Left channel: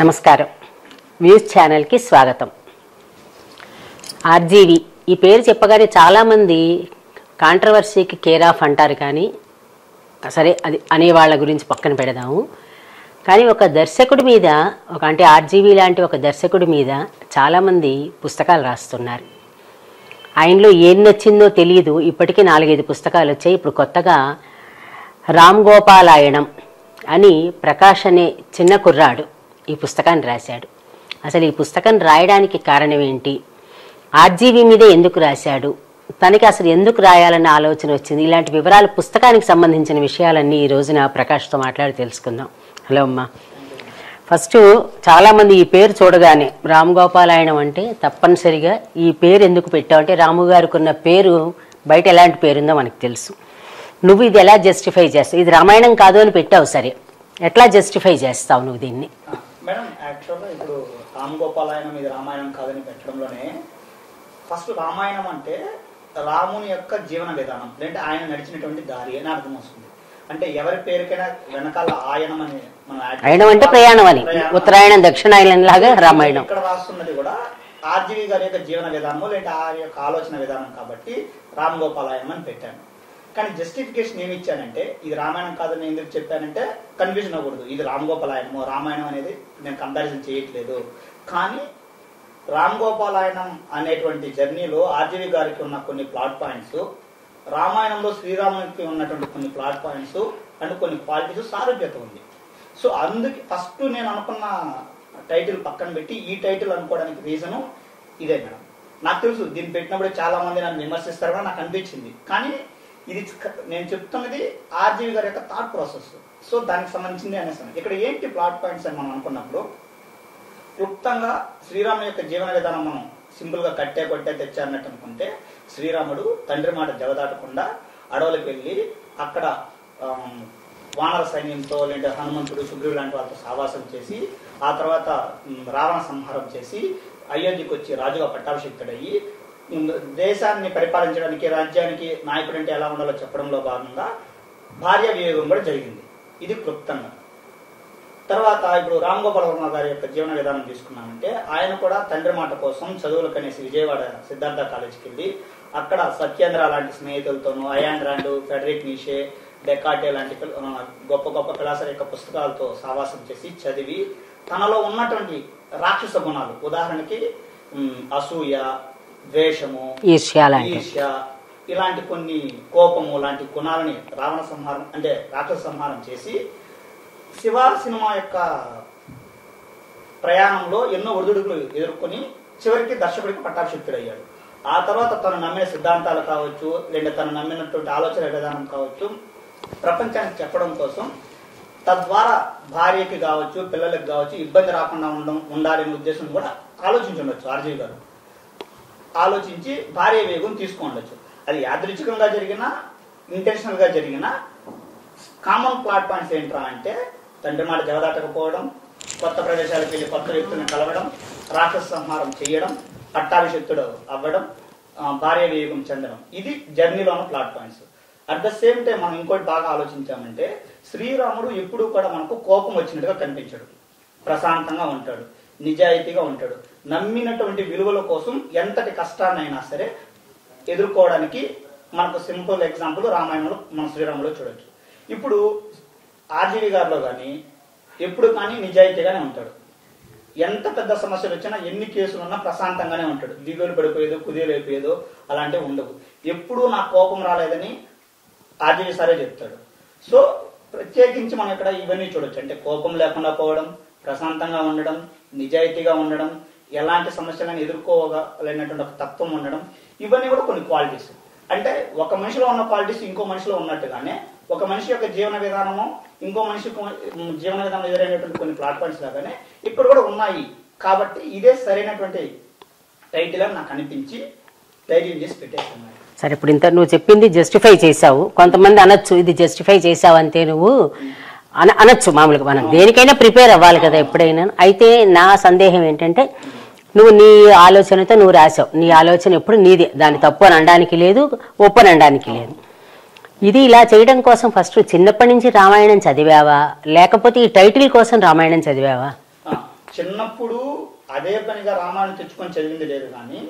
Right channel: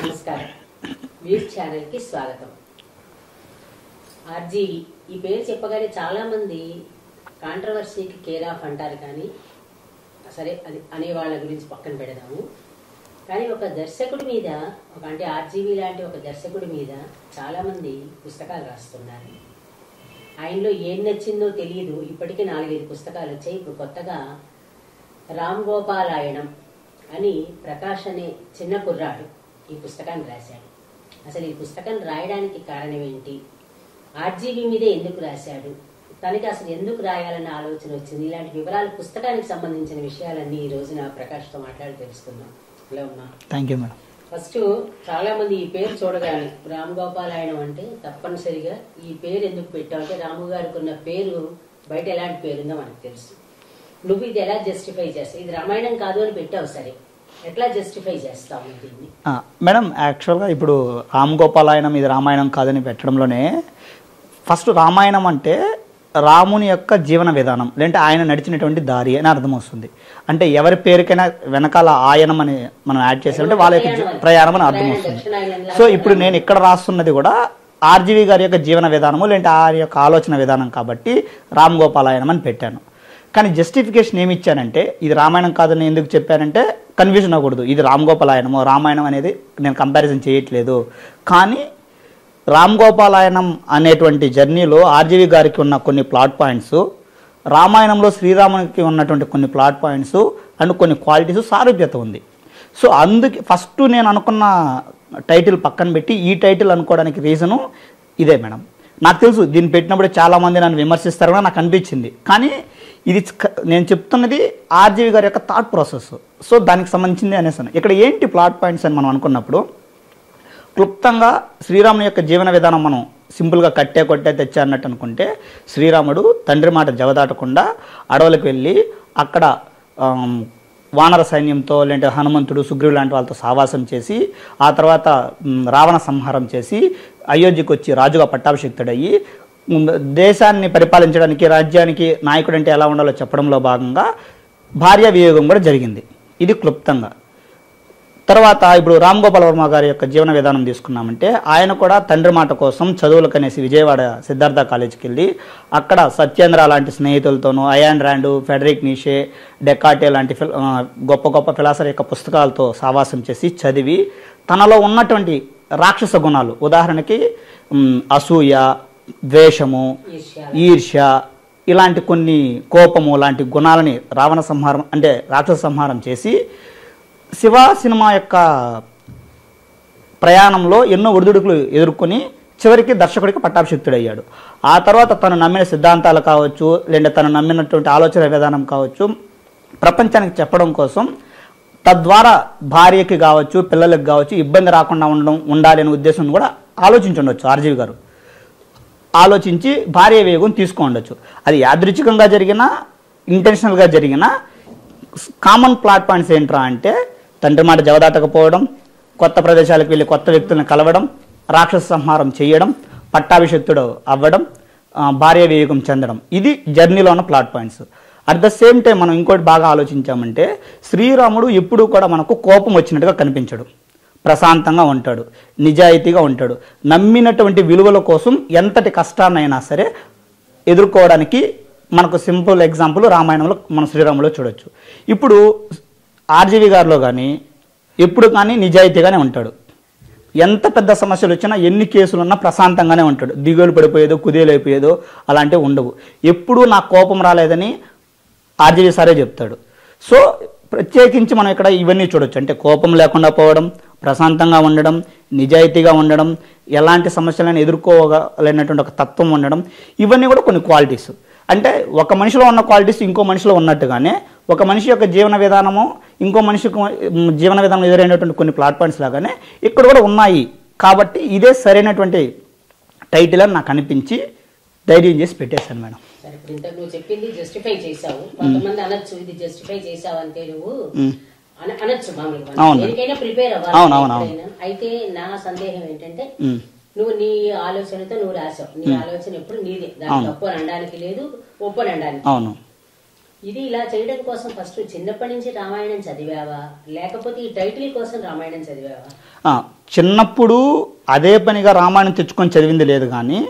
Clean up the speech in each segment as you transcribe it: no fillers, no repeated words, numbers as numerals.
నమస్కారం. వ్యూస్ ఛానల్కి స్వాగతం. ఆర్జీవి ఈ పేరు చెప్పగానే చాలామంది కాంట్రవర్సీకి కేర్ ఆఫ్ అంటారు, కానీ సరే అది అనేవాళ్ళ గురించి పక్కన పెడదాము. కానీ ఒక దర్శకుడి మీద అంటే ఆర్జీవి లాంటి ఒక దర్శకుడి మీద చాలామంది పుస్తకాలు రాస్తున్నారు. ఆయనలో ఏం నచ్చిందో తెలియదు. ఇప్పటికీ 4-5 పుస్తకాలు వచ్చాయి. ఇప్పుడు కొత్తగా రామ్ గోపాలాయణం అని ప్రకాష్ అనే చిన్న కుర్రాడు ఈ పుస్తకాన్ని రాశాడు. అసలు ఈ పుస్తకం రాయడానికి కారణం ఏంటి, ఆర్జీవి మీదే ఎందుకు రాశాడు, తనకి అసలు ఎందుకు రాయాలన్న ఆలోచన వచ్చింది, ఇలాంటి వివరాలు పుస్తకానికి సంబంధించిన విషయాలన్నీ ఈ రోజున ప్రకాష్తో మాట్లాడి తెలుసుకుందాం. హలో అమ్మా. Thank you. ఫస్ట్ చాలామంది ఈ పేరు చూడగానే రామ్ గోపాలాయణం అంటే తప్పనిసరిగా ఈ పేరు ఎందుకు పెట్టావు అంటే రాము గారికి ఉన్న పేరు బయట ఎలాంటి పేరుందో మనకు తెలుసు. నువ్వు ఇది ఎలా జస్టిఫై చేస్తావు? ఇది రామాయణం కాదు అని పెట్టావు, సరే ఎట్లా జస్టిఫై చేస్తావు నువ్వు దీన్ని? మేడం, యాక్చువల్గా ఇప్పుడు రామ్ గోపాలాయనం ఇది రామాయణం కాదని పెట్టడంలోనే ఫస్ట్ రామాయణం అంటే రాముని యొక్క జీవన విధానం, లేదంటే ఆయన నడిచినటువంటి దారి అని అర్థం వస్తుంది. అంటే ఎవరి పేరుకైనా వెనకాల ఆయనం అని మనం యాడ్ చేయాలి. ఇక్కడ రాస్తున్నది కూడా ఆర్జీవి గారి యొక్క జీవన విధానము, లేదంటే ఆయన యొక్క ఆలోచన విధానం కాబట్టి రామ్ గోపాలాయనం అని పెట్టాను. కానీ జస్టిఫికేషన్ ఏమి ఇచ్చానంటే ఇది రామాయణం కాదని ఎందుకు చెప్పానంటే కన్ఫ్యూజన్ అవ్వకూడదు. ఇది రామ్ గోపాలాయనము రామాయణం అనేది నేను కంపారిజన్ చేయట్లేదు. కానీ రామ్ గోపాలాయనం అనేటువంటి జర్నీలో ఆర్జీవి గారికి ఉన్న కొన్ని ప్లాట్ పాయింట్స్, రామాయణంలో శ్రీరామునికి ఉన్నటువంటి కొన్ని ప్లాట్ పాయింట్స్ అండ్ కొన్ని క్వాలిటీస్ సారూప్యత ఉంది. సో అందుకే ఫస్ట్ నేను అనుకున్న టైటిల్ పక్కన పెట్టి ఈ టైటిల్ అనుకోవడానికి రీజను ఇదే మేడం. నాకు తెలుసు దీన్ని పెట్టినప్పుడు చాలామంది నన్ను విమర్శిస్తారని నాకు అనిపించింది. కానీ ఇది నేను చెప్తున్నది ఆర్జీవి గారి యొక్క థాట్ ప్రాసెస్. సో దానికి సంబంధించింది అనేసాను. ఇక్కడ ఏంటి ప్లాట్ పాయింట్స్ అని మనం అనుకున్నప్పుడు క్లుప్తంగా శ్రీరాముని యొక్క జీవన విధానం మనం సింపుల్గా కొట్టే తెచ్చా అన్నట్టు అనుకుంటే, శ్రీరాముడు తండ్రి మాట జవదాటకుండా అడవులకు వెళ్ళి అక్కడ వానర సైన్యంతో, లేదంటే హనుమంతుడు సుగ్రీవు లాంటి వాళ్ళతో సావాసం చేసి ఆ తర్వాత రావణ సంహారం చేసి అయోధ్యకు వచ్చి రాజుగా పట్టాభిషిక్తుడయ్యి దేశాన్ని పరిపాలించడానికి, రాజ్యానికి నాయకుడు అంటే ఎలా ఉండాలో చెప్పడంలో భాగంగా భార్య వియోగం కూడా జరిగింది. ఇది క్లుప్తంగా. తర్వాత ఇప్పుడు రామ్ గోపాల్ వర్మ గారి యొక్క జీవన విధానం తీసుకున్నామంటే ఆయన కూడా తండ్రి మాట కోసం చదువులకు అనేసి విజయవాడ సిద్ధార్థ కాలేజీకి వెళ్ళి అక్కడ సత్యేంద్ర లాంటి స్నేహితులతోనూ, అయాన్ ర్యాండ్, ఫెడరిక్ నీషే, డెకాటే లాంటి గొప్ప గొప్ప ఫిలాసఫర్ యొక్క పుస్తకాలతో సావాసం చేసి చదివి తనలో ఉన్నటువంటి రాక్షస గుణాలు, ఉదాహరణకి అసూయ, ద్వేషము, ఈర్ష్య, ఇలాంటి కొన్ని కోపము లాంటి గుణాలని రావణ సంహారం అంటే రాక్షస సంహారం చేసి శివ సినిమా యొక్క ప్రయాణంలో ఎన్నో ఒడిదుడుకులు ఎదుర్కొని చివరికి దర్శకుడికి పట్టాభిషిక్తుడయ్యాడు. ఆ తర్వాత తను నమ్మిన సిద్ధాంతాలు కావచ్చు, లేదా తను నమ్మినటువంటి ఆలోచన విధానం కావచ్చు ప్రపంచానికి చెప్పడం కోసం, తద్వారా భార్యకి కావచ్చు పిల్లలకి కావచ్చు ఇబ్బంది రాకుండా ఉండాలి అనే ఉద్దేశం కూడా ఆలోచించుండొచ్చు ఆర్జీవి గారు. ఆలోచించి భార్య వేగం తీసుకోండొచ్చు. అది యాదృచ్ఛికంగా జరిగినా ఇంటెన్షనల్గా జరిగినా కామన్ ప్లాట్ పాయింట్స్ ఏంట్రా అంటే తండ్రి మాట జవదాటకపోవడం, కొత్త ప్రదేశాలకు వెళ్ళి కొత్త వ్యక్తులను కలవడం, రాక్షస సంహారం చేయడం, పట్టాభిషిక్తుడు అవ్వడం, భార్య వియోగం చెందడం. ఇది జర్నీలో ఉన్న plot points. At the same time మనం ఇంకోటి బాగా ఆలోచించామంటే శ్రీరాముడు ఎప్పుడూ కూడా మనకు కోపం వచ్చినట్టుగా కనిపించడు. ప్రశాంతంగా ఉంటాడు, నిజాయితీగా ఉంటాడు. నమ్మినటువంటి విలువల కోసం ఎంతటి కష్టాన్నైనా సరే ఎదుర్కోవడానికి మనకు సింపుల్ ఎగ్జాంపుల్ రామాయణంలో మన శ్రీరాములో చూడొచ్చు. ఇప్పుడు ఆర్జీవి గారిలో కానీ ఎప్పుడు కానీ నిజాయితీగానే ఉంటాడు. ఎంత పెద్ద సమస్యలు వచ్చినా, ఎన్ని కేసులు ఉన్నా ప్రశాంతంగానే ఉంటాడు. దిగులు పడిపోయేదో కుదేలైపోయేదో అలాంటివి ఉండవు. ఎప్పుడూ నాకు కోపం రాలేదని ఆర్జీవి సారే చెప్తాడు. సో ప్రత్యేకించి మనం ఇక్కడ ఇవన్నీ చూడొచ్చు. అంటే కోపం లేకుండా పోవడం, ప్రశాంతంగా ఉండడం, నిజాయితీగా ఉండడం, ఎలాంటి సమస్యలను ఎదుర్కోగలిగినటువంటి ఒక తత్వం ఉండడం, ఇవన్నీ కూడా కొన్ని క్వాలిటీస్. అంటే ఒక మనిషిలో ఉన్న క్వాలిటీస్ ఇంకో మనిషిలో ఉన్నట్టుగానే ఒక మనిషి యొక్క జీవన విధానము ఇంకో మనిషికి జీవన విధానం ఎదురైనటువంటి కొన్ని ప్లాట్ పాయింట్స్ లాగానే ఇక్కడ కూడా ఉన్నాయి. కాబట్టి ఇదే సరైనటువంటి టైటిల్ అని నాకు అనిపించి ధైర్యం చేసి పెట్టేశాను మేడం. సరే, ఇప్పుడు ఇంత నువ్వు చెప్పింది జస్టిఫై చేసావు. కొంతమంది అనొచ్చు ఇది జస్టిఫై చేసావు అంతే నువ్వు అనొచ్చు. మామూలుగా మనం దేనికైనా ప్రిపేర్ అవ్వాలి కదా ఎప్పుడైనా. అయితే నా సందేహం ఏంటంటే నువ్వు నీ ఆలోచనతో నువ్వు రాసావు. నీ ఆలోచన ఎప్పుడు నీదే, దాని తప్పు అని అనడానికి లేదు, ఒప్పు అని అనడానికి లేదు. ఇది ఇలా చేయడం కోసం ఫస్ట్ చిన్నప్పటి నుంచి రామాయణం చదివావా, లేకపోతే ఈ టైటిల్ కోసం రామాయణం చదివావా? చిన్నప్పుడు అదే పనిగా రామాయణం తెచ్చుకొని చదివింది లేదు, కానీ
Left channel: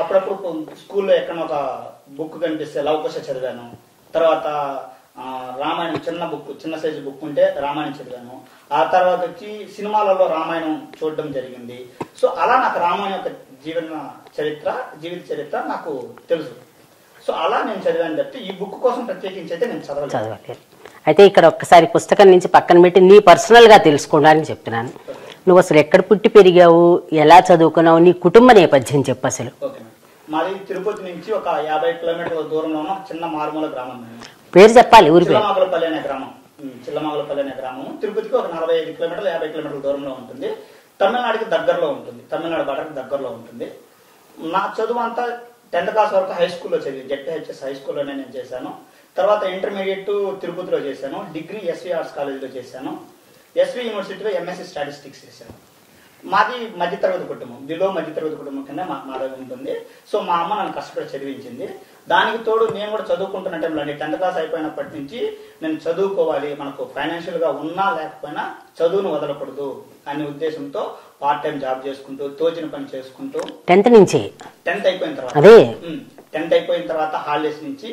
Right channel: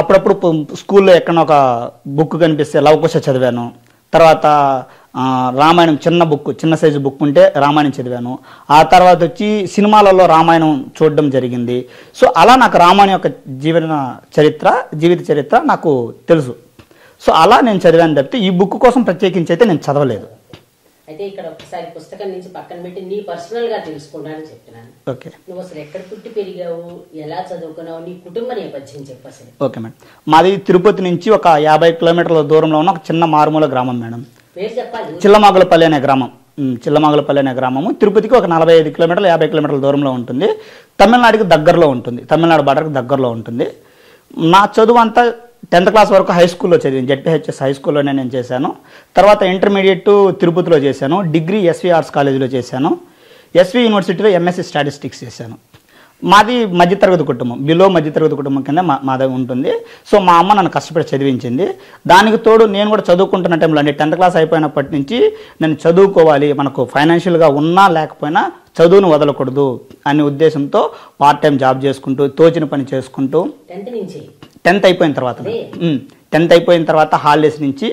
అప్పుడప్పుడు స్కూల్లో ఎక్కడ ఒక బుక్ కనిపిస్తే లవకుశ చదివాను. తర్వాత రామాయణం చిన్న సైజు బుక్ ఉంటే రామాయణం చదివాను. ఆ తర్వాత వచ్చి సినిమాలలో రామాయణం చూడడం జరిగింది. సో అలా నాకు రామాయణం యొక్క జీవిత చరిత్ర నాకు తెలుసు. సో అలా నేను చదివాను తప్పితే ఈ బుక్ కోసం ప్రత్యేకించి అయితే నేను చదవలేదు. అయితే ఇక్కడ ఒక్కసారి పుస్తకం నుంచి పక్కన పెట్టి నీ పర్సనల్గా తెలుసుకోవడానికి చెప్తున్నాను. నువ్వు అసలు ఎక్కడ పుట్టి పెరిగావు, ఎలా చదువుకున్నావు, నీ కుటుంబ నేపథ్యం చెప్పు అసలు. ఓకే మేడం, మాది తిరుపతి నుంచి ఒక 50 కిలోమీటర్ల దూరంలో ఉన్న ఒక చిన్న మారుమూల గ్రామం మేడం. పేరు చెప్పాలి. చిల్లమాగులపల్లి అనే గ్రామం. చిల్లమాగులపల్లి అనే గ్రామము తిరుపతికి ఒక 45 కిలోమీటర్లు 50 కిలోమీటర్ల దూరంలో ఉంటుంది. తమిళనాడుకి దగ్గరలో ఉంటుంది, తమిళనాడు బార్డర్కి దగ్గరలో ఉంటుంది. నా చదువు అంతా 10th క్లాస్ వరకు హై స్కూల్లో చదివాను. జెడ్పీహెచ్ఎస్ హై స్కూల్లోనే నేను చేశాను. తర్వాత ఇంటర్మీడియట్ తిరుపతిలో చేశాను. డిగ్రీ ఎస్వి ఆర్ట్స్ కాలేజీలో చేశాను. ఎస్వి యూనివర్సిటీలో ఎంఎస్సి స్టాటిస్టిక్స్ చేశాను. మాది మధ్యతరగతి కుటుంబం, బిలో మధ్యతరగతి కుటుంబం కింద మాది ఉంటుంది. సో మా అమ్మ నన్ను కష్టపడి చదివించింది. దానికి తోడు నేను కూడా చదువుకుంటున్న టైంలో అంటే 10th క్లాస్ అయిపోయినప్పటి నుంచి నేను చదువుకోవాలి, మనకు ఫైనాన్షియల్గా ఉన్నా లేకపోయినా చదువును వదలకూడదు అనే ఉద్దేశంతో పార్ట్ టైం జాబ్ చేసుకుంటూ తోచిన పని చేసుకుంటూ 10th అయిపోయిన తర్వాత 10th అయిపోయిన తర్వాత హాలిడేస్ నుంచి,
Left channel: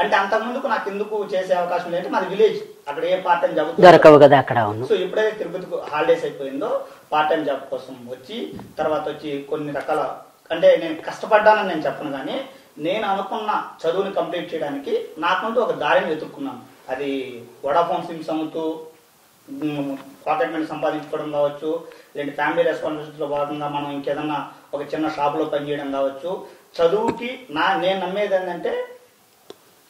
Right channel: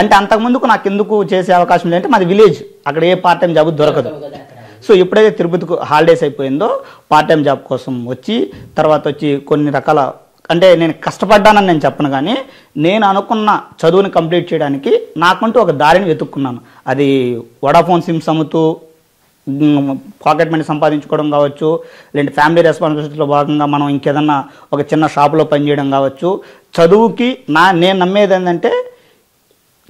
అంటే అంతకుముందుకు నాకు ఎందుకు చేసే అవకాశం లేదంటే మాది విలేజ్, అక్కడ ఏ పార్ట్ టైం జాబ్ దొరకవు కదా అక్కడ. సో ఎప్పుడైతే తిరుపతికి హాలిడేస్ అయిపోయిందో పార్ట్ టైం జాబ్ కోసం వచ్చి తర్వాత వచ్చి కొన్ని రకాల, అంటే నేను కష్టపడ్డానని నేను చెప్పను, కానీ నేను అనుకున్న చదువుని కంప్లీట్ చేయడానికి నాకంటూ ఒక దారిని వెతుక్కున్నాను. అది వడాఫోన్ సిమ్స్ అమ్ముతూ పాకెట్ మనీ సంపాదించుకోవడం కావచ్చు, లేదంటే ఫ్యామిలీ రెస్పాన్సిబిలిటీలో భాగంగా మనం ఇంకేదన్నా ఒక చిన్న షాపులో పనిచేయడం కావచ్చు. చదువుకి నేను నమ్మేది ఏంటంటే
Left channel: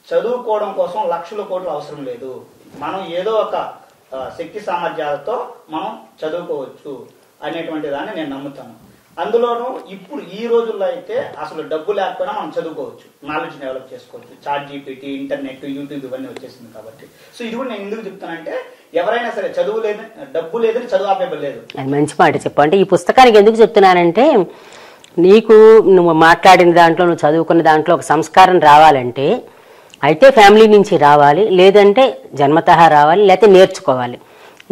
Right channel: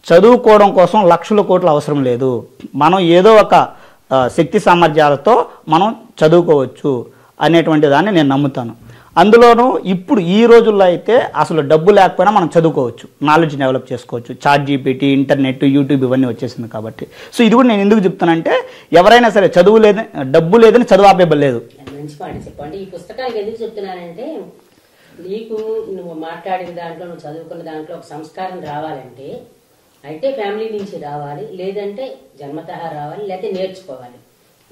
చదువుకోవడం కోసం లక్షల కోట్లు అవసరం లేదు. మనం ఏదో ఒక శక్తి సామర్థ్యాలతో మనం చదువుకోవచ్చు అనేటువంటి దాన్ని నేను నమ్ముతాను. అందులోనూ ఇప్పుడు ఈ రోజుల్లో అయితే అసలు డబ్బు లేకపోయినా మనం చదువుకోవచ్చు, నాలెడ్జ్ డెవలప్ చేసుకోవచ్చు. చాట్ జీపీటీ, ఇంటర్నెట్, యూట్యూబ్ ఇవన్నీ వచ్చేసింది కాబట్టి. సో ఇది కూడా నేను ఎందుకు చెప్తానంటే ఎవరైనా సరే చదువు లేదని, డబ్బు లేదని చదువు ఆపేయలేదు. అది మంచి మాట చెప్పు. అంటే ఈ పుస్తకానికి ఎందుకు చెప్తున్నానంటే నీకు నువ్వు మాట్లాడిన దాంట్లో, నువ్వు చదువుకున్న దాంట్లో ఒక సంస్కారం రావాలంటే అయితే ఫ్యామిలీ నుంచి రావాలి, లేదంటే జన్మతః రావాలి, లేకపోతే నేర్చుకోవాలి.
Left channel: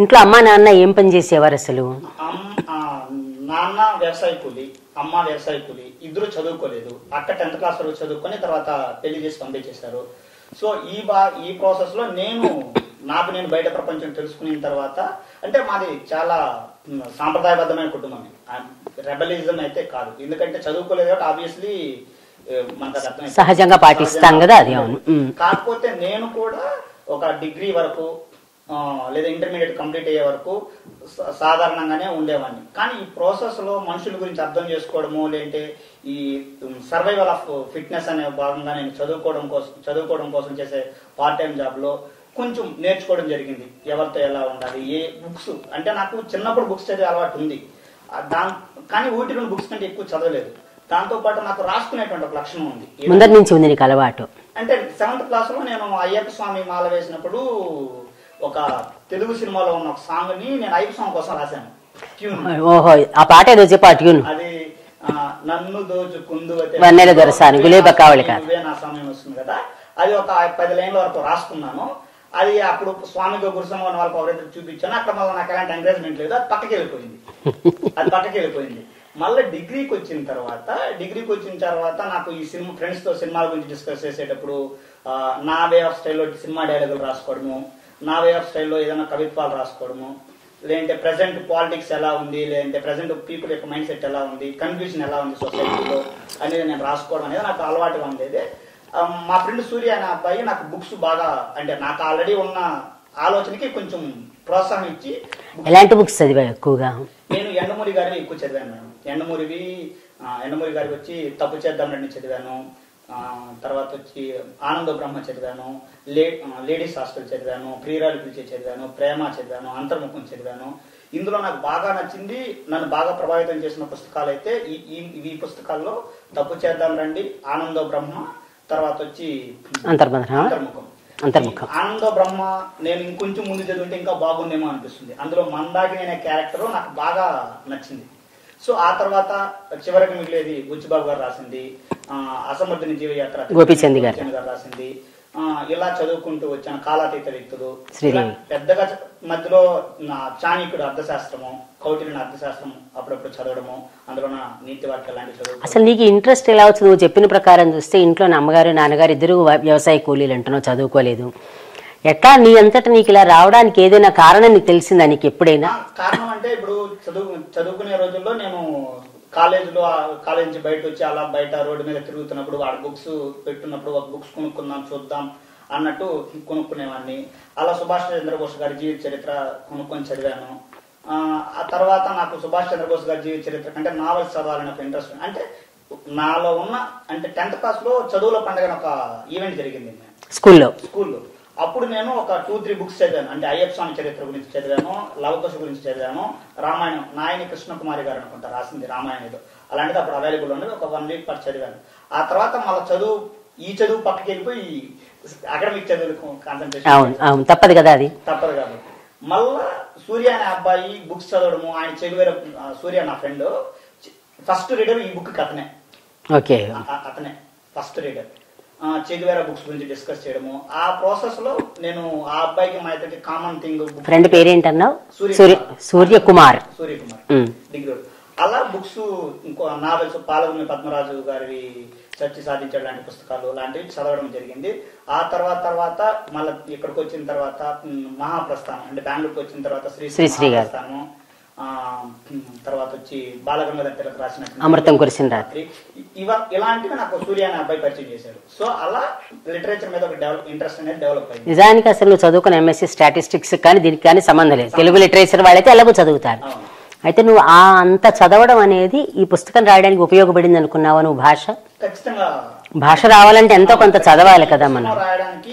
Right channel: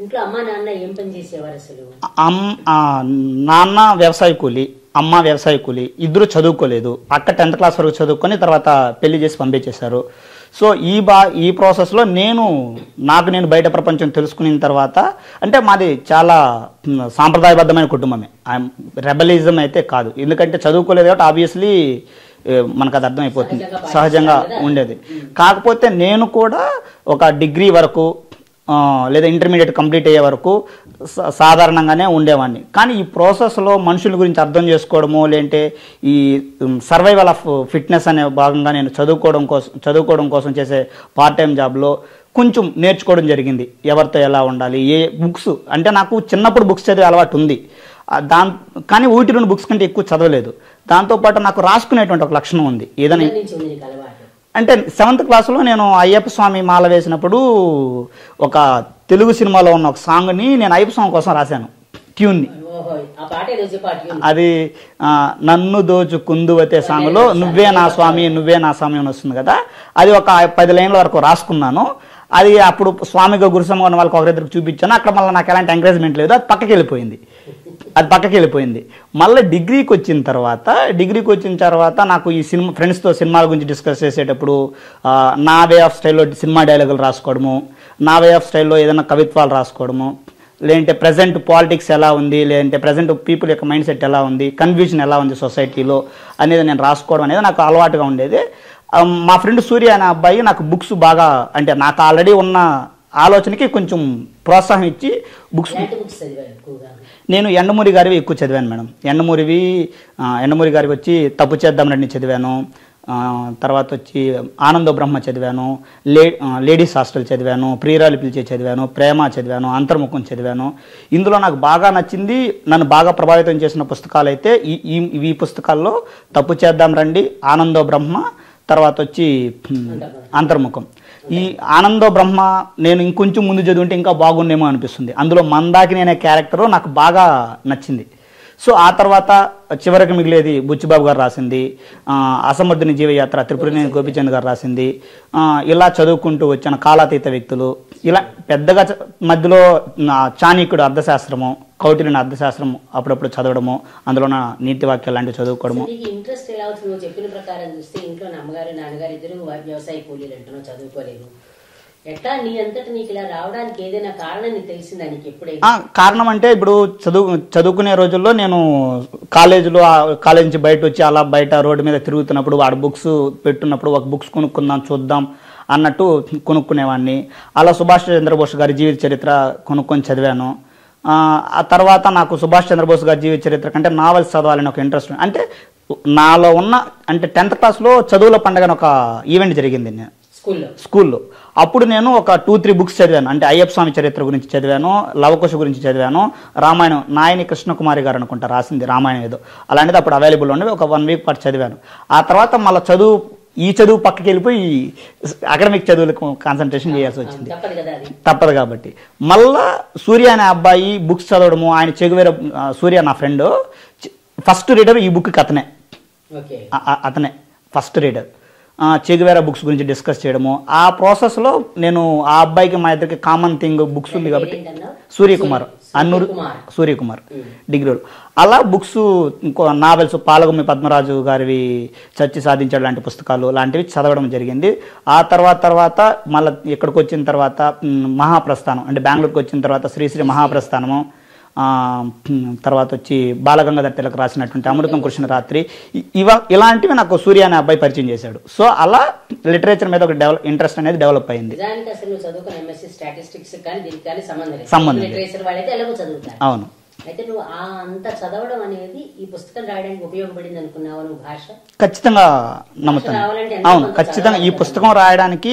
ఇంట్లో అమ్మ నాన్న ఏం పని చేసేవారు అసలు? నాన్న వ్యవసాయ కూలి, అమ్మ వ్యవసాయ కూలి, ఇద్దరు చదువుకోలేదు. అక్క 10th క్లాస్ వరకు చదువుకొని తర్వాత పెళ్లి చేసి పంపించేశారు. సో ఈ ప్రాసెస్లో నాకు బయట ప్రపంచం తెలుసుకున్న తర్వాత, అంటే మాది చాలా సాంప్రదాయబద్ధమైన కుటుంబమే, రెబలిజం అయితే కాదు. ఎందుకంటే చదువుకోలేదు కాబట్టి ఆబ్వియస్లీ మనకు అది అర్థమైపోతుంది, సహజంగా ఉండేది. కాకపోతే నేను కూడా ఒక డిగ్రీ వరకు లేదా ఇంటర్మీడియట్ కంప్లీట్ అయ్యే వరకు సాధారణంగానే ఉండేవాడిని. కానీ ఈ ప్రాసెస్లో మనుషుల గురించి అర్థం చేసుకోవడము, లేదంటే ఈ సర్వైవల్ ఆఫ్ ఫిట్నెస్ అనే భాగంగా నేను చదువుకోవడం కోసం చేసే పార్ట్ టైం జాబ్లో కొంచెం నేర్చుకోవడం జరిగింది. ఎవరితో ఎలా ఉండాలి, ఏ బుక్స్, అంటే నాకు చిన్నప్పుడు బుక్స్ చదివే అలవాటు ఉంది, కానీ 1-2 బుక్స్ కంటే ఎక్కువ చదవలేదు. దాంతోపాటు నాకు రాసుకునేటువంటి ఒక లక్షణం ఉంది. నుంచి ఉంది నీకు అలవాటు అంటే 7th క్లాస్లో నేను అయ్యప్ప స్వామి మాల వేసినప్పుడు ఒక తెలుగు సినిమాలో ఉన్న ఒక సాంగ్ని నేను అయ్యప్ప స్వామి కోసం రాశాను, ట్యూన్. ఓహో, ఆ పాట ఏదో చెప్పు, ఆ ట్యూన్. అది నన్ను దోచుకుందువతే నువ్వే నా సమయం వస్తుంది కదా, అది ఒక 10 లైన్ల వరకు రాసుకున్నాను. అది అప్పుడు స్వామిగా గురుసమ్మ ఉన్న వాళ్ళకి ఒకరిద్దరికి చూపించాను. అక్కడ మళ్ళీ నాకు ఎలాంటి ఎంకరేజ్మెంట్ లేదు, అది పక్కకి వెళ్ళిపోయింది. మళ్ళీ డిగ్రీకి వచ్చిన తర్వాత నాకు ఈ ఫ్రెండ్స్తో సినిమాల గురించి డిస్కస్ చేసేటప్పుడు నా వే ఆఫ్ స్టైల్లో సినిమా డైలాగులు రాసుకోవడము, నా వే ఆఫ్ స్టైల్లో ఏదైనా కవిత్వాలు రాసుకోవడము, లేదంటే ప్రజెంట్ పాలిటిక్స్ ఎలా ఉంది, లేదంటే ప్రజెంట్ పీపుల్ యొక్క మైండ్ సెట్ ఎలా ఉంది, కన్ఫ్యూజన్ ఎలా ఉంది సొసైటీలో అనేది నేను రాసుకోవడం అనేది నాకు అలవాటుగా ఉండేది. మా ఫ్రెండ్ సూర్య అనే అబ్బాయి నాకు బుక్స్ బాగా, అంటే నాకు ఆల్రెడీ ఉన్న ఆలోచనకి కొంచెం ప్రోత్సాహం ఇచ్చి బుక్స్ చదివా ఎక్కువగా. నేను ఎండమూరి గారివి ఎక్కువ చదివాను మేడం. ఎండమూరి గారికి వచ్చి తప్పు చేద్దాం రండి చదివాను. తర్వాత వచ్చి ఆనందో బ్రహ్మ చదివాను, లేడీస్ హాస్టల్ చదివాను, ప్రియురాలు పిలిచే చదివాను, ప్రేమ చదివాను, అంతర్ముఖం చదివాను. ఇందులో నాకు బాగా నచ్చింది, నన్ను బాగా ప్రభావితం చేసిన పుస్తకాలు అయితే ఈ పుస్తకాల్లో తప్పు చేద్దాం రండి, ఆనందో బ్రహ్మ, తర్వాత వచ్చి అంతర్ముఖం. ఈ ఆనందో బ్రహ్మ నేను ఇంకొంచెం ముందు చదువుంటే ఇంకా బాగుండేమో అనిపిస్తుంది. అందులో మందాకిని అనే క్యారెక్టర్ నాకు బాగా నచ్చింది. సో ఆ తర్వాత చివరికి మిగిలేది బుచ్చిబాబు గారు రాసింది, అసమర్థుని జీవయాత్ర తిరుపతి గోపిచంద్ గారు రాసింది. ఇలా చదువుకుంటూ వచ్చిన కాలాతీత వ్యక్తులు, ఇలా పెద్దగా మధ్యలో చాణక్యుడు అర్థశాస్త్రము, కౌటిల్యుని అర్థశాస్త్రం అప్పుడప్పుడు చదవడము, అందులో నీతి వాక్యాలు లాంటివి చదువుకోవడం. అసలు నీకు ఇంట్రెస్ట్ ఎలా వచ్చింది? నువ్వు చెప్పిన ప్రకారం చూస్తే ఇంట్లో అమ్మగారు నాన్నగారు ఇద్దరు వ్యవసాయ కూలీలు అంటున్నావు, చదువుకోలేదు. ఎట్లా నీ అంతటా నీకు ఇలా రావడానికి ఏదైనా కారణం నీకు తెలిసిందా నీకు ఎప్పుడైనా? కారణం అంటే ఇప్పుడు చదువుకునే రోజుల్లో నేను కాలేజ్ నుంచి బయట వచ్చి అలా బయట రోడ్డు మీద తిరుగుతున్నప్పుడు వాడు బుక్స్ పెట్టున్నప్పుడు ఒక బుక్స్ కొనుక్కుందాం చూద్దాం అన్నట్టు కొనుక్కునేవాడిని. అలా సుభాష్ చంద్రబోస్ గారి జీవిత చరిత్ర కొనుక్కొని చదివాను. ఆ తర్వాత నాకు సుభాష్ చంద్రబోస్ గారి జీవిత చరిత్ర కంటే నావెల్స్ చదవాలని ఒక ఇంట్రెస్ట్. అంటే నాలో ఉన్న అంటే 10th క్లాస్లో చదువుల పండుగ ఒక ఈవెంట్ జరిగింది స్కూల్లో. అప్పుడు నేను ఒక 2-3 బుక్స్ చదివాను. అంటే అయ్యప్ప స్వామి చరిత్ర గురించి చదివాను, లవకుశ గురించి చదివాను, రామాయణం నాయని కృష్ణకుమారి గారు అనుకుంటా రాసింది రామాయణం ఏదో అలాంటిది అప్పుడు అవైలబుల్ ఉండేవి. ఒక 1 వీక్ పాటు చదివాను. ఆ తర్వాత మళ్ళీ చదువు పక్కకి వెళ్ళిపోయి అకాడమిక్ చదువులకు కాన్సన్ట్రేషన్ తప్పదు కదా, అది తప్పదు కాబట్టి మళ్ళా సూర్య అనే అబ్బాయి బుక్స్ చదవడము. ఆయన చెగువేర సూర్య నా ఫ్రెండ్, ఫస్ట్ రీడర్ ఈ బుక్ అతనే. ఓకే, అతనే ఫస్ట్ రీడర్. చెగువేరా బుక్స్ గురించి డిస్కస్ చేయడము. ఆ ప్రాసెస్ లో నేను ఆ అబ్బాయికి మా ఇద్దరికి కామన్ థింగ్ బుక్స్. సూర్యకుమార్ డిగ్రీలో. అలా బుక్స్ నావెల్స్ పాలగుమ్మి పద్మరాజు గారివి చర్చి సాధించడం లాంటి పుస్తకాలు లాంటివి చదవడం జరిగింది. ఆ తర్వాత మళ్ళీ ఇక్కడికి వచ్చిన తర్వాత మహాప్రస్థానం అంటే బెంగళూరుకి వచ్చిన తర్వాత శ్రీశ్రీ మహాప్రస్థానము, తర్వాత వచ్చి బాలగంగాధర్ తిలక్ రాసినటువంటి రాత్రి, ఇలాంటివి నాకు సూర్య అనే అబ్బాయి పరిచయం చేశాడు. సో అలా లిటరేచర్ మీద ఒక ఇంట్రెస్ట్ అనేది డెవలప్ అయింది. నిజానికి అసలు నువ్వు చదువుకున్న ఎంఎస్సీ స్టాటిస్టిక్స్ కానీ దీనికి కానీ సంబంధం లేదు. తెలుగు లిటరేచర్ వాళ్ళైతే ఎలాగో చదువుతారు. అవును. అయితే నువ్వు అంత చదవడం అనేది ఈ పుస్తకం రాయడానికి ఉపయోగపడింది అనుకున్నావా నువ్వు? ఖచ్చితంగా భాష రావాలంటే ఎంతో కొంత చదవాలి కదా. పుస్తకం రాయడానికి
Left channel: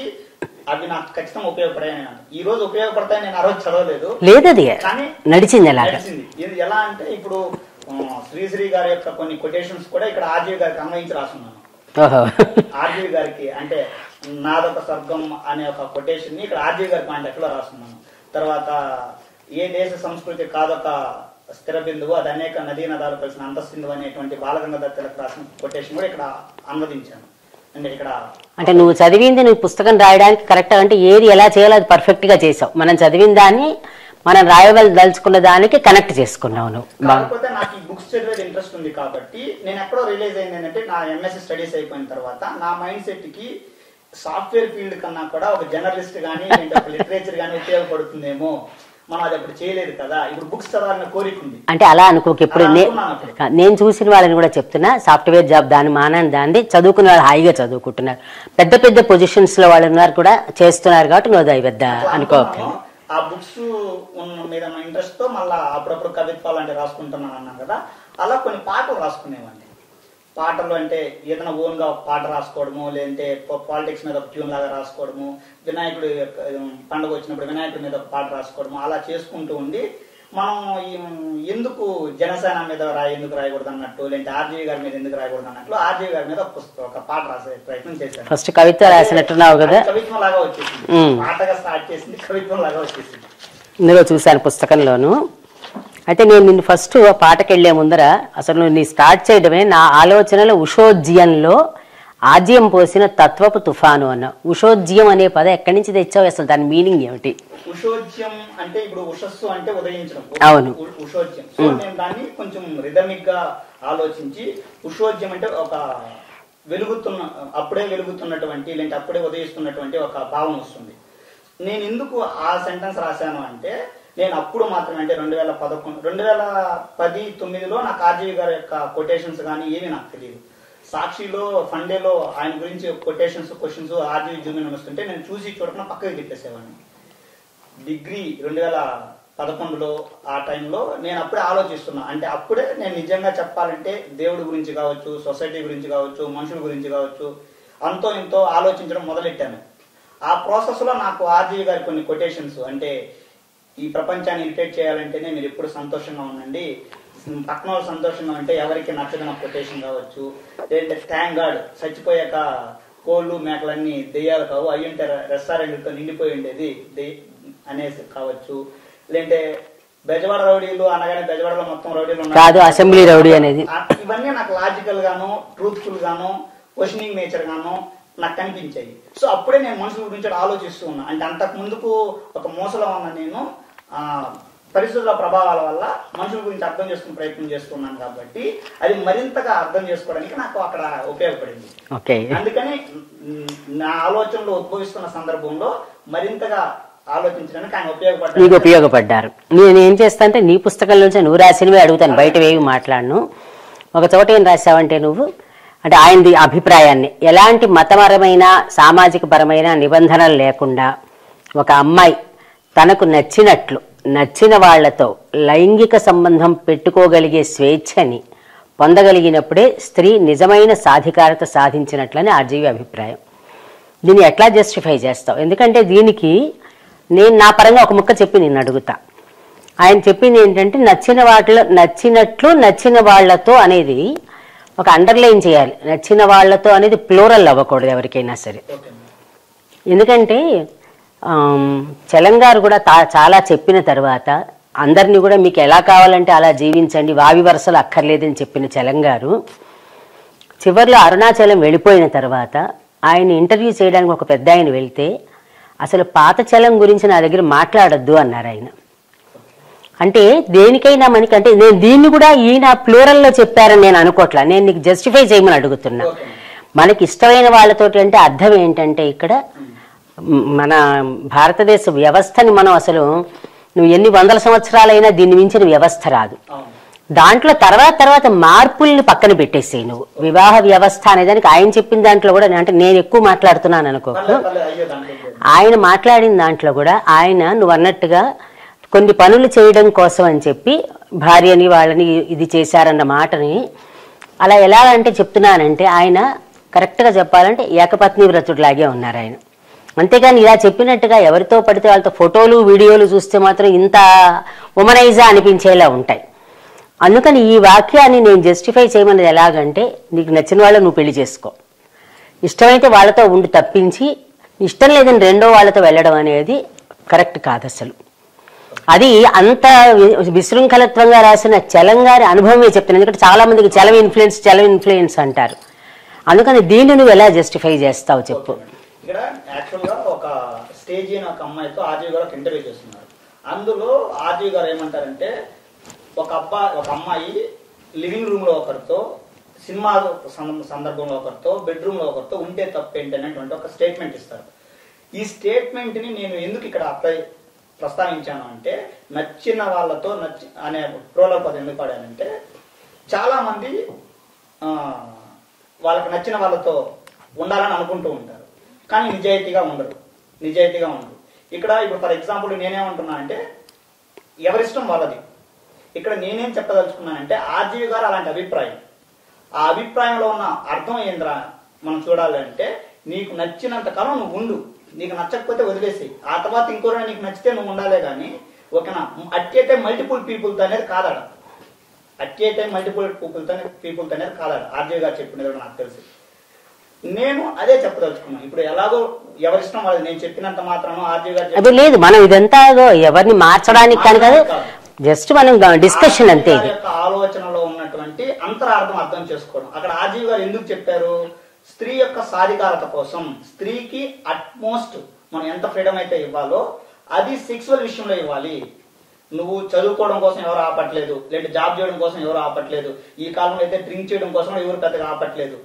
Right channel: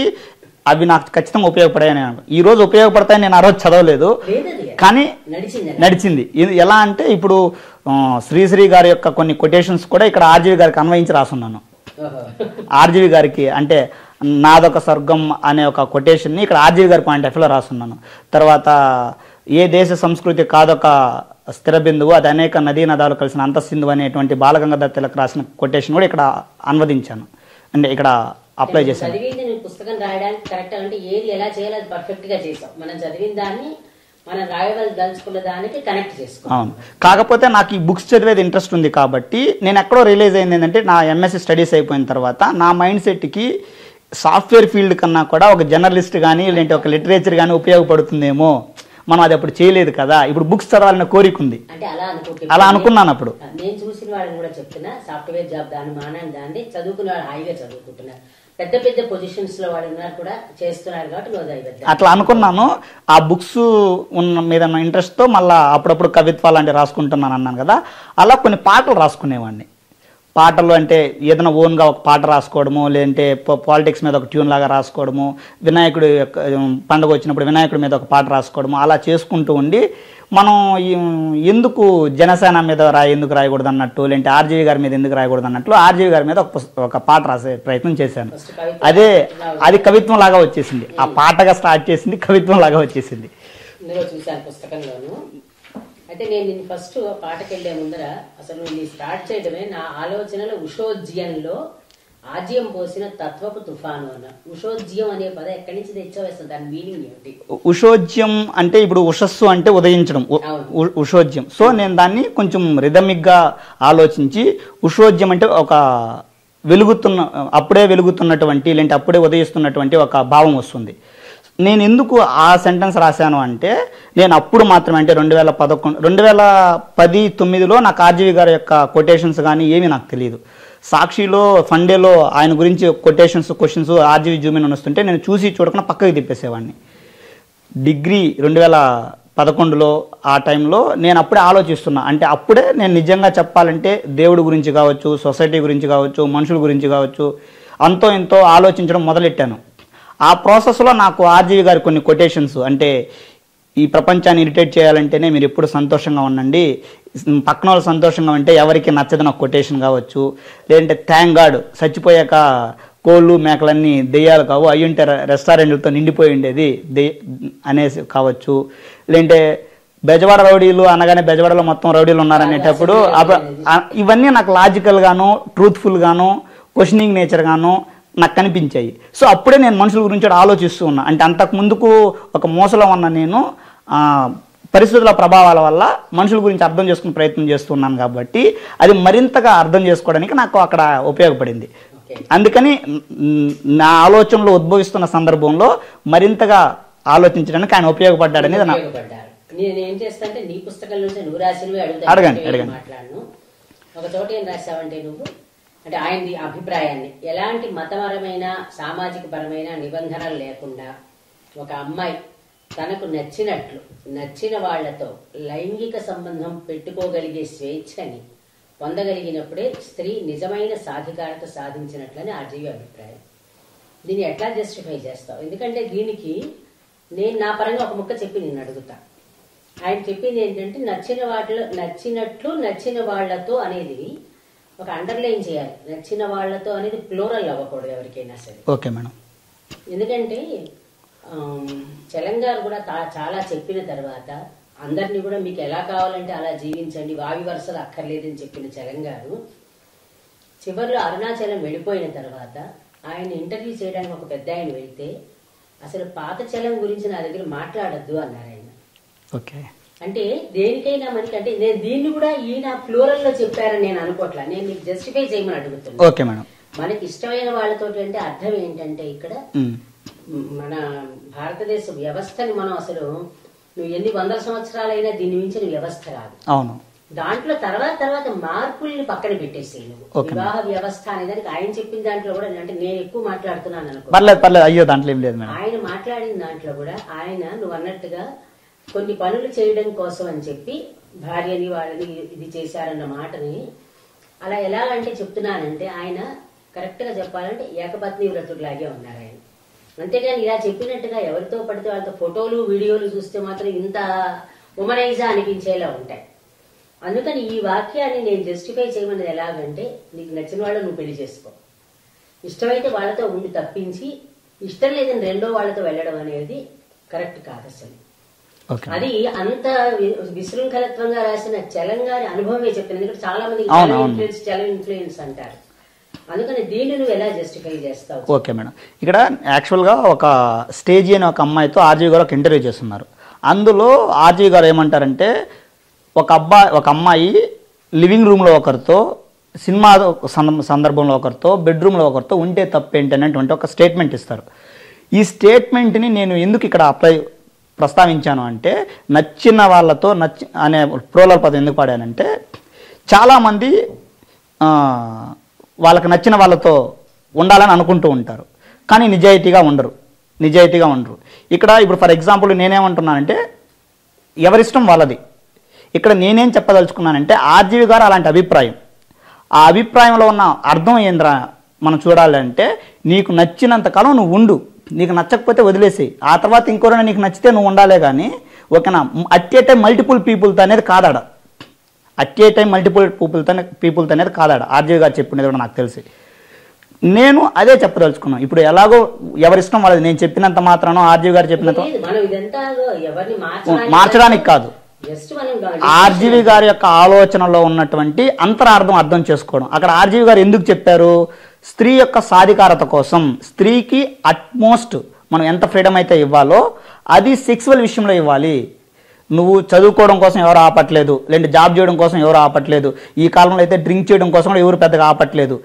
అవి నాకు ఖచ్చితంగా ఉపయోగపడాయని. ఈ రోజు ఉపయోగపడతాయని నేను ఆ రోజు చదవలేదు, లేదు, కానీ నడిచింది. ఎలా అంటే ఇప్పుడు శ్రీశ్రీ గారి యొక్క కొన్ని కొటేషన్స్ కూడా ఇక్కడ ఆర్జీవి గారికి అన్వయించి రాసున్నాను. ఆర్జీవి గారికి అంటే నాదొక స్వర్గం అనే ఒక కొటేషన్ ని ఇక్కడ ఆర్జీవి గారి పాయింట్ ఆఫ్ వ్యూలో రాసున్నాను. తర్వాత ఏ దేశ సంస్కృతి కాదొక స్థిర బిందువు, అది అనేక నదీ నదాలు కలిసిన అంతసింధు అనేటువంటి బాలగంగాధర్ తిలక్ రాసిన కొటేషన్ కూడా ఇక్కడ అనువదించాను. అంటే ఇక్కడ అంటే నువ్వు చదివింది నువ్వు పుస్తకం రాయడానికి కరెక్ట్ అంటే ఏది ఎలా చేయాలో అది పర్ఫెక్ట్ గా చేసావు. మనం చదివిన దాన్ని మనం రాయదలుచుకున్న దానికి కనెక్ట్ చేసుకున్నాను. కాకపోతే నాకు ఈ బుక్స్ చదివేది ఇంట్రెస్ట్ ఉంది కాబట్టి నేను ఎక్కడో రిలీజ్ అయింది ఏంటంటే నా ఎంఎస్సీ స్టడీస్ అయిపోయిన తర్వాత నా మైండ్ సెట్కి సాఫ్ట్వేర్ ఫీల్డ్ కన్నా కూడా ఒక జర్నలిస్ట్ కానీ లేదంటే ఒక లిటరేచర్ కానీ ఉపయోగపడుతుందేమో. మనం అది అప్పుడు చేయలేదు కదా, ఇప్పుడు బుక్స్ చదవాలన్న కోరిక ఉంది. అంటే అలా అనుకున్నాను. అప్పుడు నేను చూసిన వాళ్ళని కూడా చెప్తున్నా, సాఫ్ట్వేర్ జాబ్ దాని మానని దాన్ని చదువుకున్న వాళ్ళు హాయిగా చదువుకుంటున్నారు. పెద్ద పెద్ద పొజిషన్స్ లో వాళ్ళు ఉన్నారు కూడా చేస్తున్నారు కాబట్టి నువ్వు అట్లా అనుకున్నాను. ఆ బుక్స్ ఉన్న మీద ఇంట్రెస్ట్ తో మళ్ళీ అప్పుడప్పుడు కవిత్వాలు అంటే రాసుకుంటున్నాను అన్నాను కదా, అలా కొన్ని పాటలు రాసుకునేవాడిని. పాటలు అంటే ఏదైనా ఓన్గా ఒక పాట రాసుకోవడము, లేదంటే పాలిటిక్స్ మీద ఒక ట్యూన్ లాగా రాసుకోవడము, వినాయకుడు పండుగ వచ్చినప్పుడు వినాయకుడి మీద ఒక పాట రాసుకోవడము, అలా చేసుకుంటూ ఉండి మనం ఎందుకు జనసేన మీద ఎందుకు రాయకూడదు అన్నట్టు, లేదంటే ఆర్జీవి గారి మీద ఎందుకు రాయకూడదు అన్నట్లు ఆర్జీవి గారి మీద ఒక పాట రాసే ప్రయత్నం చేశాను. అది కవిత్వం లాగా వచ్చేసింది. ఆ పాటగా స్టార్ట్ చేసింది, కవిత్వం లాగా వచ్చేసింది. ఇందులో చూశాను పుస్తకంలోను. అయితే నేను నిన్ను ఫస్ట్ పాటకి వెళ్లే ముందర అసలు నీ స్టార్ట్ చేయడమే నా ఆలోచనలో ఉషోజ్యంలో ఆజ్యం పోసిన తత్వపు తుఫాను అన్న. ఉషోజ్యం అనే పదం ఎక్కడి నుంచి తెచ్చావు, అసలు దాని మీనింగ్ ఏమిటి? ఉషోజ్యం అంటే ఇప్పుడు ఉషస్సు అంటే ఉదయించడం, ఉషోజ్యం. సో నేను దాన్ని కొంచెం రిథమిక్ గా ఆలోచించి ఉషోజ్యం అంటే ఒక అప్పుడే వెలుగుతున్నటువంటి లేదంటే అప్పుడే ఉదయిస్తున్నటువంటి ఒక భావం వస్తుంది. నేను ఎందుకు ఆ సెంటెన్స్ రాశాను అంటే నేను అప్పుడు మాత్రమే అంటే 2010-9లో నాకు ఆర్జీవి గారి యొక్క కొటేషన్స్ కానీ ఏమీ నాకు తెలియదు. సాక్షిలో ఫండేలో ఆయన గురించి కొటేషన్స్ క్వశ్చన్స్ ఆర్జీవి జూమిన్ వస్తుంటే నేను చూసి చూడకుండా పక్కకి తిప్పేసేవాడిని. డిగ్రీ 2011లో ఆ టైంలో నేను అప్పుడే ఆలోచిస్తున్నా. అంటే అప్పుడే నేను నిజంగా చెప్పాలంటే దేవుడి గురించి కావచ్చు, సొసైటీ గురించి కావచ్చు, మనుషుల గురించి కావచ్చు అంతో ఇంతో ఆలోచించడం మొదలెట్టాను. ఆ ప్రాసెస్లో నాకు ఆర్జీవి గారి కొన్ని కొటేషన్స్ అంటే ఈ ప్రపంచాన్ని ఇరిటేట్ చేయాలంటేనే మీరు ఎప్పుడు సంతోషంగా ఉండండి, పక్కన వాళ్ళు సంతోషంగా ఉంటే ఎవరికి నచ్చదని ఒక కొటేషన్ కావచ్చు, లేదంటే థ్యాంక్ గాడ్ చచ్చిపోయాక కోళ్ళు మేకలన్నీ దెయ్యాలు కావు అయ్యుంటే రెస్టారెంట్లతో నిండిపోయి ఉండేది అనేసి కావచ్చు, లేదంటే బెజవాడ రౌడీలు అనగానే బెజవాడలో మొత్తం రౌడీలు కాదు, అసెంబ్లీ రౌడీ అనేది. ఇవన్నీ నాకు లాజికల్ గాను ట్రూత్ఫుల్ గాను క్వశ్చనింగ్ నేచర్ గాను నాకు కనిపించాయి. సో అప్పుడే నేను మనుషుల గురించి ఆలోచిస్తూ ఉన్నా. అంటే అంతకు ముందుకు ఒక మోసలో ఉన్న నేను పరిస్థితుల ప్రభావాల వల్ల మనుషుల గురించి అర్థం చేసుకునే ప్రయత్నం చేస్తున్నాను కాబట్టి అది మరింతగా అర్థం చేసుకోవడానికి నాకు అక్కడ ఉపయోగపడింది. అందుకని నా ఆలోచనలు ఉద్భవిస్తున్న సందర్భంలో మరింతగా ఆలోచించడానికి ఆయన ఉపయోగపడ్డారు. నేను ఏం చేస్తా అంటే నీ పుస్తకాల నుంచి నువ్వు రాసినవి అడుగుతాను, బయట వేగి మాట్లాడను. ఒక చోట ఏం రాసావంటే నువ్వు అంటే ఆయనది అభిప్రాయాన్ని ఎలాంటి మతపరమైన సామాజిక పరమైన నిబంధనలు లేకుండా ఒక అమ్మాయి తనకు నచ్చిన వాళ్లతో లైంగిక సంబంధం పెట్టుకోగలిగే స్వేచ్ఛని పొందగలిగినప్పుడే స్త్రీ నిజమైన సాధికారత సాధించినట్లని ఆర్జీవి అభిప్రాయం. దీన్ని ఎట్లా జస్టిఫై చేస్తావు? ఎందుకంటే దీనికి నేను నా పరంగా ఒక ముక్క చెప్పి నేను అడుగుతా. ఆయన చెప్పింది ఏంటంటే నచ్చిన వాళ్లతో అనేది ఒక అండర్లైన్ చేయాలి. నచ్చిన వాళ్లతో అనేది ప్లూరల్ అవ్వకూడదు ఎవరికైనా సరే. Okay madam. ఎందుకంటే చలంగారు కూడా చాలా చెప్పిన తర్వాత అందరినీ కూడా మీకు ఎలా కావాలంటే అలా జీవించండి, వావి వరుసలు అక్కర్లేదని చెప్పిన చలంగారు చివరిలో అరుణాచలం వెళ్ళిపోయిన తర్వాత ఆయన ఇంటర్వ్యూ చేయడానికి ఒక పెద్ద ఆయన వెళ్తే అసలు పాత చలం గురించి నా దగ్గర మాట్లాడొద్దు అన్నారు ఆయన. అంటే దేనికైనా మనకి అంటే నేను దీన్ని కూడా ఈయన ప్లూరల్లో చెప్పారని నేను అనుకోవట్లా, నేను నీకు జస్టిఫై చేయమని అడుగుతున్నా. మనకి ఇష్టమైన వాళ్ళతోటి అంటే అర్థం ఏంటంటే ఇక్కడ మన భారతదేశ వ్యవస్థని మనం అసలు నువ్వు ఎన్ని వందల సంవత్సరాలైనా దీన్ని మించిన వ్యవస్థ రాదు. దాంట్లో తర్వాత మార్పుల్ని పక్కన పెట్టేసేయి నువ్వు. వివాహ వ్యవస్థ అనేదానికి ఆయన చెప్పిన దాంట్లో కూడా అంటే నేను ఎక్కువ మాట్లాడుతున్నాను అనుకో, ఆయన మాట్లాడిన దాంట్లో కూడా ఆయన నువ్వు అన్నట్టుగా కొన్ని పనులు చేయడం కోసం అని చెప్పి భార్యని వాళ్ళని ఇది చేశారన్న మాటని అలా ఎలా అంటే చెప్తున్నానంటే ఆయన కరెక్ట్గా చెప్పాలంటే ఏకపత్ని వ్రతుడిలాగే ఉన్నారు ఆయన. అంతేగాని ఇలా చెప్పినట్టుగా ఎవరితో పడితే వాళ్ళతో ఫోటోలు వీడియోలు చూస్తే మాత్రం ఇంత ఉమనైజా అనిపించేలా ఉంటాయి. అందుకని ఈ వాక్యాన్ని నేను జస్టిఫై చేయమన్నది ఎలాగంటే నీకు నచ్చిన వాళ్ళు నువ్వు పెళ్లి చేసుకో, ఇష్టమైతే వాళ్ళతో ఉండి తప్పించి ఇష్టం లేదని రెండో వాళ్ళతో వెళ్ళడం అనేది కరెక్ట్ కాదు అసలు. అది అంత విశృంఖలత్వంగా రాసిన చలంగారి అనుభవమే చెప్తాను. ఎందుకంటే చాలా మందికి చలం ఇన్ఫ్లుయెన్స్ అంటారు. అందుకని దీన్ని నువ్వు ఎలా జస్టిఫై చేస్తావు? Okay madam. ఇక్కడ యాక్చువల్గా ఒక స్టేజీ అని ఒక అమ్మాయితో ఆర్జీవి గారు ఒక ఇంటర్వ్యూ చేస్తున్నారు. అందులో ఆర్జీవి గారు ఏమంటారంటే ఒక అమ్మాయి లివింగ్ రూమ్లో ఒకరితో, సినిమా సందర్భంలో ఒకరితో, బెడ్రూమ్లో ఒకరితో ఉంటే తప్పేంటి అనేటువంటి ఒక స్టేట్మెంట్ ఇస్తారు. ఈ స్టేట్మెంట్ని నేను ఎందుకు ఇక్కడ ప్రస్తావించాను అంటే నచ్చిన వాళ్ళతో అనే ప్రోలర్ పదం ఎందుకు పాడానంటే చాలామంది వాళ్ళకి నచ్చిన వాళ్ళతో ఉండాలని అనుకుంటూ ఉంటారు, కానీ నిజాయితీగా ఉండరు. ఇప్పుడు ఫర్ ఎగ్జాంపుల్ నేనేమంటున్నానంటే ఎవరిష్టం వాళ్ళది. ఇక్కడ నేనేం చెప్పదలుచుకున్నానంటే ఆర్జీవి గారు అలాంటి అభిప్రాయం, ఆ అభిప్రాయంలో ఉన్న అర్థం ఏంద్రా మనం చూడాలంటే నీకు నచ్చినంత కాలం నువ్వు ఉండు, నీకు నచ్చకపోతే వదిలేసేయి, ఆ తర్వాత ఇంకోరైనా నీకు నచ్చితే నువ్వు ఉండాలే. కానీ ఓకేనా, అట్ ఏ టైం మల్టిపుల్ పీపుల్తో అనేది కాదాడ, పీపుల్తో అనేది కాదాడ. ఆర్జీవి గారు చెప్పినది కూడా నాకు తెలిసి నేను అదే చెప్పదలుచుకున్నాను. ఇప్పుడు ఎలాగో ఎవరిష్టం వాళ్ళది, నేను చెప్పినంత మాత్రానో ఆర్జీవి గారు చెప్పిన లేదు, మనం ఇదంతా ఎవరిని మార్చడానికి కాదు, జస్ట్ మనం ఆర్జీవి గారి యొక్క ఆలోచనలో ఉన్నటువంటి అంతరార్థం అర్థం చేసుకోవడం. అక్కడ ఆర్జీవి గారు ఎందుకు చెప్పారు, స్త్రీ యొక్క సాధికారత కోసం స్త్రీకి అట్మోస్ట్ మనం ఎంత ఫ్రీడమ్ అయితే ఇవ్వాలో అది సెక్సువల్ విషయంలో ఇవ్వాలి. నువ్వు చదువుకోవడం కోసం ఎవరు ఆపట్లేదు, లేదంటే జాబ్ చేయడం కోసం ఎవరు ఆపట్లేదు, ఈ కాలంలో అయితే డ్రింక్ చేయడం కోసం కూడా ఎవరు పెద్దగా ఆపట్లేదు.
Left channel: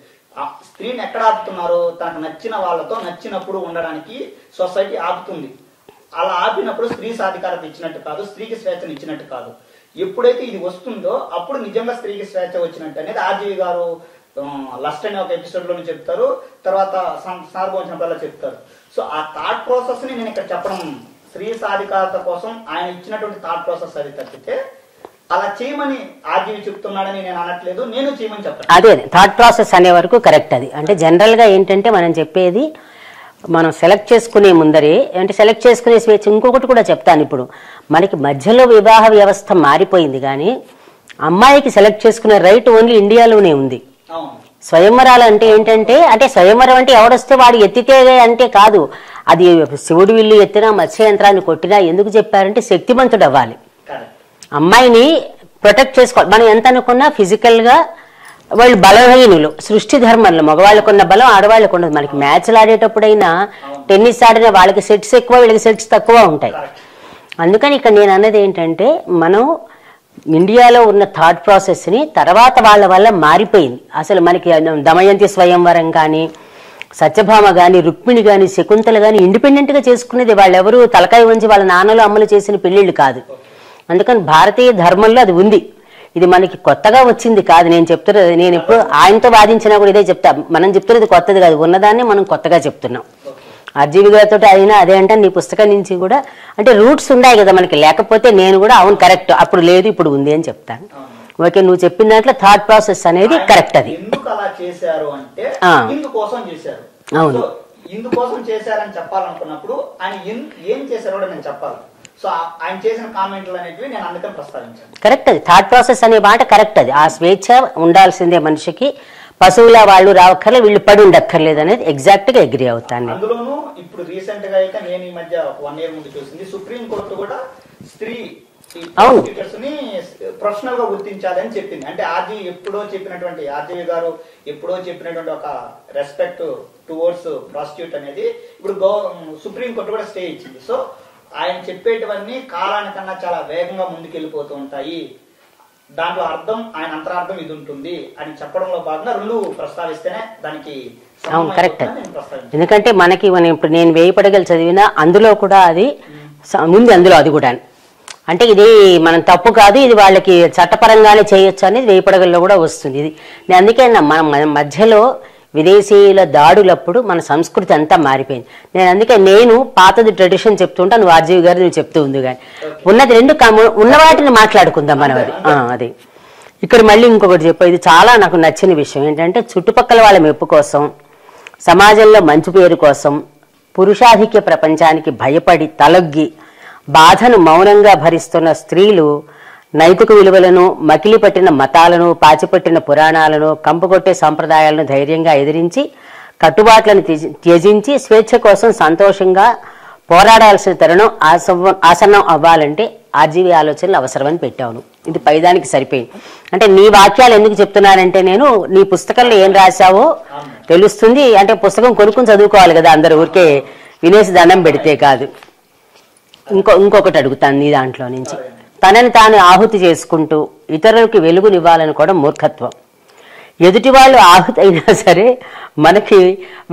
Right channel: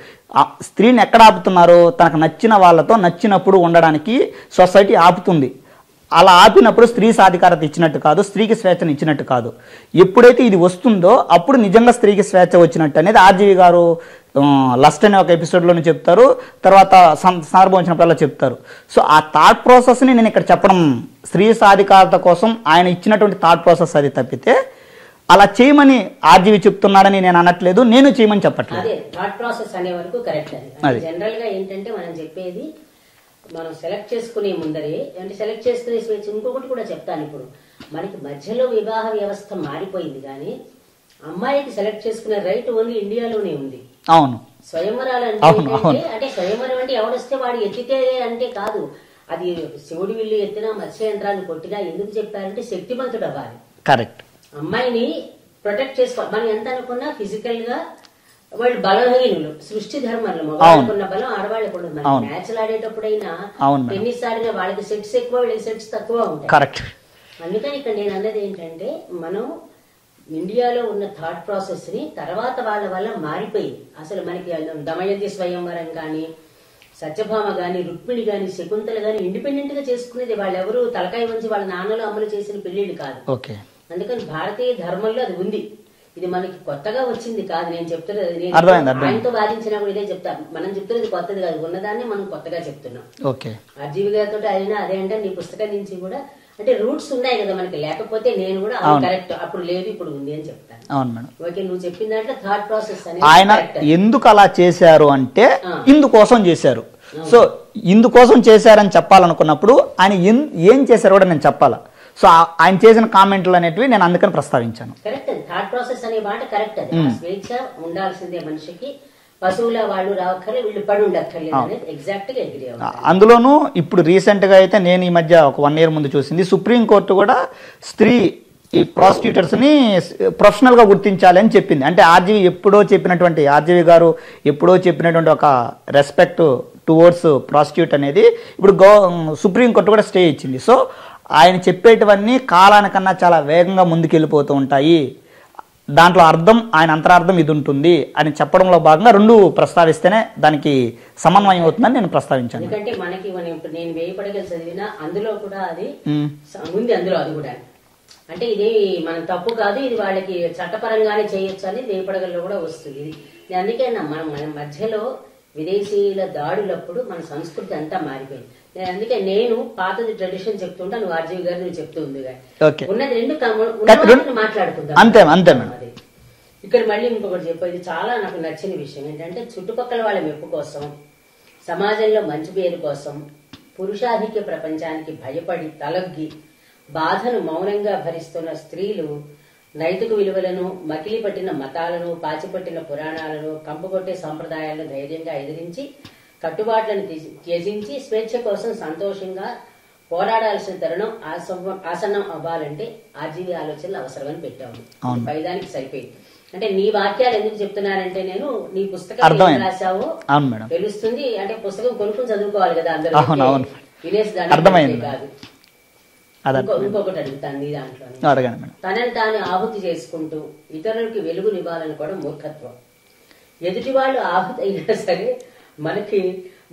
స్త్రీని ఎక్కడ ఆపుతున్నారు, తనకు నచ్చిన వాళ్ళతో నచ్చినప్పుడు ఉండడానికి సొసైటీ ఆపుతుంది. అలా ఆపినప్పుడు స్త్రీ సాధికారత ఇచ్చినట్టు కాదు, స్త్రీకి స్వేచ్ఛను ఇచ్చినట్టు కాదు. ఎప్పుడైతే ఇది వస్తుందో అప్పుడు నిజంగా స్త్రీకి స్వేచ్ఛ వచ్చినట్టు అనేది ఆర్జీవి గారు లస్ట్ అనే ఒక ఎపిసోడ్లోనే చెప్తారు, తర్వాత సందర్భం వచ్చినప్పుడల్లా చెప్తారు. సో ఆ థాట్ ప్రాసెస్ని నేను ఇక్కడ చెప్పడం, స్త్రీ సాధికారత కోసం ఆయన ఇచ్చినటువంటి థాట్ ప్రాసెస్ అది తప్పితే అలా చేయమని ఆర్జీవి చెప్తున్నాడని నేను అనట్లేదు, నేను చేయమని చెప్పట్లేదు. అదే థాట్ ప్రాసెస్ అనే వరకు కరెక్ట్. అది అంటే జనరల్గా ఏంటంటే మనం చెప్పేది మనం సెలెక్ట్ చేసుకునే ముందరే అంటే సెలెక్ట్ చేసుకునే స్వేచ్ఛ. ఇంకొకటి కూడా చెప్తాను, ఇప్పుడు మనకి మధ్యలో వివాహ వ్యవస్థ మారిపోయింది, కానీ అమ్మాయికి సెలెక్ట్ చేసుకునే రైట్ ఓన్లీ ఇండియాలోనే ఉంది. అవును, స్వయంవరాలు అంటే ఏంటంటే అంటే స్వయంవరం అంటే ఎవడొస్తే వాడు ఎత్తితే అంటే కాదు, అది శివుడు విల్లు ఎత్తినా మత్స్య యంత్రాన్ని కొట్టినా ఎందుకు చెప్పారంటే శక్తిమంతుడు అవ్వాలి. కరెక్ట్. అమ్మాయిని ప్రొటెక్ట్ చేసుకోవాలి. మనం ఎంత అనుకున్నా ఫిజికల్ గా వాళ్ళు బలహీనులు. సృష్టి ధర్మంలో మగవాళ్ళకున్న బలం ఆడవాళ్ళకు ఉండదు. మనకి మ్యాచ్లు ఆడేటప్పుడైనా టెన్నిస్ ఆడిన వాళ్ళకి సెట్స్ ఎక్కువ, వీళ్ళకి సెట్స్ తక్కువ ఉంటాయి. కరెక్ట్. అందుకని ఇక్కడ నేను అన్నది ఏంటంటే, మనం ఇండియాలో ఉన్న థాట్ ప్రాసెస్ని తర్వాత వాళ్ళ వల్ల మారిపోయింది. అసలు మనకి దమయంతి స్వయంవరం కానీ, సత్యభామ కానీ, రుక్మిణి కానీ, శకుంతల కానీ ఇండిపెండెంట్గా చేసుకునేది. వాళ్ళెవరూ తలకాయ వంచి వాళ్ళ నాన్నలు అమ్మలు చేసిన పెళ్ళిళ్ళు కాదు. అందుకని భారతీయ ధర్మంలో అది ఉంది. ఇది మనకి కొత్తగా వచ్చింది కాదు. నేను చెప్తున్నది, నేను ఆయనతో వాదించినా కూడా ఇదే చెప్తా. మనం చెప్తున్నది కొత్తది కాదు, ఉన్నదాన్ని మనం కొత్తగా చెప్తున్నాం. ఆర్జీవి గారితో అయినా అదే అంటే, నీ పుస్తకం నుంచి కూడా అంటే రూట్స్ ఉన్నాయి కదా మనకి. లేకపోతే నేను కూడా అవును కరెక్ట్, అప్పుడు లేదు ఇప్పుడు ఉంది అని చెప్తాను. ఓకే, నువ్వు చెప్పిన దాంట్లో థాట్ ప్రాసెస్ అనేది కరెక్ట్. ఎందుకు అలా చేశారు అంటే ఇందుకోసం చేశారు. సో ఇందుకోసం చేశారని చెప్పాలనుకున్నప్పుడు ఆయన ఏం చేశారు కూడా నేను చెప్పాలి. సో ఆయన చేసిన కామెంట్లు అనేటివి నేను అందుకని ప్రస్తావించాను. కరెక్ట్, అది థాట్ ప్రాసెస్ అనే మాట కరెక్ట్. అది ఆ స్వేచ్ఛ ఉండాల్సిందే మనిషికి. పశువుల వాళ్ళు రావక్కర్లే, వీళ్ళు పడి ఉండక్కర్లేదు అనేది ఎగ్జాక్ట్ గా అగ్రీ అవుతాను. అందులోనూ ఇప్పుడు రీసెంట్ గా అయితే నేను ఈ మధ్య ఒక 1 year ముందు చూసింది, సుప్రీంకోర్టు కూడా స్త్రీ ప్రాసిక్యూటర్స్ ని ప్రొఫెషనల్ గా గుర్తించాలి అని చెప్పింది. అంటే ఆర్జీవి గారు ఎప్పుడో చెప్పినటువంటి ఒక రెస్పెక్ట్ టువర్డ్స్ ప్రాసిక్యూట్ అనేది ఇప్పుడు సుప్రీంకోర్టు కూడా స్టే ఇచ్చింది. సో ఆయన చెప్పేటివన్నీ కాలానికన్నా చాలా వేగంగా ముందుకెళ్ళిపోతూ ఉంటాయి. దాంట్లో ఆయన అంతరార్థం ఇది ఉంటుంది అని చెప్పడంలో భాగంగా రెండు ప్రస్తావిస్తేనే దానికి సమన్వయం అవుతుందని నేను ప్రస్తావించాను. ఎందుకంటే మనకి ఇప్పుడు నేను 1000 పడగలు చదివినా అందులో కూడా అది ఉంది. అందులో అది కూడా అంటే ఇది మనం తప్పు కాదు, ఇది వాళ్ళకి చట్టపరంగానే చేయొచ్చు అనేది 1000 పడగల్లో కూడా వస్తుంది. ఇది నేను అందుకే మన మధ్యలో విదేశీయుల దాడులప్పుడు మన సంస్కృతి అంతా మారిపోయింది. నేను పాతది ట్రెడిషన్ చెప్తుంటా, నువ్వు ఆర్జీవి గారు నువ్వు చెప్తూ ఉంది. కానీ ఉన్నది రెండు ఉన్న వాటిని మాట్లాడుకుందాం. అది ఇక్కడ మళ్ళీ ఇంకొకటి చెప్పు, ఇది చాలా నాకు నచ్చిన విషయం ఏంటంటే, చుట్టుపక్కల వాళ్ళ మెప్పు కోసం, సమాజంలో మంచి పేరు కోసం, పురుషాధిక్య ప్రపంచానికి భయపడి తలొగ్గి బాధను మౌనంగా భరిస్తున్న స్త్రీలు నైతిక విలువలను, మకిలి పట్టిన మతాలను, పాచిపట్టిన పురాణాలను, కంపుకొట్టే సంప్రదాయాలను ధైర్యంగా ఎదిరించి, కట్టుబాట్లను త్యజించి స్వేచ్ఛ కోసం సంతోషంగా పోరాడాల్సిన తరుణం ఆసన్నం అవ్వాలంటే ఆర్జీవి ఆలోచనలు అవసరమని పెట్టాను. ఇది పైదానికి సరిపోయింది. అంటే నీ వాక్యాలు ఎందుకు చెప్తున్నానంటే, నేను నీ పుస్తకంలో ఏం రాశావో తెలుస్తుంది. అంటే పుస్తకం కొనుక్కుని చదువుకోవాలి కదా అందరూ, ఓకే వినేసి దండం పెడితే కాదు. ఇంకొకటి అడుగుతాను నీ దాంట్లో నుంచి, తనని తాను ఆహుతి చేసుకుంటూ ఇతరులకి వెలుగునివ్వాలనుకోవడం మూర్ఖత్వం. ఎదుటి వాళ్ళు ఆహుతి అయినా సరే మనకి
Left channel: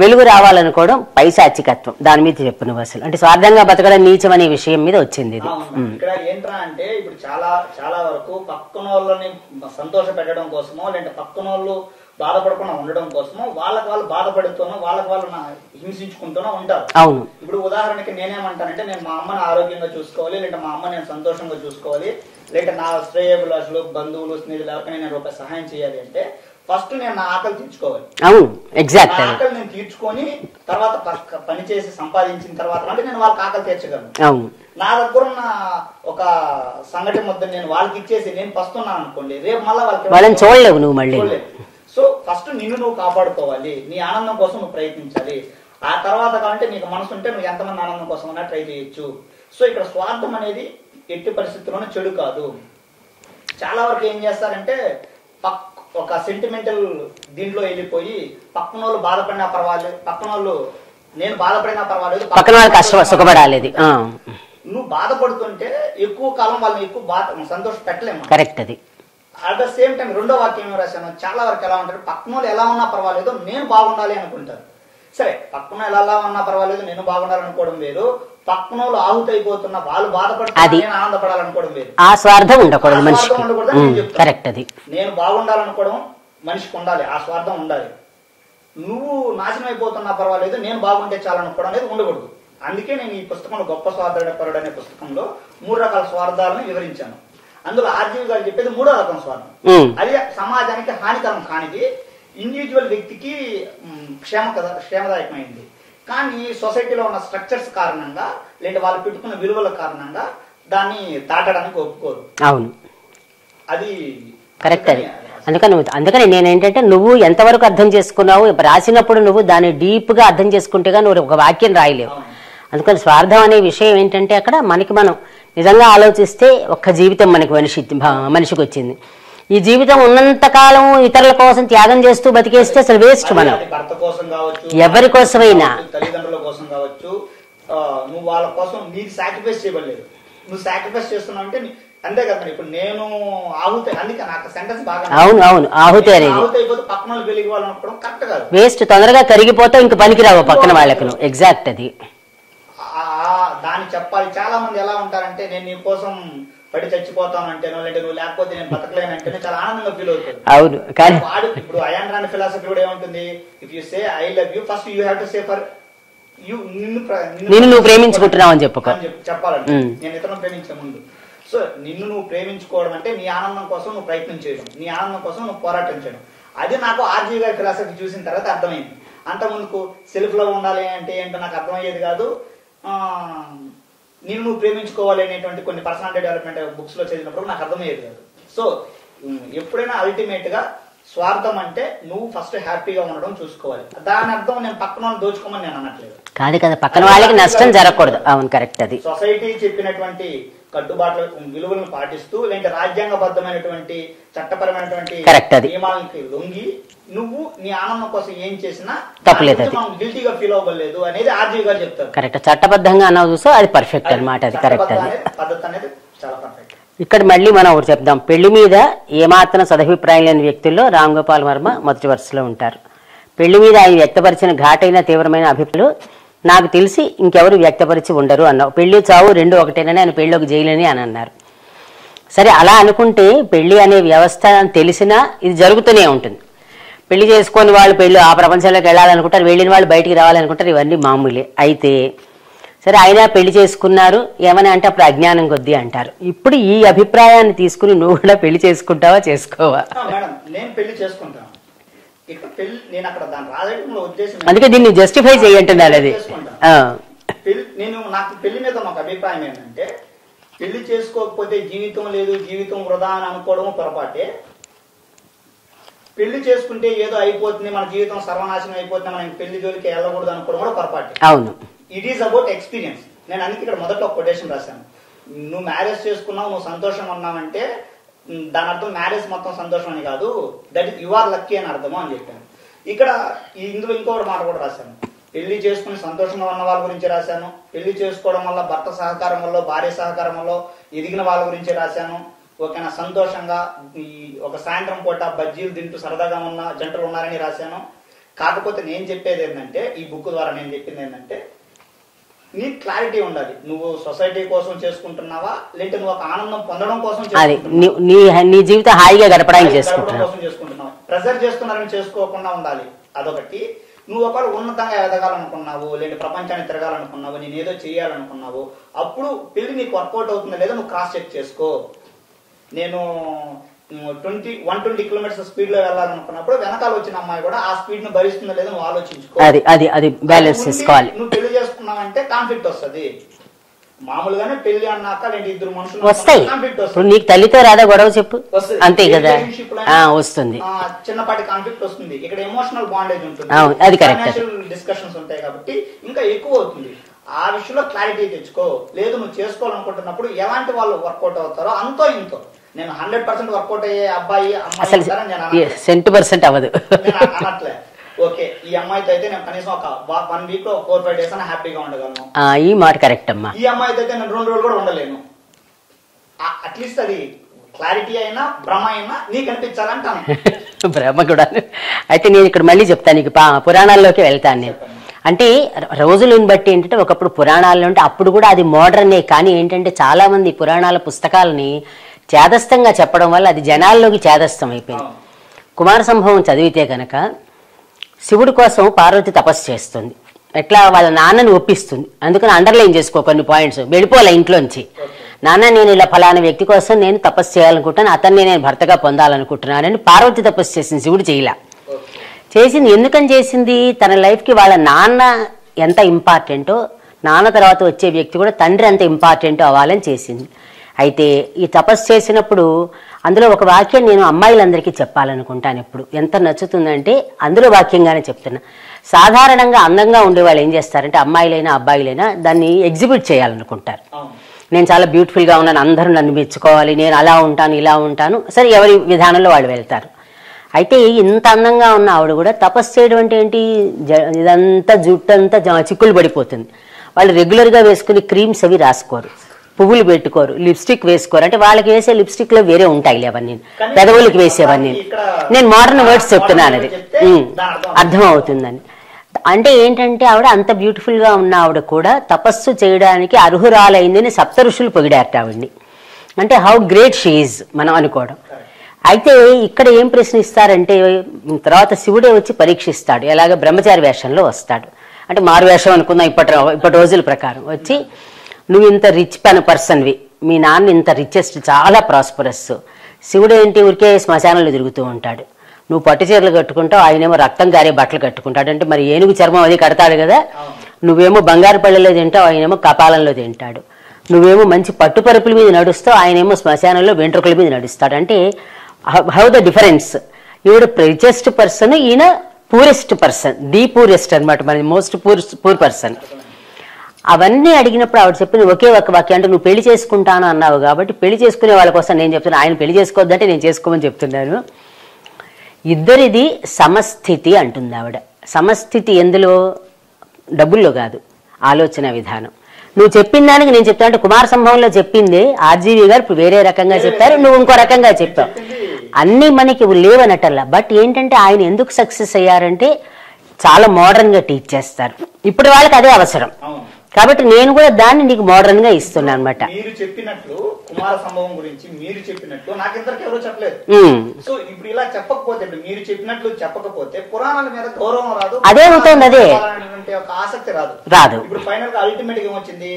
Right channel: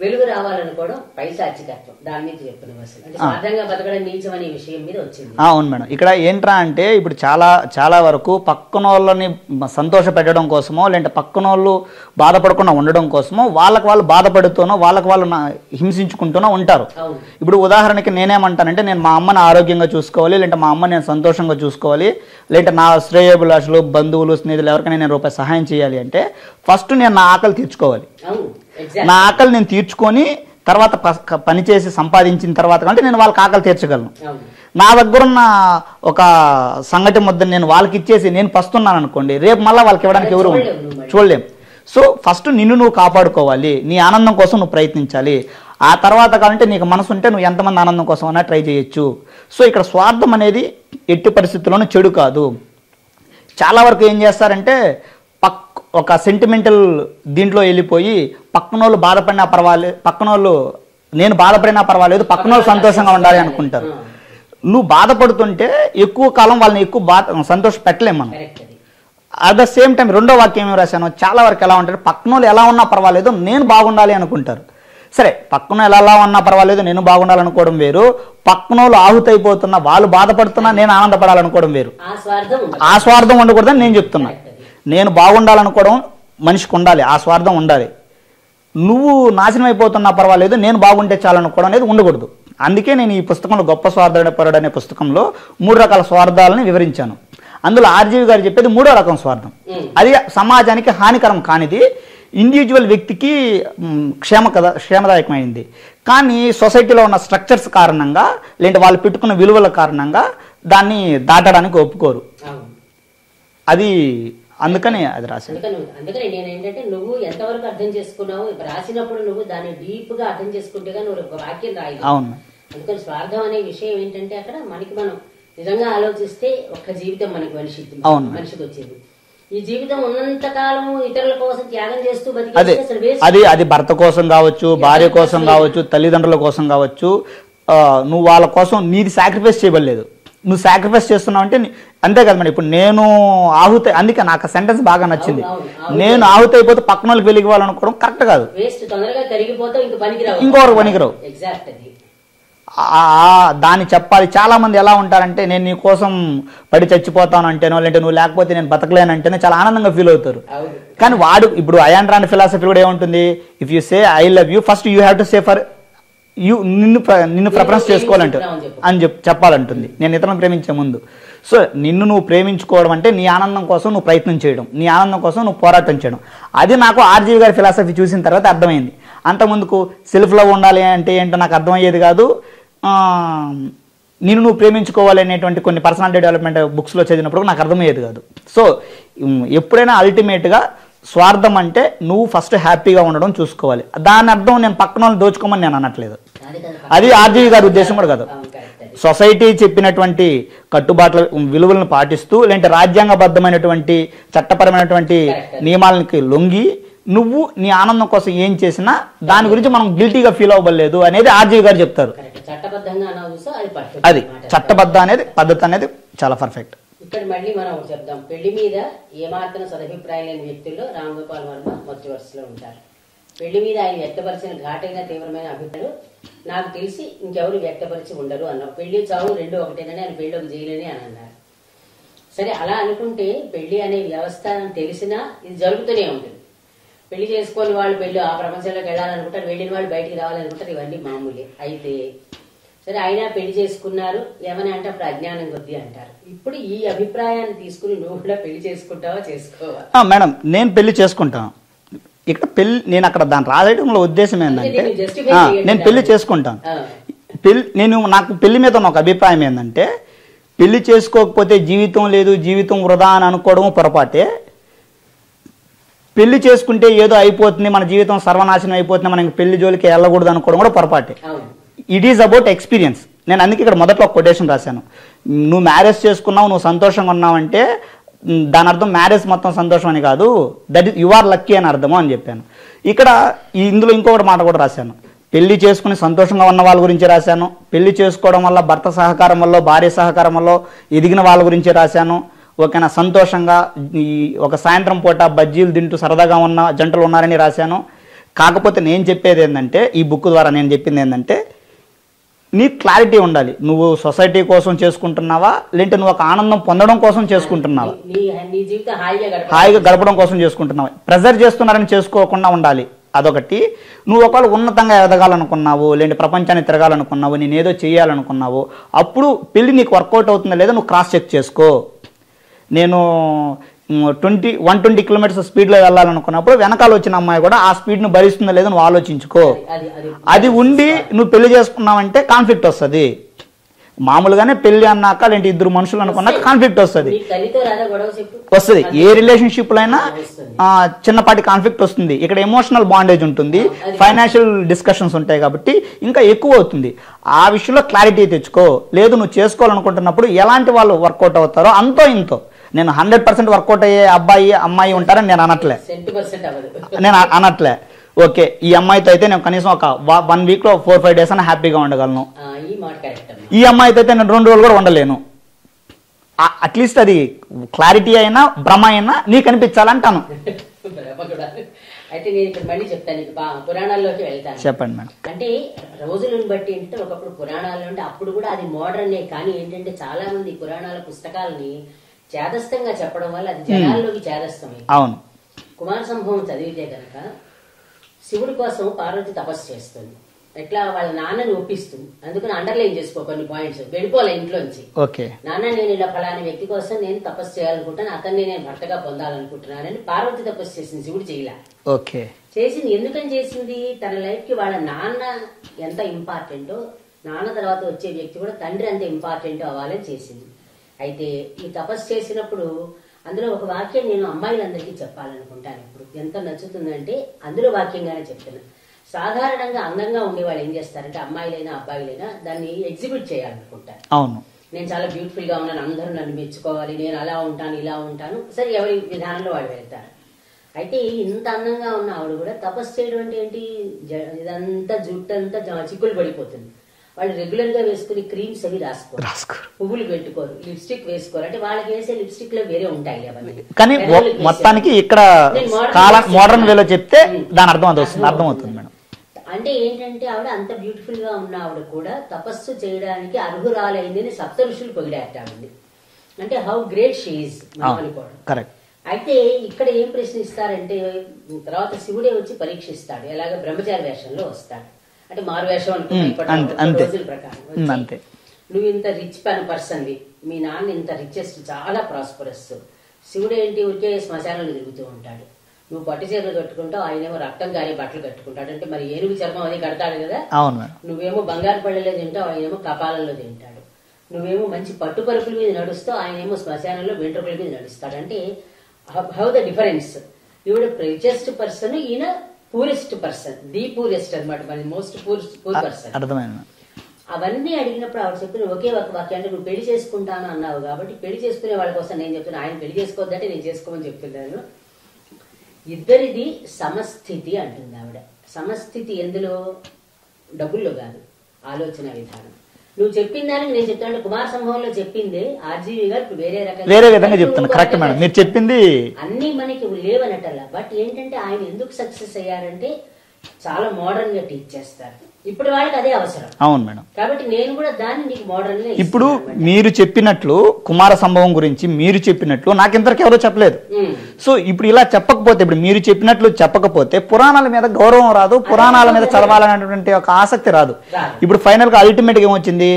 వెలుగు రావాలనుకోవడం పైశాచికత్వం. దాని మీద చెప్పు నువ్వు. అసలు అంటే స్వార్థంగా బతకడం నీచం అనే విషయం మీద వచ్చింది. అవును మేడం. ఇక్కడ ఏంట్రా అంటే, ఇప్పుడు చాలా వరకు పక్కన వాళ్ళని సంతోష పెట్టడం కోసమో, లేదంటే పక్కన వాళ్ళు బాధపడకుండా ఉండడం కోసమో వాళ్ళకి వాళ్ళు బాధపడుతూనో వాళ్ళకి వాళ్ళు హింసించుకుంటూనో ఉంటారు. అవును. ఇప్పుడు ఉదాహరణకి నేనేమంటానంటే, నేను మా అమ్మని ఆరోగ్యంగా చూసుకోవాలి, లేదంటే మా అమ్మని నేను సంతోషంగా చూసుకోవాలి, లేదంటే నా శ్రేయోభిలాషులు, బంధువులు, స్నేహితులు ఎవరికైనా నేను రూపాయి సహాయం చేయాలి అంటే ఫస్ట్ నేను నా ఆకలి తీర్చుకోవాలి. నా ఆకలి నేను తీర్చుకొని తర్వాత పనిచేసి సంపాదించిన తర్వాత కంటే నేను వాళ్ళకి ఆకలి తీర్చగలను. నా దగ్గరున్న ఒక సంగతి ముద్ద నేను వాళ్ళకి ఇచ్చేసి నేను పస్తున్నాను అనుకోండి, రేపు మళ్ళీ వాళ్ళకి చూడలేము. సో ఫస్ట్ నిన్ను నువ్వు కాపాడుకోవాలి, నీ ఆనందం కోసం నువ్వు ప్రయత్నించాలి. ఆ తర్వాత కావాలంటే నీకు మనసు ఉంటే నువ్వు ఎంతమంది ఆనందం కోసం అన్నా ట్రై చేయొచ్చు. సో ఇక్కడ స్వార్థం అనేది ఎట్టి పరిస్థితుల్లోనూ చెడు కాదు. చాలా వరకు ఏం చేస్తారంటే ఒక సెంటిమెంటల్ దీంట్లో వెళ్ళిపోయి పక్కనోళ్ళు బాధపడినా పర్వాలేదు, పక్కనోళ్ళు నేను బాధపడినా పర్వాలేదు, నువ్వు బాధపడుతుంటే ఎక్కువ కాలం వాళ్ళని ఎక్కువ సంతోష పెట్టలేము. కరెక్ట్. అది అట్ ద సేమ్ టైం రెండో వాక్యం ఏమి రాశాను, చాలా వరకు ఎలా ఉంటారు, పక్కనోళ్ళు ఎలా ఉన్నా పర్వాలేదు నేను బాగుండాలి అనుకుంటారు. సరే, పక్కన ఎలా ఉన్నా పర్వాలేదు నేను బాగుండాలనుకోవడం వేరు, పక్కనోళ్ళు ఆహుతైపోతున్నా వాళ్ళు బాధపడుతున్నా నేను ఆనందపడాలనుకోవడం వేరు. ఆ స్వార్థం ఉండకూడదని నేను చెప్తాను. నేను బాగుండాలనుకోవడం మనిషికి ఉండాలి, ఆ స్వార్థం ఉండాలి. నువ్వు నాశనం అయిపోతున్నా పర్వాలేదు నేను బాగుంటే చాలనుకోవడం అనేది ఉండకూడదు. అందుకే నేను ఈ పుస్తకంలో గొప్ప స్వార్థపరుడు అనే పుస్తకంలో 3 రకాల స్వార్థాలను వివరించాను. అందులో ఆర్జీవి గారు చెప్పేది 3వ రకం స్వార్థం. అది సమాజానికి హానికరం కానిది, ఇండివిజువల్ వ్యక్తికి క్షేమదాయకమైంది. కానీ సొసైటీలో ఉన్న స్ట్రక్చర్స్ కారణంగా, లేదంటే వాళ్ళు పెట్టుకున్న విలువల కారణంగా దాన్ని దాటడానికి ఒప్పుకోరు. అవును, అది అందుకని నేనేంటంటే, నువ్వు ఎంతవరకు అర్థం చేసుకున్నావు రాసినప్పుడు నువ్వు దాన్ని డీప్ గా అర్థం చేసుకుంటేగా నువ్వు ఒక వాక్యం రాయలేవు. అందుకని స్వార్థం అనే విషయం ఏంటంటే, అక్కడ మనకి మనం నిజంగా ఆలోచిస్తే ఒక్క జీవితం మనకి మనిషికి వచ్చింది. ఈ జీవితం ఉన్నంత కాలం ఇతరుల కోసం త్యాగం చేస్తూ బతికేస్తే అసలు వేస్ట్. అది భర్త కోసం కావచ్చు, ఎవరి కోసమైనా, తల్లిదండ్రుల కోసం కావచ్చు, నువ్వు వాళ్ళ కోసం నీది సాక్రిఫైస్ చేయబడలేదు, నువ్వు సాక్రిఫైస్ చేస్తున్నావు అంటే అంతే కదా. మరి ఇప్పుడు నేను ఆహుతి, అందుకే నాకు సెంటెన్స్ బాగా ఆహుతి అయిపోతే పక్కన వాళ్ళకి వెలిగి వాళ్ళనుకోవడం కరెక్ట్ కాదు, వేస్ట్. తొందరగా కరిగిపోతే ఇంక పనికిరావు. ఎగ్జాక్ట్. అది దాన్ని చెప్పాలి. చాలా మంది ఎలా ఉంటారంటే నేను నీ కోసం పడి చచ్చిపోతాను అంటేనో, లేదంటే నువ్వు లేకపోతే నేను బతకలేనంటేనే చాలా ఆనందంగా ఫీల్ అవుతారు. అవును. కానీ వాడు ఇప్పుడు అయాన్ రాండ్ ఫిలాసఫీ కూడా ఏముంటుంది, if you say I love you first you have to say for you, నిన్ను అని చెప్పాలంటుంది నేను ఇతరులను ప్రేమించే ముందు. సో నిన్ను నువ్వు ప్రేమించుకోవడం అంటే నీ ఆనందం కోసం నువ్వు ప్రయత్నం చేయడం, నీ ఆనందం కోసం నువ్వు పోరాటం చేయడం. అది నాకు ఆర్జీవి గారి ఫిలాసఫీ చూసిన తర్వాత అర్థమైంది. అంతకుముందుకు సెల్ఫ్ లవ్ ఉండాలి అంటే ఏంటో నాకు అర్థమయ్యేది కాదు. నిన్ను నువ్వు ప్రేమించుకోవాలి అనేటువంటి కొన్ని పర్సనాలిటీ డెవలప్మెంట్ బుక్స్లో చదివినప్పుడు నాకు అర్థమయ్యేది కాదు. సో ఎప్పుడైనా అల్టిమేట్గా స్వార్థం అంటే నువ్వు ఫస్ట్ హ్యాపీగా ఉండడం చూసుకోవాలి. దాని అర్థం నేను పక్కన వాళ్ళు దోచుకోమని నేను అనట్లేదు. సొసైటీ చెప్పినటువంటి కట్టుబాట్ల విలువలను పాటిస్తూ, లేదంటే రాజ్యాంగబద్ధమైనటువంటి చట్టపరమైనటువంటి నియమాలకి లొంగి నువ్వు నీ ఆనందం కోసం ఏం చేసినా దాని గురించి మనం గిల్టీగా ఫీల్ అవ్వలేదు అనేది ఆర్జీవి గారు చెప్తారు. కరెక్ట్. చట్టబద్ధంగా అన్నావు చూస్తే అది పర్ఫెక్ట్ అన్నమాట. చట్టబద్ధ అనేది పద్ధతి అనేది చాలా పర్ఫెక్ట్. ఇక్కడ మళ్ళీ మనం ఒకటి చెప్దాం. పెళ్లి మీద ఏమాత్రం సదభిప్రాయం లేని వ్యక్తుల్లో రామ్ గోపాల్ వర్మ మొదటి వరుసలో ఉంటారు. పెళ్లి మీద ఆయన వ్యక్తపరిచిన ఘాటైన తీవ్రమైన అభిప్రాయాలు నాకు తెలిసి ఇంకెవరు వ్యక్తపరిచి ఉండరు అన్నావు. పెళ్లి చావు రెండు ఒకటేనని ఆయన పెళ్ళిలోకి జైలని అని అన్నారు. సరే, అలా అనుకుంటే పెళ్లి అనే వ్యవస్థ తెలిసినా ఇది జరుగుతూనే ఉంటుంది. పెళ్లి చేసుకొని వాళ్ళు ఆ ప్రపంచంలోకి వెళ్ళాలనుకుంటారు, వెళ్ళిన వాళ్ళు బయటికి రావాలనుకుంటారు, ఇవన్నీ మామూలే. అయితే సరే, అయినా పెళ్లి చేసుకున్నారు ఏమని అంటే అప్పుడు అజ్ఞానం కొద్దీ అంటారు. ఇప్పుడు ఈ అభిప్రాయాన్ని తీసుకుని నువ్వు కూడా పెళ్లి చేసుకుంటావా చేసుకోవా? మేడం, నేను పెళ్లి చేసుకుంటాను. ఇక్కడ పెళ్లి నేను అక్కడ దాని రాయడంలో ఉద్దేశం, అందుకే దీన్ని జస్టిఫై చేయండి. చేసుకుంటాను. నాకు పెళ్లి మీద ఒక అభిప్రాయం ఏంటంటే, పెళ్లి చేసుకోకపోతే జీవితం లేదు, జీవితం వృధా అని అనుకోవడం పొరపాటే. పెళ్లి చేసుకుంటే ఏదో అయిపోతుంది, మన జీవితం సర్వనాశనం అయిపోతుంది, మనకి పెళ్లి జోలికి వెళ్ళకూడదు అనుకోవడం కూడా పొరపాటే. అవును. It is about experience. నేను అందుకే ఇక్కడ మొదట్లో ఒక కొటేషన్ రాశాను. నువ్వు మ్యారేజ్ చేసుకున్నావు, నువ్వు సంతోషంగా ఉన్నావంటే దాని అర్థం మ్యారేజ్ మొత్తం సంతోషం అని కాదు, that is you are lucky అని అర్థము అని చెప్పాను. ఇక్కడ ఇందులో ఇంకొకటి మాట కూడా రాశాను. పెళ్లి చేసుకుని సంతోషంగా ఉన్న వాళ్ళ గురించి రాశాను, పెళ్లి చేసుకోవడం వల్ల భర్త సహకారం వల్ల, భార్య సహకారం వల్ల ఎదిగిన వాళ్ళ గురించి రాశాను. ఓకేనా, సంతోషంగా ఈ ఒక సాయంత్రం పూట బజ్జీలు తింటూ సరదాగా ఉన్న జంటలు ఉన్నారని రాశాను. కాకపోతే నేను చెప్పేది ఏంటంటే, ఈ బుక్ ద్వారా నేను చెప్పింది ఏంటంటే, నీ క్లారిటీ ఉండాలి. నువ్వు సొసైటీ కోసం చేసుకుంటున్నావా, లేదంటే నువ్వు ఒక ఆనందం పొందడం కోసం చేసుకుంటున్నావా, నీ జీవితం హాయిగా గడపడం కోసం చేసుకుంటున్నావా. ప్రెజర్ చేస్తున్నారని చేసుకోకుండా ఉండాలి. అదొకటి. నువ్వు ఒకవేళ ఉన్నతంగా ఎదగాలనుకున్నావు, లేదంటే ప్రపంచాన్ని తిరగాలనుకున్నావు, నేను ఏదో చేయాలనుకున్నావు, అప్పుడు పెళ్లి నీకు వర్కౌట్ అవుతుందా లేదా నువ్వు క్రాస్ చెక్ చేసుకో. నేను 120 కిలోమీటర్స్ స్పీడ్ లో వెళ్ళాలనుకున్నప్పుడు వెనకాల వచ్చిన అమ్మాయి కూడా ఆ స్పీడ్ ను భరిస్తుందా లేదా నువ్వు ఆలోచించుకో. అది ఉండి నువ్వు పెళ్లి చేసుకున్నావంటే కాన్ఫ్లిక్ట్ వస్తుంది. మామూలుగానే పెళ్లి అన్నాక లేంటి ఇద్దరు మనుషులు అనుకున్నా కాన్ఫ్లిక్ట్ వస్తుంది. నీకు తల్లితో రాదా గొడవ చెప్పు వస్తుంది. ఏ రిలేషన్షిప్ లో అయినా వస్తుంది, చిన్నపాటి కాన్ఫ్లిక్ట్ వస్తుంది. ఇక్కడ ఎమోషనల్ బాండేజ్ ఉంటుంది, ఫైనాన్షియల్ డిస్కషన్స్ ఉంటాయి కాబట్టి ఇంకా ఎక్కువ అవుతుంది. ఆ విషయంలో క్లారిటీ తెచ్చుకో. లేదు నువ్వు చేసుకోవాలనుకుంటున్నప్పుడు ఎలాంటి వాళ్ళు వర్కౌట్ అవుతారో అంతో ఇంతో. నేను 100% వర్కౌట్ అయ్యే అమ్మాయి ఉంటారని నేను అనట్లే, 100% అవ్వదు నేను అనట్లే. ఓకే, ఈ అమ్మాయితో అయితే నేను కనీసం ఒక 1 వీక్ లో 4-5 డేస్ అన్న హ్యాపీగా ఉండగలను. ఈ మాట కరెక్ట్ అమ్మా. ఈ అమ్మాయితో అయితే నేను 2 రోజులు కూడా ఉండలేను. అట్లీస్ట్ అది క్లారిటీ అయినా భ్రమ అయినా నీకు అనిపించాలంటాను. భ్రమ కూడా. అయితే నేను ఇక్కడ మళ్ళీ చెప్తాను, నీకు పురాణాల్లోకి వెళ్తాను. చెప్పండి. అంటే రోజులను బట్టి ఏంటంటే ఒకప్పుడు పురాణాల్లో ఉంటే అప్పుడు కూడా అది మోడర్నే, కానీ ఏంటంటే చాలా మంది పురాణాల పుస్తకాలని చేదస్తంగా చెప్పడం వల్ల అది జనాల్లోకి చేదస్తం అయిపోయింది. కుమార సంభవం చదివితే కనుక శివుడి కోసం పార్వతి తపస్సు చేస్తుంది, ఎట్లా వాళ్ళ నాన్నని ఒప్పిస్తుంది. అందుకని అండర్లైన్ చేసుకో కొన్ని పాయింట్స్, వెళ్ళిపోలే ఇంట్లోంచి. నాన్న నేను ఇలా ఫలానా వ్యక్తి కోసం నేను తపస్సు చేయాలనుకుంటాను, అతన్ని నేను భర్తగా పొందాలనుకుంటున్నానని పార్వతి తపస్సు చేసింది, శివుడు చేయలా. చేసింది ఎందుకని చేసింది, తన లైఫ్ కి వాళ్ళ నాన్న ఎంత ఇంపార్టెంటో, నాన్న తర్వాత వచ్చే వ్యక్తి కూడా తండ్రి ఎంత ఇంపార్టెంటో అవ్వాలని చేసింది. అయితే ఈ తపస్సు చేసినప్పుడు అందులో ఒక వాక్యం నేను అమ్మాయిలందరికీ చెప్పాలనుకుంటాను. ఎప్పుడు ఎంత నచ్చుతుందంటే అందులో వాక్యంగానే చెప్తున్నా. సాధారణంగా అందంగా ఉండే వాళ్ళు ఏం చేస్తారంటే అమ్మాయిలైనా అబ్బాయిలైనా దాన్ని ఎగ్జిబిట్ చేయాలనుకుంటారు. నేను చాలా బ్యూటిఫుల్గా ఉన్నాను, అందరూ నన్ను మెచ్చుకోవాలి, నేను అలా ఉంటాను ఇలా ఉంటాను, సరే ఎవరి విధానంలో వాళ్ళు వెళ్తారు. అయితే ఇంత అందంగా ఉన్న ఆవిడ కూడా తపస్సు చేయడం అంటే ఏంటి, ఇదంతా జుట్టు అంతా చిక్కులు పడిపోతుంది. వాళ్ళు రెగ్యులర్గా వేసుకుని క్రీమ్స్ అవి రాసుకోరు, పువ్వులు పెట్టుకోరు, లిప్స్టిక్ వేసుకోరు. అంటే వాళ్ళకి వేసే లిప్స్టిక్ లో వేరే ఉంటాయి అవన్నీ, పెదవులకి వేసేవన్నీ. నేను మోడర్న్ అర్థం అవుతుందని. అంటే ఏంటంటే ఆవిడ అంత బ్యూటిఫుల్ గా ఉన్న ఆవిడ కూడా తపస్సు చేయడానికి అర్హురాలైందని సప్త ఋషులు పొగిడారట ఆవిడ్ని. అంటే హౌ గ్రేట్ షీ ఈజ్ మనం అనుకోవడం. అయితే ఇక్కడ ఏం ప్రశ్నిస్తారంటే తర్వాత శివుడే వచ్చి పరీక్షిస్తాడు. ఎలాగ బ్రహ్మచారి వేషంలో వస్తాడు, అంటే మారు వేషం అనుకుందాం ఇప్పటి రోజుల ప్రకారం. వచ్చి నువ్వు ఇంత రిచ్ పర్సన్వి, మీ నాన్న ఇంత రిచెస్ట్, చాలా ప్రాస్పరస్. శివుడు ఏంటి ఊరికే శ్మశానంలో తిరుగుతూ ఉంటాడు. నువ్వు పట్టు చీరలు కట్టుకుంటావు, ఆయనేమో రక్తం కారే బట్టలు కట్టుకుంటాడు. అంటే మరి ఏనుగు చర్మం అది కడతాడు కదా. నువ్వేమో బంగారు పళ్ళలో తింటావు, ఆయనేమో కపాలంలో తింటాడు. నువ్వేమో మంచి పట్టుపరుపుల మీద నడుస్తావు, ఆయనేమో శ్మశానంలో వెంట్రుకల మీద నడుస్తాడు. అంటే హౌ ద డిఫరెన్స్. ఈవిడ రిచెస్ట్ పర్సన్, ఈయన పూరెస్ట్ పర్సన్, ది పూరెస్ట్ అనమాట, మన మోస్ట్ పూర్ పర్సన్. అవన్నీ అడిగినప్పుడు ఆవిడ చెప్పిన ఒకే ఒక వాక్యం, అంటే నువ్వు పెళ్లి చేసుకుంటాను అన్నావు కాబట్టి పెళ్లి చేసుకునే వాళ్ళ కోసం నేను చెప్తున్నాను, ఆయన పెళ్లి చేసుకోవద్దంటే నేను చేసుకోమని చెప్తున్నాను. ఇద్దరిది సమస్థితి అంటుంది ఆవిడ. సమస్థితి ఎందులో, డబ్బుల్లో కాదు, ఆలోచన విధానం. నువ్వు చెప్పిన దానికి నేను చెప్తాను. అంటే కుమార సంభవంలో చెప్పింది ఆర్జీవి గారు ఇప్పుడు వేరే రకంగా చెప్పారు, నువ్వు ఇంకో రకంగా చెప్పింది. అన్ని మనకి లేవనటల్లా. బట్ ఏంటంటే ఆయన ఎందుకు సక్సెస్ అయ్యారంటే చాలా మోడర్న్ గా టీచ్ చేస్తారు. ఇప్పుడు వాళ్ళకి అదే అవసరం. అవును మేడం. కాబట్టి నేను కూడా దాన్ని నీకు మోడర్న్ గా ఇస్తున్నాను అనమాట. మీరు చెప్పినట్లు కుమార సంభవం గురించి మీరు చెప్పినట్లు నాకు ఇంతవరకు ఎవరో చెప్పలేదు. సో ఇప్పుడు ఇలా చెప్పకపోతే, ఇప్పుడు మీరు చెప్పినట్లు చెప్పకపోతే పురాణాల మీద గౌరవం రాదు, చదవాలనేటువంటి ఒక ఆసక్తి రాదు. ఇప్పుడు ఫైనల్ గా అల్టిమేట్ గా ఏమొచ్చింది,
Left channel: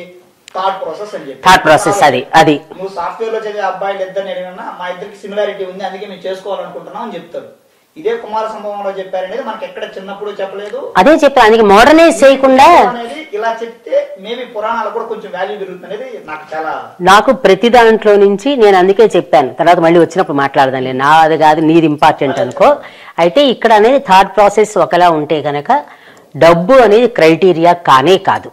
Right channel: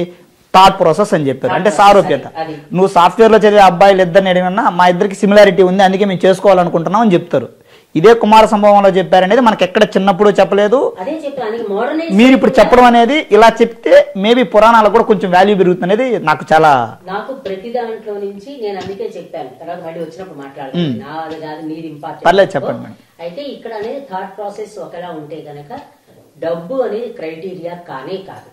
థాట్ ప్రాసెస్ అని చెప్పి. అది నువ్వు సాఫ్ట్వేర్ లో చదివే అబ్బాయిలు ఇద్దరిని అడిగినా మా ఇద్దరికి సిమిలారిటీ ఉంది, అందుకే మేము చేసుకోవాలనుకుంటున్నాం అని చెప్తారు. ఇదే కుమార సంభవంలో చెప్పారనేది మనకి ఎక్కడ చిన్నప్పుడు చెప్పలేదు. అదే చెప్పారు మోడర్నైజ్ చెప్పడం అనేది. ఇలా చెప్తే మేబీ పురాణాలకు కూడా కొంచెం వాల్యూ పెరుగుతుంది అనేది నాకు ప్రతి దాంట్లో నుంచి నేను అందుకే చెప్పాను. తర్వాత మళ్ళీ వచ్చినప్పుడు మాట్లాడదాం, నా అది కాదు నీది ఇంపార్టెంట్. అయితే ఇక్కడ అనేది థాట్ ప్రాసెస్ ఒకలా ఉంటే కనుక డబ్బు అనేది క్రైటీరియా కానే కాదు.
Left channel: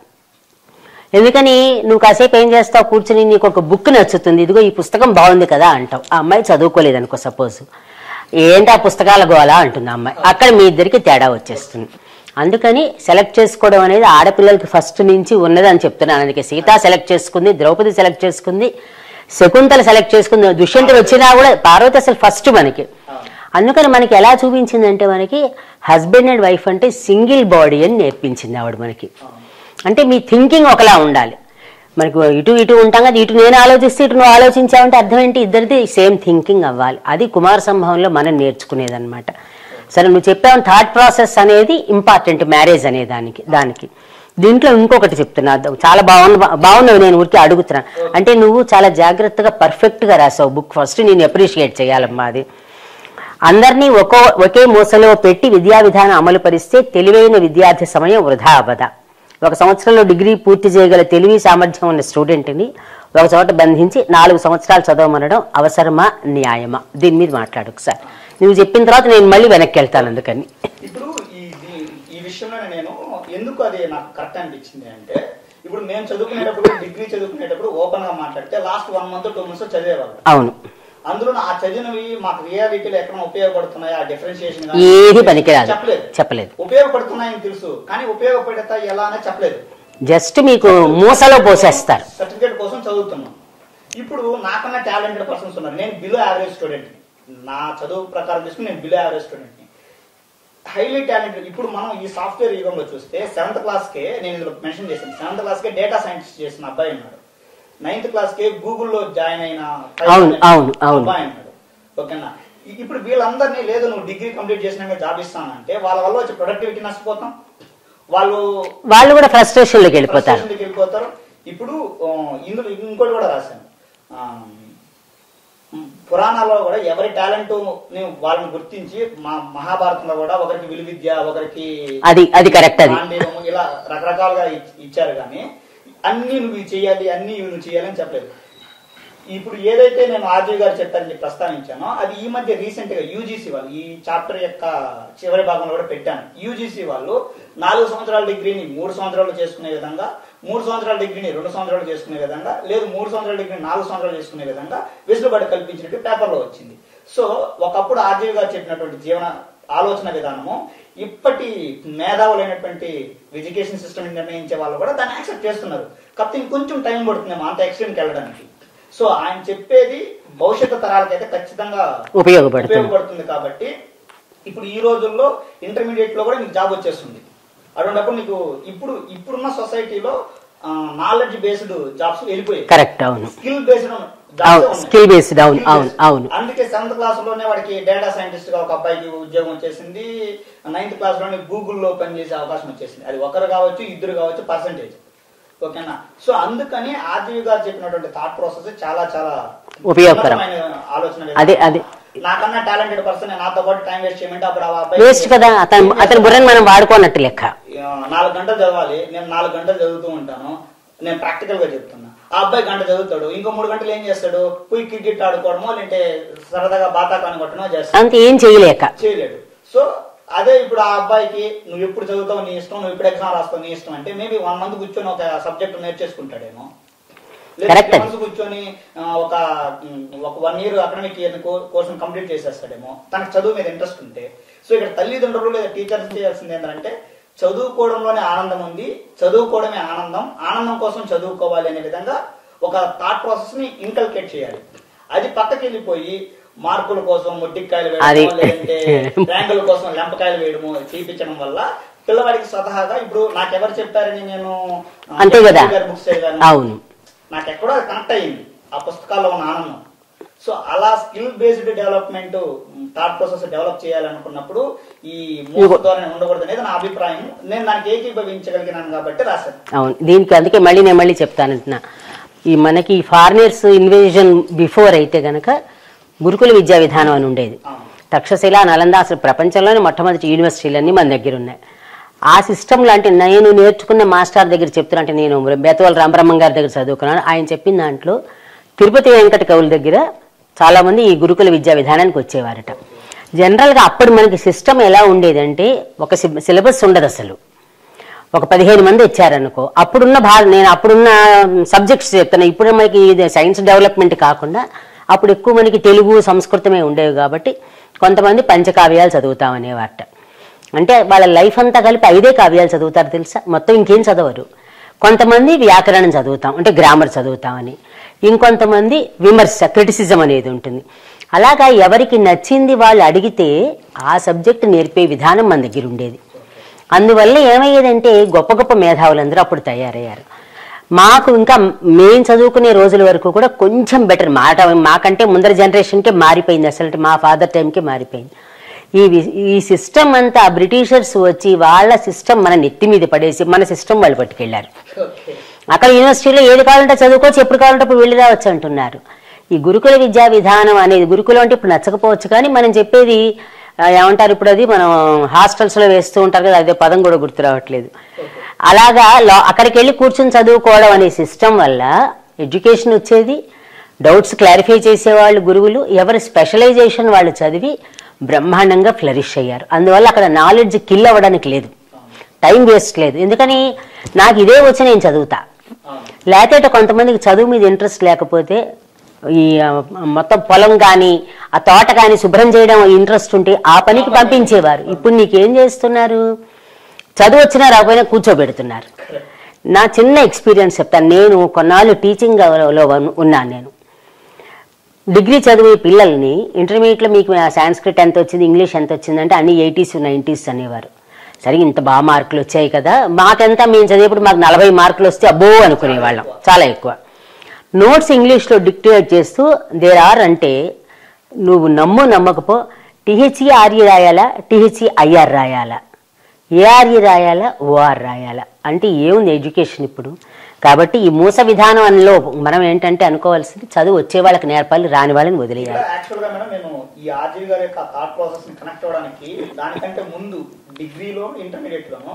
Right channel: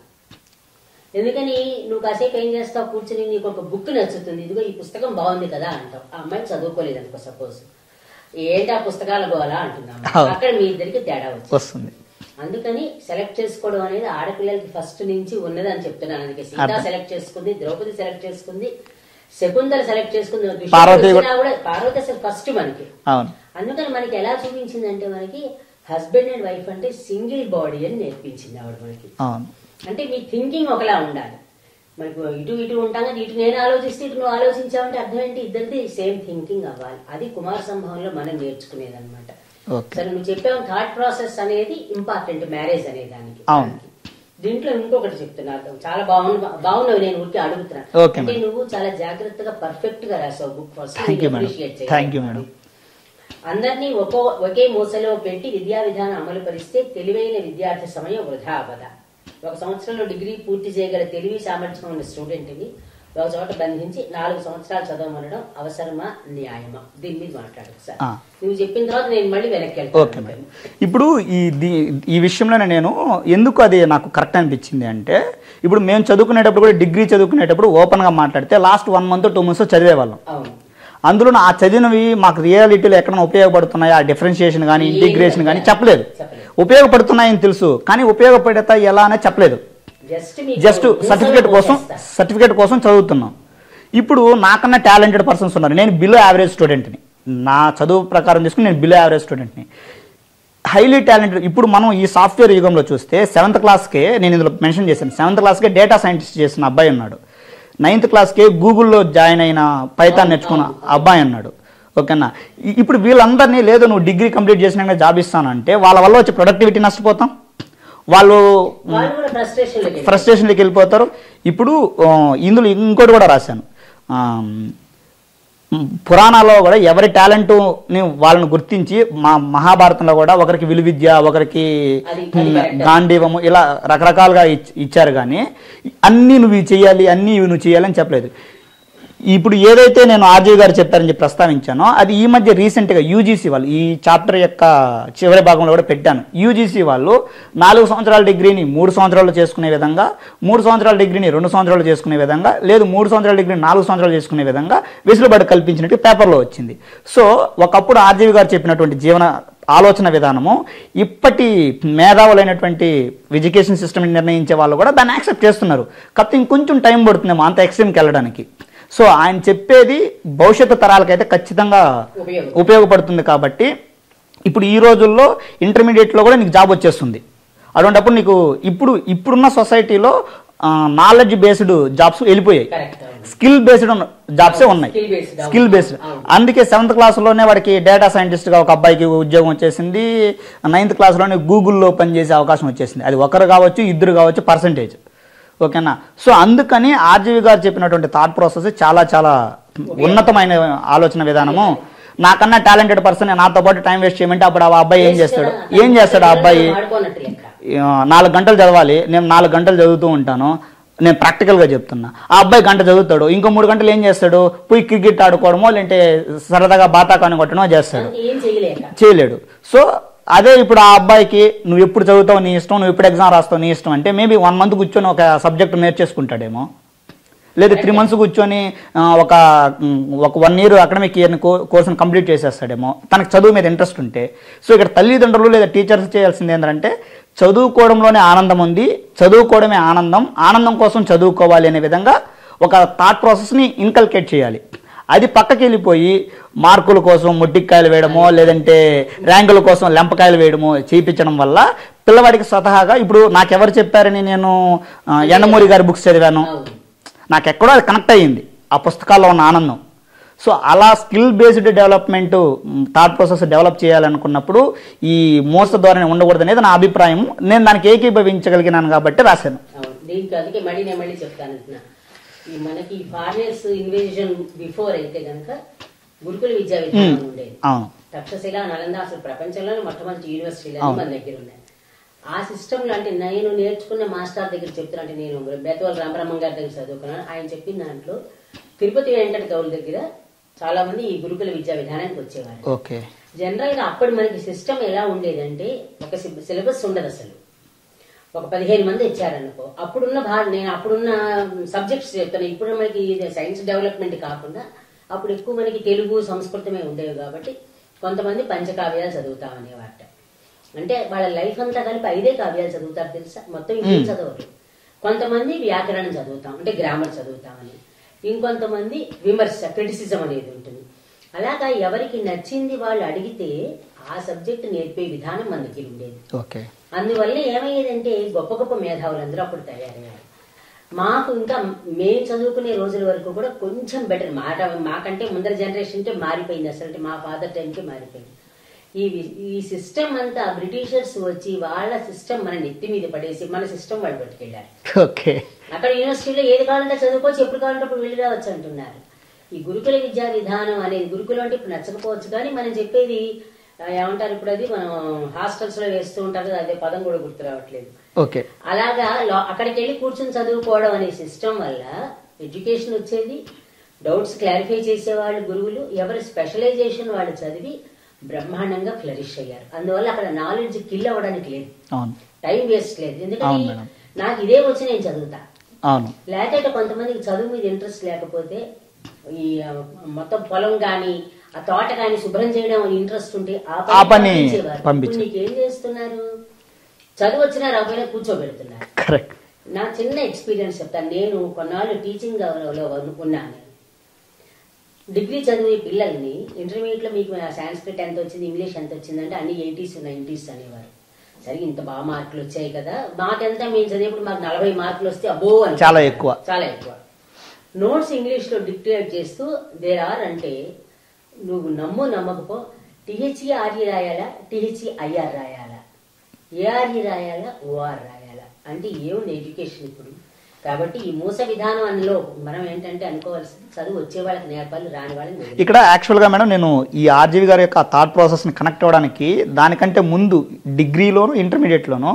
ఎందుకని నువ్వు కాసేపు ఏం చేస్తావు, కూర్చుని నీకు ఒక బుక్ నచ్చుతుంది, ఇదిగో ఈ పుస్తకం బాగుంది కదా అంటావు. ఆ అమ్మాయి చదువుకోలేదు అనుకో సపోజ్, ఏంటి ఆ పుస్తకాల గోలా అంటుంది అమ్మాయి. అక్కడ మీ ఇద్దరికి తేడా వచ్చేస్తుంది. అందుకని సెలెక్ట్ చేసుకోవడం అనేది ఆడపిల్లలకి ఫస్ట్ నుంచి ఉన్నది అని చెప్తున్నాను. అందుకే సీత సెలెక్ట్ చేసుకుంది, ద్రౌపది సెలెక్ట్ చేసుకుంది, శకుంతల సెలెక్ట్ చేసుకుంది, దుష్యంతుడు వచ్చినా కూడా పార్వతి అసలు ఫస్ట్ మనకి. అందుకని మనకి ఎలా చూపించిందంటే మనకి హస్బెండ్ అండ్ వైఫ్ అంటే సింగిల్ బాడీ అని నేర్పించింది ఆవిడ మనకి. అంటే మీ థింకింగ్ ఒకలా ఉండాలి. మనకు ఇటు ఇటు ఉంటాం కదా, ఇటు నేను ఆలోచిస్తే ఇటు నువ్వు ఆలోచించావంటే అర్థం ఏంటి, ఇద్దరిది సేమ్ థింకింగ్ అవ్వాలి. అది కుమార సంభవంలో మనం నేర్చుకునేది అనమాట. సరే నువ్వు చెప్పావు థాట్ ప్రాసెస్ అనేది ఇంపార్టెంట్ మ్యారేజ్ అనే దానికి. దీంట్లో ఇంకొకటి చెప్తున్నా, చాలా బాగున్నావు, నేను ఊరికి అడుగుతున్నా. అంటే నువ్వు చాలా జాగ్రత్తగా పర్ఫెక్ట్ గా రాసావు బుక్. ఫస్ట్ నేను అప్రిషియేట్ చేయాలమ్మా. అది అందరినీ ఒకే మూసలో పెట్టి విద్యా విధానం అమలు పరిస్తే తెలివైన విద్యార్థి సమయం వృధా అవ్వదా. ఒక సంవత్సరంలో డిగ్రీ పూర్తి చేయగల తెలివి సామర్థ్యం ఉన్న స్టూడెంట్ని ఒక చోట బంధించి 4 సంవత్సరాలు చదవమనడం అవసరమా, న్యాయమా? దీని మీద మాట్లాడు ఒకసారి. నువ్వు చెప్పిన తర్వాత నేను మళ్ళీ వెనక్కి వెళ్తాను. అందుకని ఇప్పుడు ఈ విషయంలోనే నేను ఎందుకు అది నాకు కరెక్ట్ అనిపించింది అంటే, ఇప్పుడు మేము చదువుకునేటప్పుడు కూడా డిగ్రీ చదువుకునేటప్పుడు ఓపెన్ గా మాట్లాడితే లాస్ట్ 1 month 2 months చదివేవాళ్ళం. అవును. అందులో ఆ చదివినవి మాకు రియాలిటీలో ఎక్కడ ఉపయోగపడుతున్నాయి, ఆ డిఫరెన్షియేషన్ కానీ చెప్పలేదు. ఉపయోగపడుతున్నాయని తెలుసు కానీ ఉపయోగపడతా ఎలా అనేది చెప్పలేదు. జస్ట్ సర్టిఫికేట్ కోసం చదువుతున్నాం. ఇప్పుడు నాకన్నా టాలెంటెడ్ పర్సన్స్ ఉన్నారు, నేను బిలో యావరేజ్ స్టూడెంట్ని. నా చదువు ప్రకారం తీసుకుని నేను బిలో యావరేజ్ స్టూడెంట్ని. Highly talented. ఇప్పుడు మనం ఈ సాఫ్ట్వేర్ యుగంలో చూస్తే 7th క్లాస్కే, నేను ఇందులో మెన్షన్ చేశాను, 7th క్లాస్కే డేటా సైంటిస్ట్ చేసిన అబ్బాయి ఉన్నాడు. 9th క్లాస్కే గూగుల్లో జాయిన్ అయిన పైథాన్ అబ్బాయి అన్నాడు. ఓకేనా. ఇప్పుడు వీళ్ళందరినీ లేదు నువ్వు డిగ్రీ కంప్లీట్ చేసినాక జాబ్ ఇస్తానంటే వాళ్ళ వల్ల వచ్చే ప్రొడక్టివిటీ నష్టపోతాం, వాళ్ళు కూడా ఫ్రస్ట్రేషన్లోకి వెళ్ళిపోతారు. ఇప్పుడు ఇందులో ఇంకోటి కూడా రాశాను, పురాణాల్లో కూడా ఎవరి టాలెంట్ వాళ్ళని గుర్తించి మహాభారతంలో కూడా ఒకరికి విలువిద్య, ఒకరికి గాంధీవము, ఇలా రకరకాలుగా ఇచ్చారు. కానీ అన్ని నువ్వు చేయాలి, అన్ని నువ్వు చేయాలని చెప్పలేదు. ఇప్పుడు ఏదైతే నేను ఆర్జీవి గారు చెప్పారని చెప్పి ప్రస్తావించానో అది ఈ మధ్య రీసెంట్గా యూజీసీ వాళ్ళు ఈ చాప్టర్ యొక్క చివరి భాగంలో కూడా పెట్టాను. యూజీసీ వాళ్ళు 4 సంవత్సరాల డిగ్రీని 3 సంవత్సరాలు చేసుకునే విధంగా, 3 సంవత్సరాల డిగ్రీని 2 సంవత్సరాలు చేసుకునే విధంగా, లేదు 3 సంవత్సరాల డిగ్రీని 4 సంవత్సరాలు చేసుకునే విధంగా వెసులుబాటు కల్పించినట్టు పేపర్లో వచ్చింది. సో ఒకప్పుడు ఆర్జీవి గారు చెప్పినటువంటి జీవన ఆలోచన విధానము ఇప్పటి మేధావులైనటువంటి ఎడ్యుకేషన్ సిస్టమ్ని నిర్ణయించే వాళ్ళు కూడా దాన్ని యాక్సెప్ట్ చేస్తున్నారు. కాకపోతే ఇంకొంచెం టైం పడుతుందేమో అంత ఎక్స్ట్రీమ్కి వెళ్ళడానికి. సో ఆయన చెప్పేది భవిష్యత్తు తరాలకైతే ఖచ్చితంగా ఉపయోగపడుతుంది. కాబట్టి ఇప్పుడు ఈ రోజుల్లో ఇంటర్మీడియట్లో కూడా నీకు జాబ్ వచ్చేస్తుంది. అటువంటిప్పుడు నీకు ఇప్పుడున్న సొసైటీలో నాలెడ్జ్ బేస్డ్ జాబ్స్ వెళ్ళిపోయాయి. కరెక్ట్, అవును. స్కిల్ బేస్డ్ జాబ్స్ ఉన్నాయి. Skill based. అందుకే 7th క్లాస్లోనే వాడికి డేటా సైంటిస్ట్ గా ఒక అబ్బాయికి ఉద్యోగం వచ్చేసింది. 9th క్లాస్లోనే గూగుల్లో పనిచేసే అవకాశం వచ్చేసింది. అది ఒకరు కావచ్చు, ఇద్దరు కావచ్చు, పర్సంటేజ్. ఓకేనా? సో అందుకని ఆర్జీవి గారు చెప్పినటువంటి థాట్ ప్రాసెస్ చాలా చాలా ఉన్నతమైన ఆలోచన విధానం. నాకన్నా టాలెంటెడ్ పర్సన్ నాతో పాటు టైం వేస్ట్ చేయమంటే అప్పుడు ఆ అబ్బాయి 4 గంటలు చదవాలి, నేను 4 గంటలు చదువుతూ ఉంటాను, నేను ప్రాక్టికల్ గా చెప్తున్నా. ఆ అబ్బాయి గంట చదువుతాడు, ఇంకో 3 గంటలు ఏం చేస్తాడు? పోయి క్రికెట్ ఆడుకోవడమో లేదంటే సరదాగా బాతాకాని కొట్టడమో చేస్తాడు, ఏం చేయలేడు. సో అదే ఇప్పుడు ఆ అబ్బాయికి నువ్వు ఎప్పుడు చదువుతావు నీ ఇష్టం, నువ్వు ఎప్పుడు ఎగ్జామ్ రాస్తావు నీ ఇష్టం అంటే మేబీ 1 మంత్ కూర్చొని ఒక సబ్జెక్ట్ నేర్చేసుకుంటాడేమో, లేదా 3 మంత్స్ కూర్చొని ఒక 1 ఇయర్ అకాడమిక్ ఇయర్ కోర్సును కంప్లీట్ చేసేస్తాడేమో, తనకు చదువు మీద ఇంట్రెస్ట్ ఉంటే. సో ఇక్కడ తల్లిదండ్రులు లేదా టీచర్స్ చేయాల్సింది ఏంటంటే చదువుకోవడంలోనే ఆనందం ఉంది, చదువుకోవడమే ఆనందం, ఆనందం కోసం చదువుకోవాలి అనే విధంగా ఒక థాట్ ప్రాసెస్ని ఇన్కల్కేట్ చేయాలి. అది పక్కకి వెళ్ళిపోయి మార్కుల కోసం మొట్టికాయలు వేయడమో లేదంటే ర్యాంకుల కోసం లెంపకాయలు వేయడమో చేయించడం వల్ల పిల్లవాడికి స్వతహాగా ఇప్పుడు నాకెవరు చెప్పారని నేను గారి బుక్స్ చదివాను, నాకు ఎక్కడో అది కనెక్ట్ అయ్యింది ఆ పుస్తకాల్లో ఉన్న ఆనందం. సో అలా skill based development thought process develop చేయాలనుకున్నప్పుడు ఈ మోస ధోరణి ఉండకూడదు అనేది నా అభిప్రాయం. నేను దానికి ఏకీభవించగలిగినాను కాబట్టి రాశాను. అవును, దీనికి అందుకే మళ్ళీ చెప్తానంటున్నా. ఈ మనకి ఫారినర్స్ ఇన్వేజన్ బిఫోర్ అయితే గనక గురుకుల విద్యా విధానం అని ఉండేది. తక్షశిల, నలంద, అసలు ప్రపంచంలోనే మొట్టమొదటి యూనివర్సిటీలన్నీ మన దగ్గర ఉన్నాయి. ఆ సిస్టమ్ లాంటి నేను నేర్చుకున్న మాస్టర్ దగ్గర చెప్తున్నా, అంటే నేను బేతవాళ్ళ రామబ్రహ్మం గారి దగ్గర చదువుకున్నాను. ఆయన చెప్పిన దాంట్లో తిరుపతి వెంకట కవుల దగ్గర చాలా మంది ఈ గురుకుల విద్యా విధానానికి వచ్చేవారట. జనరల్ గా అప్పుడు మనకి సిస్టమ్ ఎలా ఉండేదంటే ఒక సిలబస్ ఉండదు అసలు. ఒక 15 మంది వచ్చారనుకో, నేను అప్పుడున్న సబ్జెక్ట్స్ చెప్తాను. ఇప్పుడు మనకి సైన్స్ డెవలప్మెంట్ కాకుండా అప్పుడు ఎక్కువ మనకి తెలుగు, సంస్కృతమే ఉండేవి కాబట్టి కొంతమంది పంచకావ్యాలు చదువుతామనేవారట. అంటే వాళ్ళ లైఫ్ అంతా కలిపి 5 కావ్యాలు చదువుతారు తెలుసా, మొత్తం ఇంకేం చదవరు. కొంతమంది వ్యాకరణం చదువుతాం అంటే గ్రామర్ చదువుతామని, ఇంకొంతమంది విమర్శ, క్రిటిసిజం అనేది ఉంటుంది. అలాగా ఎవరికి నచ్చింది వాళ్ళు అడిగితే ఆ సబ్జెక్ట్ నేర్పే విధానం మన దగ్గర ఉండేది. అందువల్ల ఏమయ్యేదంటే గొప్ప గొప్ప మేధావులందరూ అప్పుడు తయారయ్యారు. మాకు ఇంకా మేము చదువుకునే రోజుల వరకు కూడా కొంచెం బెటర్ మాకంటే ముందర జనరేషన్కే మారిపోయింది, అసలు మా ఫాదర్ టైంకే మారిపోయింది. ఈ సిస్టమ్ అంతా బ్రిటిషర్స్ వచ్చి వాళ్ళ సిస్టమ్ మన నెత్తి మీద పడేసి మన సిస్టమ్ వాళ్ళు పట్టుకెళ్లారు. అక్కడ యూనివర్సిటీలో ఏది కావాలంటే చదువుకోవచ్చు, ఎప్పుడు కావాలంటే అప్పుడు వెళ్ళి రావచ్చు అంటున్నారు. ఈ గురుకుల విద్యా విధానం అనేది గురుకులం అంటే ఇప్పుడు నచ్చకపోవచ్చు, కానీ మనం చెప్పేది ఏమంటారు ఇప్పుడు, అది మనం హాస్టల్స్ లో వేస్తూ ఉంటారు కదా, అదే పదం కూడా గుర్తు రావట్లేదు. అలాగా అక్కడికి వెళ్ళి కూర్చొని చదువుకోవడం అనే సిస్టమ్ వల్ల ఎడ్యుకేషన్ వచ్చేది, డౌట్స్ క్లారిఫై చేసేవాళ్ళు గురువులు, ఎవరి స్పెషలైజేషన్ వాళ్ళు చదివి బ్రహ్మాండంగా ఫ్లరిష్ అయ్యారు. అందువల్ల అక్కడ నాలెడ్జ్ కిల్ అవ్వడానికి లేదు, టైం వేస్ట్ లేదు. ఎందుకని నాకు ఇదే వచ్చి నేను చదువుతా, లేకపోతే కొంతమందికి చదువు మీద ఇంట్రెస్ట్ లేకపోతే ఈ మొత్తం పొలం కానీ ఆ తోట కానీ శుభ్రం చేయడం ఇంట్రెస్ట్ ఉంటే ఆ పనికి పంపించేవారు. ఇప్పుడు నీకేం చేస్తున్నారు, చదువు వచ్చినా రాకపోయినా కూర్చోబెడుతున్నారు. నా చిన్న ఎక్స్పీరియన్స్ చెప్తాను. నేను కొన్నాళ్ళు టీచింగ్ లో ఉన్నాను. నేను డిగ్రీ చదివే పిల్లల్ని ఇంటర్మీడియట్లో మీకు సాంస్క్రిట్ ఎంత వచ్చింది, ఇంగ్లీష్ ఎంత వచ్చిందంటే అన్ని 80s 90s అనేవారు. సరే ఇంత బాగా మార్కులు వచ్చాయి కదా, మాకెంత మేము చదివేప్పుడు మాకు 40 మార్కులు వస్తే అబ్బో అనుకునేవాళ్ళం, చాలా ఎక్కువ. నోట్స్ ఇంగ్లీష్లో డిక్టేట్ చేస్తూ దేర్ అంటే నువ్వు నమ్మకపో THERE రాయాలా, THEIR రాయాలా, ARE రాయాలా, OR రాయాలా. అంటే ఏముంది ఎడ్యుకేషన్ ఇప్పుడు, కాబట్టి ఈ మూస విధానంలో మనం ఏంటంటే అనుకోవాల్సింది చదువు వచ్చే వాళ్ళకి నేర్పాలి, రాని వాళ్ళని వదిలి. ఇక్కడ యాక్చువల్గా మేడం నేను ఈ ఆర్జీవి గారి యొక్క థాట్ ప్రాసెస్ని కనెక్ట్ అవ్వడానికి దానికంటే ముందు డిగ్రీలోను ఇంటర్మీడియట్లోను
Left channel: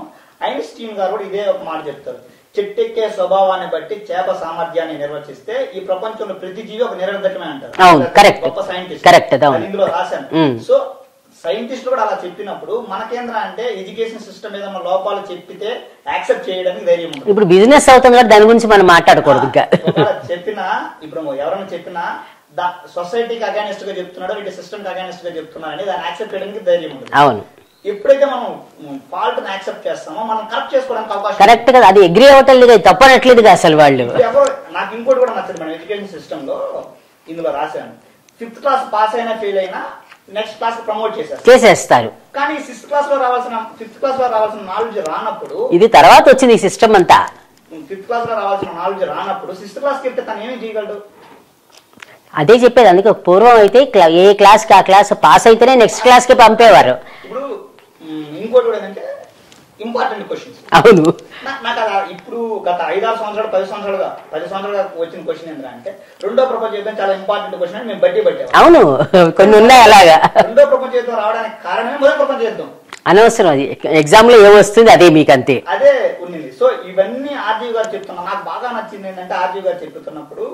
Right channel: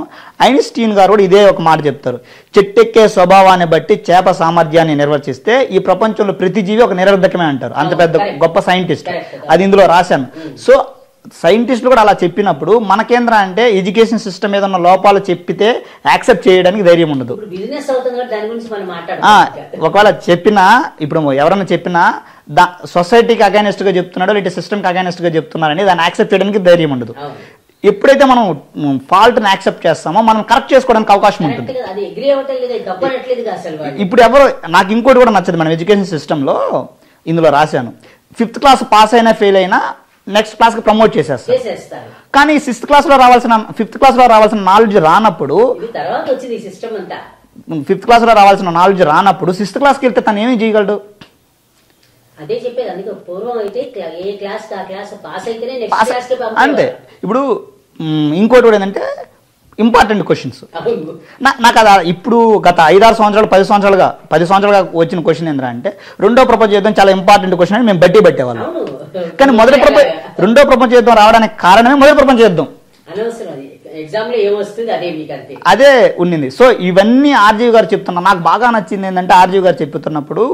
ఐన్స్టీన్ గారు కూడా ఇదే ఒక మాట చెప్తారు. చెట్టెక్కే స్వభావాన్ని బట్టి చేప సామర్థ్యాన్ని నిర్వచిస్తే ఈ ప్రపంచంలో ప్రతి జీవి ఒక నిరర్ధకమే అంటారు. గొప్ప సైంటిస్ట్, అది ఇందులో రాశాను. సో సైంటిస్టులు కూడా అలా చెప్పినప్పుడు మనకేంద్ర అంటే ఎడ్యుకేషన్ సిస్టమ్ మీద ఉన్న లోపాలు చెప్పితే యాక్సెప్ట్ చేయడానికి ధైర్యం ఉండదు. ఇప్పుడు బిజినెస్ అవుతుంది కదా, దాని గురించి మనం మాట్లాడుకోవాలి. ఒకవేళ చెప్పినా, ఇప్పుడు ఎవరైనా చెప్పినా సొసైటీకి అగైనెస్ట్ గా చెప్తున్నాడో లేదా సిస్టమ్ కి అగైనెస్ట్ గా చెప్తున్నారని దాన్ని యాక్సెప్ట్ చేయడానికి ధైర్యం ఉండదు. అవును. ఎప్పుడైతే మనం ఫాల్ట్ ని యాక్సెప్ట్ చేస్తామో మనం కరెక్ట్ చేసుకోవడానికి అవకాశం. కరెక్ట్ కదా, అది అగ్రీ అవ్వట్లేదు, తప్పనట్లేదు అసలు వాళ్ళు. ఇప్పుడు ఎవరు, నాకు ఇంకోటి కూడా నచ్చదు మనం ఎడ్యుకేషన్ సిస్టమ్ లో, ఇందులో రాశాను 5th క్లాస్ పాస్ అయినా ఫెయిల్ అయినా నెక్స్ట్ క్లాస్ కి ప్రమోట్ చేసేస్తారు. కానీ 6th క్లాస్ లో రావాల్సిన 5th క్లాస్ లో రావాల్సిన నాలెడ్జ్ రానప్పుడు, ఇది తర్వాత వచ్చింది ఈ సిస్టమ్ అంతా, 5th క్లాస్ లో రావాల్సిన నాలెడ్జ్ రానప్పుడు 6th క్లాస్కి వెళ్తే తను ఏమి చేయగలడు? అదే చెప్పేది. అందుకే పూర్వం అయితే ఏ క్లాస్ కి ఆ క్లాస్ పాస్ అయితేనే నెక్స్ట్ క్లాస్ కి పంపేవారు. ఇప్పుడు ఇంకోటి కూడా ఏంటంటే ఇంపార్టెంట్ క్వశ్చన్స్. అవును, నాకు అది ఇప్పుడు గత 5-6 సంవత్సరాలు 10 సంవత్సరాలుగా వచ్చిన క్వశ్చన్ ఏంటంటే రెండో ప్రపంచ యుద్ధం చాలా ఇంపార్టెంట్ క్వశ్చన్ అని మేము పెట్టేవాళ్ళం. అవును, రెండో ప్రపంచ యుద్ధం రావడానికి కారణమే మొదటి ప్రపంచ యుద్ధం. అనవసరం, అది ఎగ్జామ్ లో ఏమొస్తుంది అదే మీకు అంతే, అదే ఉన్నింది. సో ఇవన్నీ ఆర్జీవి గారు చెప్తున్నా. నాకు బాగా నచ్చింది ఏంటంటే ఆర్జీవి గారు చెప్తున్నప్పుడు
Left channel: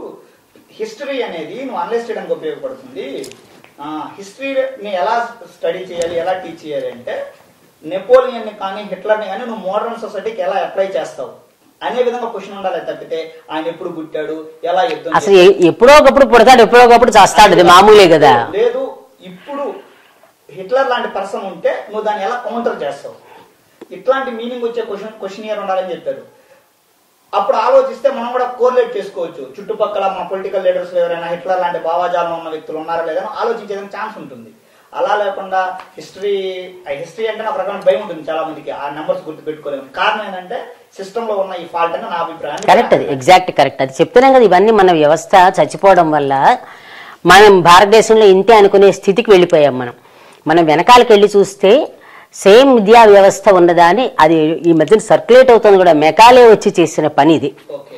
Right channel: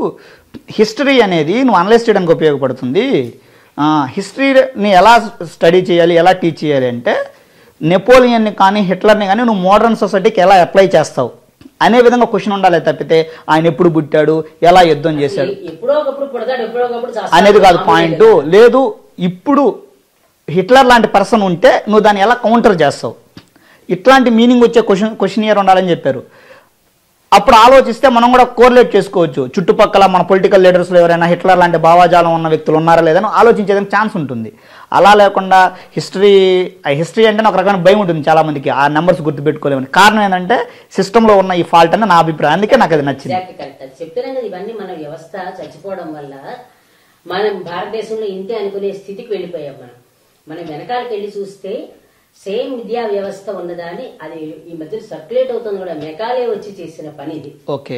హిస్టరీ అనేది నువ్వు అనలైజ్ చేయడానికి ఉపయోగపడుతుంది. హిస్టరీని ఎలా స్టడీ చేయాలి, ఎలా టీచ్ చేయాలి అంటే నెపోలియన్ని కానీ హిట్లర్ని కానీ నువ్వు మోడర్న్ సొసైటీకి ఎలా అప్లై చేస్తావు అనే విధంగా క్వశ్చన్ ఉండాలి. తప్పితే ఆయన ఎప్పుడు పుట్టాడు, ఎలా యుద్ధం చేస్తాడు, ఎప్పుడో ఒకప్పుడు పుడతాడు, ఎప్పుడో ఒకప్పుడు చేస్తాడు లేదు. ఇప్పుడు హిట్లర్ లాంటి పర్సన్ ఉంటే నువ్వు దాన్ని ఎలా కౌంటర్ చేస్తావు, ఇట్లాంటి మీనింగ్ వచ్చే క్వశ్చన్ ఇయర్ ఉండాలని చెప్పారు. అప్పుడు ఆలోచిస్తే మనం కూడా కోరిలేట్ చేసుకోవచ్చు. చుట్టుపక్కల మన పొలిటికల్ లీడర్స్లో ఎవరైనా హిట్లర్ లాంటి భావాజాలం ఉన్న వ్యక్తులు ఉన్నారా లేదని ఆలోచించేదానికి ఛాన్స్ ఉంటుంది. అలా లేకుండా హిస్టరీ అంటే ఒక రకమైన భయం ఉంటుంది చాలా మందికి, ఆ నెంబర్స్ గుర్తుపెట్టుకోలేమని. కారణం ఏంటంటే సిస్టంలో ఉన్న ఈ ఫాల్ట్ అని నా అభిప్రాయం. అందుకే నాకు అది ఎగ్జాక్ట్ కరెక్ట్. అది చెప్తున్నాం కదా, ఇవన్నీ మన వ్యవస్థ చచ్చిపోవడం వల్ల మనం భారతదేశంలో ఇంతే అనుకునే స్థితికి వెళ్ళిపోయాం. మనం వెనకాలకి వెళ్ళి చూస్తే సేమ్ విద్యా వ్యవస్థ ఉన్నదాని అది ఈ మధ్యన సర్క్యులేట్ అవుతుంది కూడా. మెకాలే వచ్చి చేసిన పని ఇది. ఓకే,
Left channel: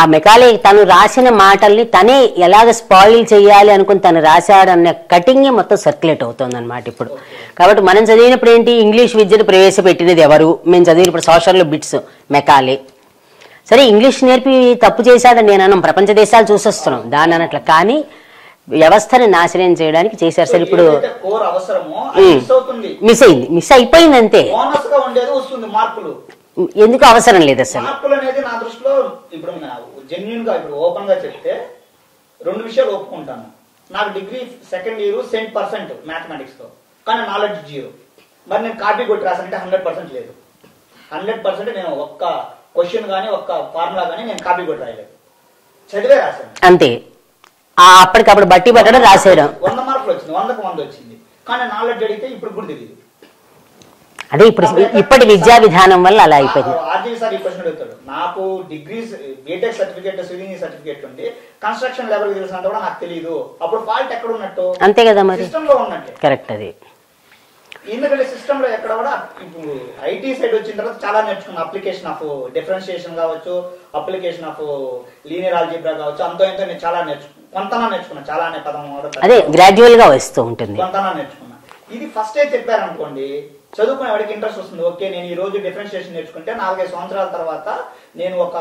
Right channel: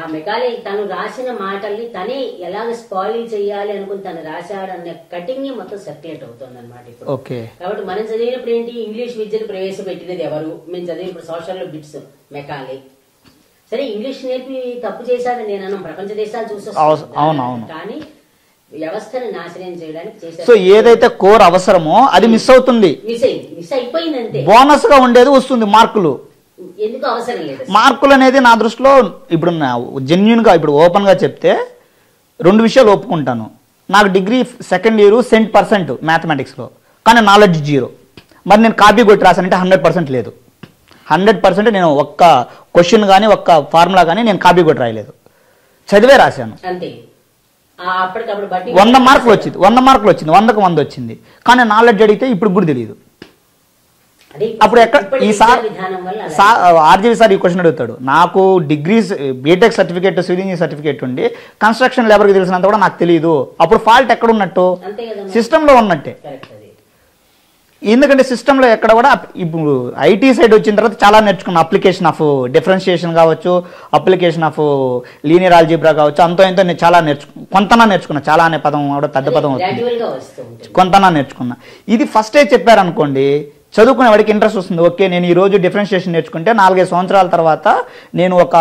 ఆ మెకాలే తను రాసిన మాటల్ని తనే ఎలాగ స్పాయిల్ చేయాలి అనుకుని తను రాశాడన్న కటింగ్ మొత్తం సర్క్యులేట్ అవుతుంది అనమాట ఇప్పుడు. కాబట్టి మనం చదివినప్పుడు ఏంటి, ఇంగ్లీష్ విద్యను ప్రవేశపెట్టినది ఎవరు? మేము చదివినప్పుడు సోషల్లో బిట్స్ మెకాలే. సరే, ఇంగ్లీష్ నేర్పి తప్పు చేశాడని నేను అన్నాం, ప్రపంచ దేశాలు చూసొస్తాం దాని అన్నట్లు. కానీ వ్యవస్థని నాశనం చేయడానికి చేసేస్తారు. ఏదైతే కోర్ అవసరమో అది మిస్ అయిపోయింది అంతే. బోనస్ గా ఉండేది వస్తుంది మార్కులు. ఎందుకు అవసరం లేదు మార్కులు అనేది నా దృష్టిలో. ఇప్పుడు జెన్యున్ గా ఇప్పుడు ఓపెన్ గా చెప్తే 2 విషయాలు ఒప్పుకుంటాను. నాకు డిగ్రీ 2nd ఇయర్ 100% మ్యాథమెటిక్స్ లో, కానీ నాలెడ్జ్ 0. మరి నేను కాపీ కొట్టి రాసానంటే 100% లేదు. 100% నేను ఒక్క క్వశ్చన్ కానీ ఒక్క ఫార్ములా కానీ నేను కాపీ కొట్టి రాయలేదు, చదివే రాశాను అంతే. అప్పటికప్పుడు బట్టి 100 మార్కులు వచ్చింది, 100కు 100 వచ్చింది. కానీ నాలెడ్జ్ అడిగితే ఇప్పుడు కూడా తెలియదు. అదే ఇప్పటి విద్యా విధానం వల్ల అలా. ఆర్జీవి సార్ ఈ క్వశ్చన్ అడుగుతాడు, నాకు degrees BTech certificate civil engineer certificate ఉండి కన్స్ట్రక్షన్ లేబర్ కి తెలిసినంత కూడా నాకు తెలియదు. అప్పుడు ఫాల్ట్ ఎక్కడ ఉన్నట్టు? అంతే కదా, సిస్టమ్ లో ఉన్నట్టే. కరెక్ట్. అది ఎందుకంటే సిస్టమ్ లో ఎక్కడ కూడా ఇప్పుడు ఐటీ సైడ్ వచ్చిన తర్వాత చాలా నేర్చుకున్నా. అప్లికేషన్ ఆఫ్ డిఫరెన్షియేషన్ కావచ్చు, అప్లికేషన్ ఆఫ్ లీనియర్ ఆల్జీబ్రా కావచ్చు, అంతో ఇంతో నేను చాలా కొంతనా నేర్చుకున్నా. చాలా అనే పదం గ్రాడ్యువల్ గా వస్తూ ఉంటుంది, కొంతనా నేర్చుకున్నా. ఇది ఫస్ట్ చెప్పారనుకోండి, చదువుకునే వాడికి ఇంట్రెస్ట్ వస్తుంది. ఓకే, నేను ఈ రోజు డిఫరెన్షియేషన్ నేర్చుకుంటే 4-5 సంవత్సరాల తర్వాత నేను ఒక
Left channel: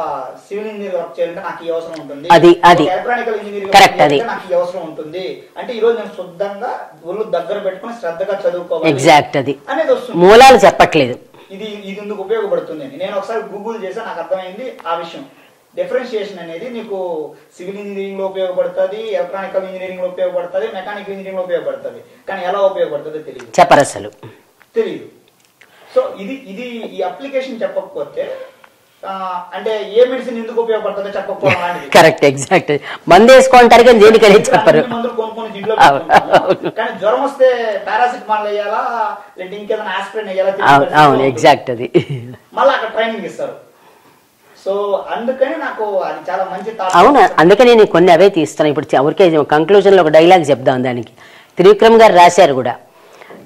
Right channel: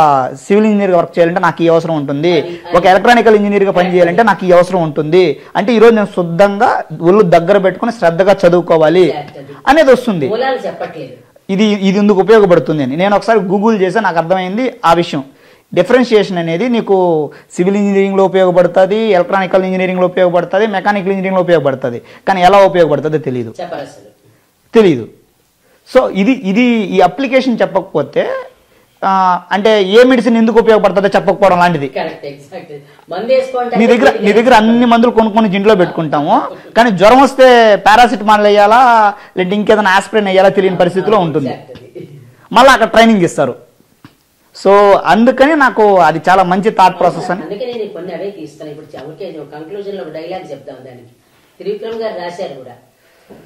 సివిల్ ఇంజనీర్ వర్క్ చేయాలంటే నాకు ఈ అవసరం ఉంటుంది, ఒక ఎలక్ట్రానికల్ ఇంజనీర్ గా పని చేయాలంటే నాకు ఈ అవసరం ఉంటుంది. అంటే ఈ రోజు నేను శుద్ధంగా ఒళ్ళు దగ్గర పెట్టుకుని శ్రద్ధగా చదువుకోవాలి అనేది వస్తుంది. మూలాలు చెప్పట్లేదు. ఇది ఎందుకు ఉపయోగపడుతుంది అని నేను ఒకసారి గూగుల్ చేస్తే నాకు అర్థమైంది ఆ విషయం. డిఫరెన్షియేషన్ అనేది నీకు సివిల్ ఇంజనీరింగ్ లో ఉపయోగపడుతుంది, ఎలక్ట్రానికల్ ఇంజనీరింగ్ లో ఉపయోగపడుతుంది, మెకానికల్ ఇంజనీరింగ్ లో ఉపయోగపడుతుంది. కానీ ఎలా ఉపయోగపడుతుందో తెలియదు. సో ఇది ఈ అప్లికేషన్ చెప్పకపోతే అంటే ఏ మెడిసిన్ ఎందుకు ఉపయోగపడుతుందో చెప్పకపోవడం లాంటిది. Correct, exact. మందు వేసుకోవడానికి అన్ని మందులు కొనుక్కొని ఇంట్లో పెట్టుకుంటాము, కానీ జ్వరం వస్తే పారాసిటమాల్ వేయాలా లేదంటే ఇంకేదైనా ఆస్పిరిన్ వేయాలా తెలియని పరిస్థితిలో ఉంటుంది. మళ్ళీ అక్కడ ట్రైనింగ్ ఇస్తారు. సో అందుకని నాకు అది చాలా మంచి థాట్. అందుకని నేను కొన్ని అవే తీస్తాను. ఇప్పుడు ఎవరికే కంక్లూజన్ లో ఒక డైలాగ్ చెప్దాం. దానికి త్రివిక్రమ్ గారు రాశారు కూడా,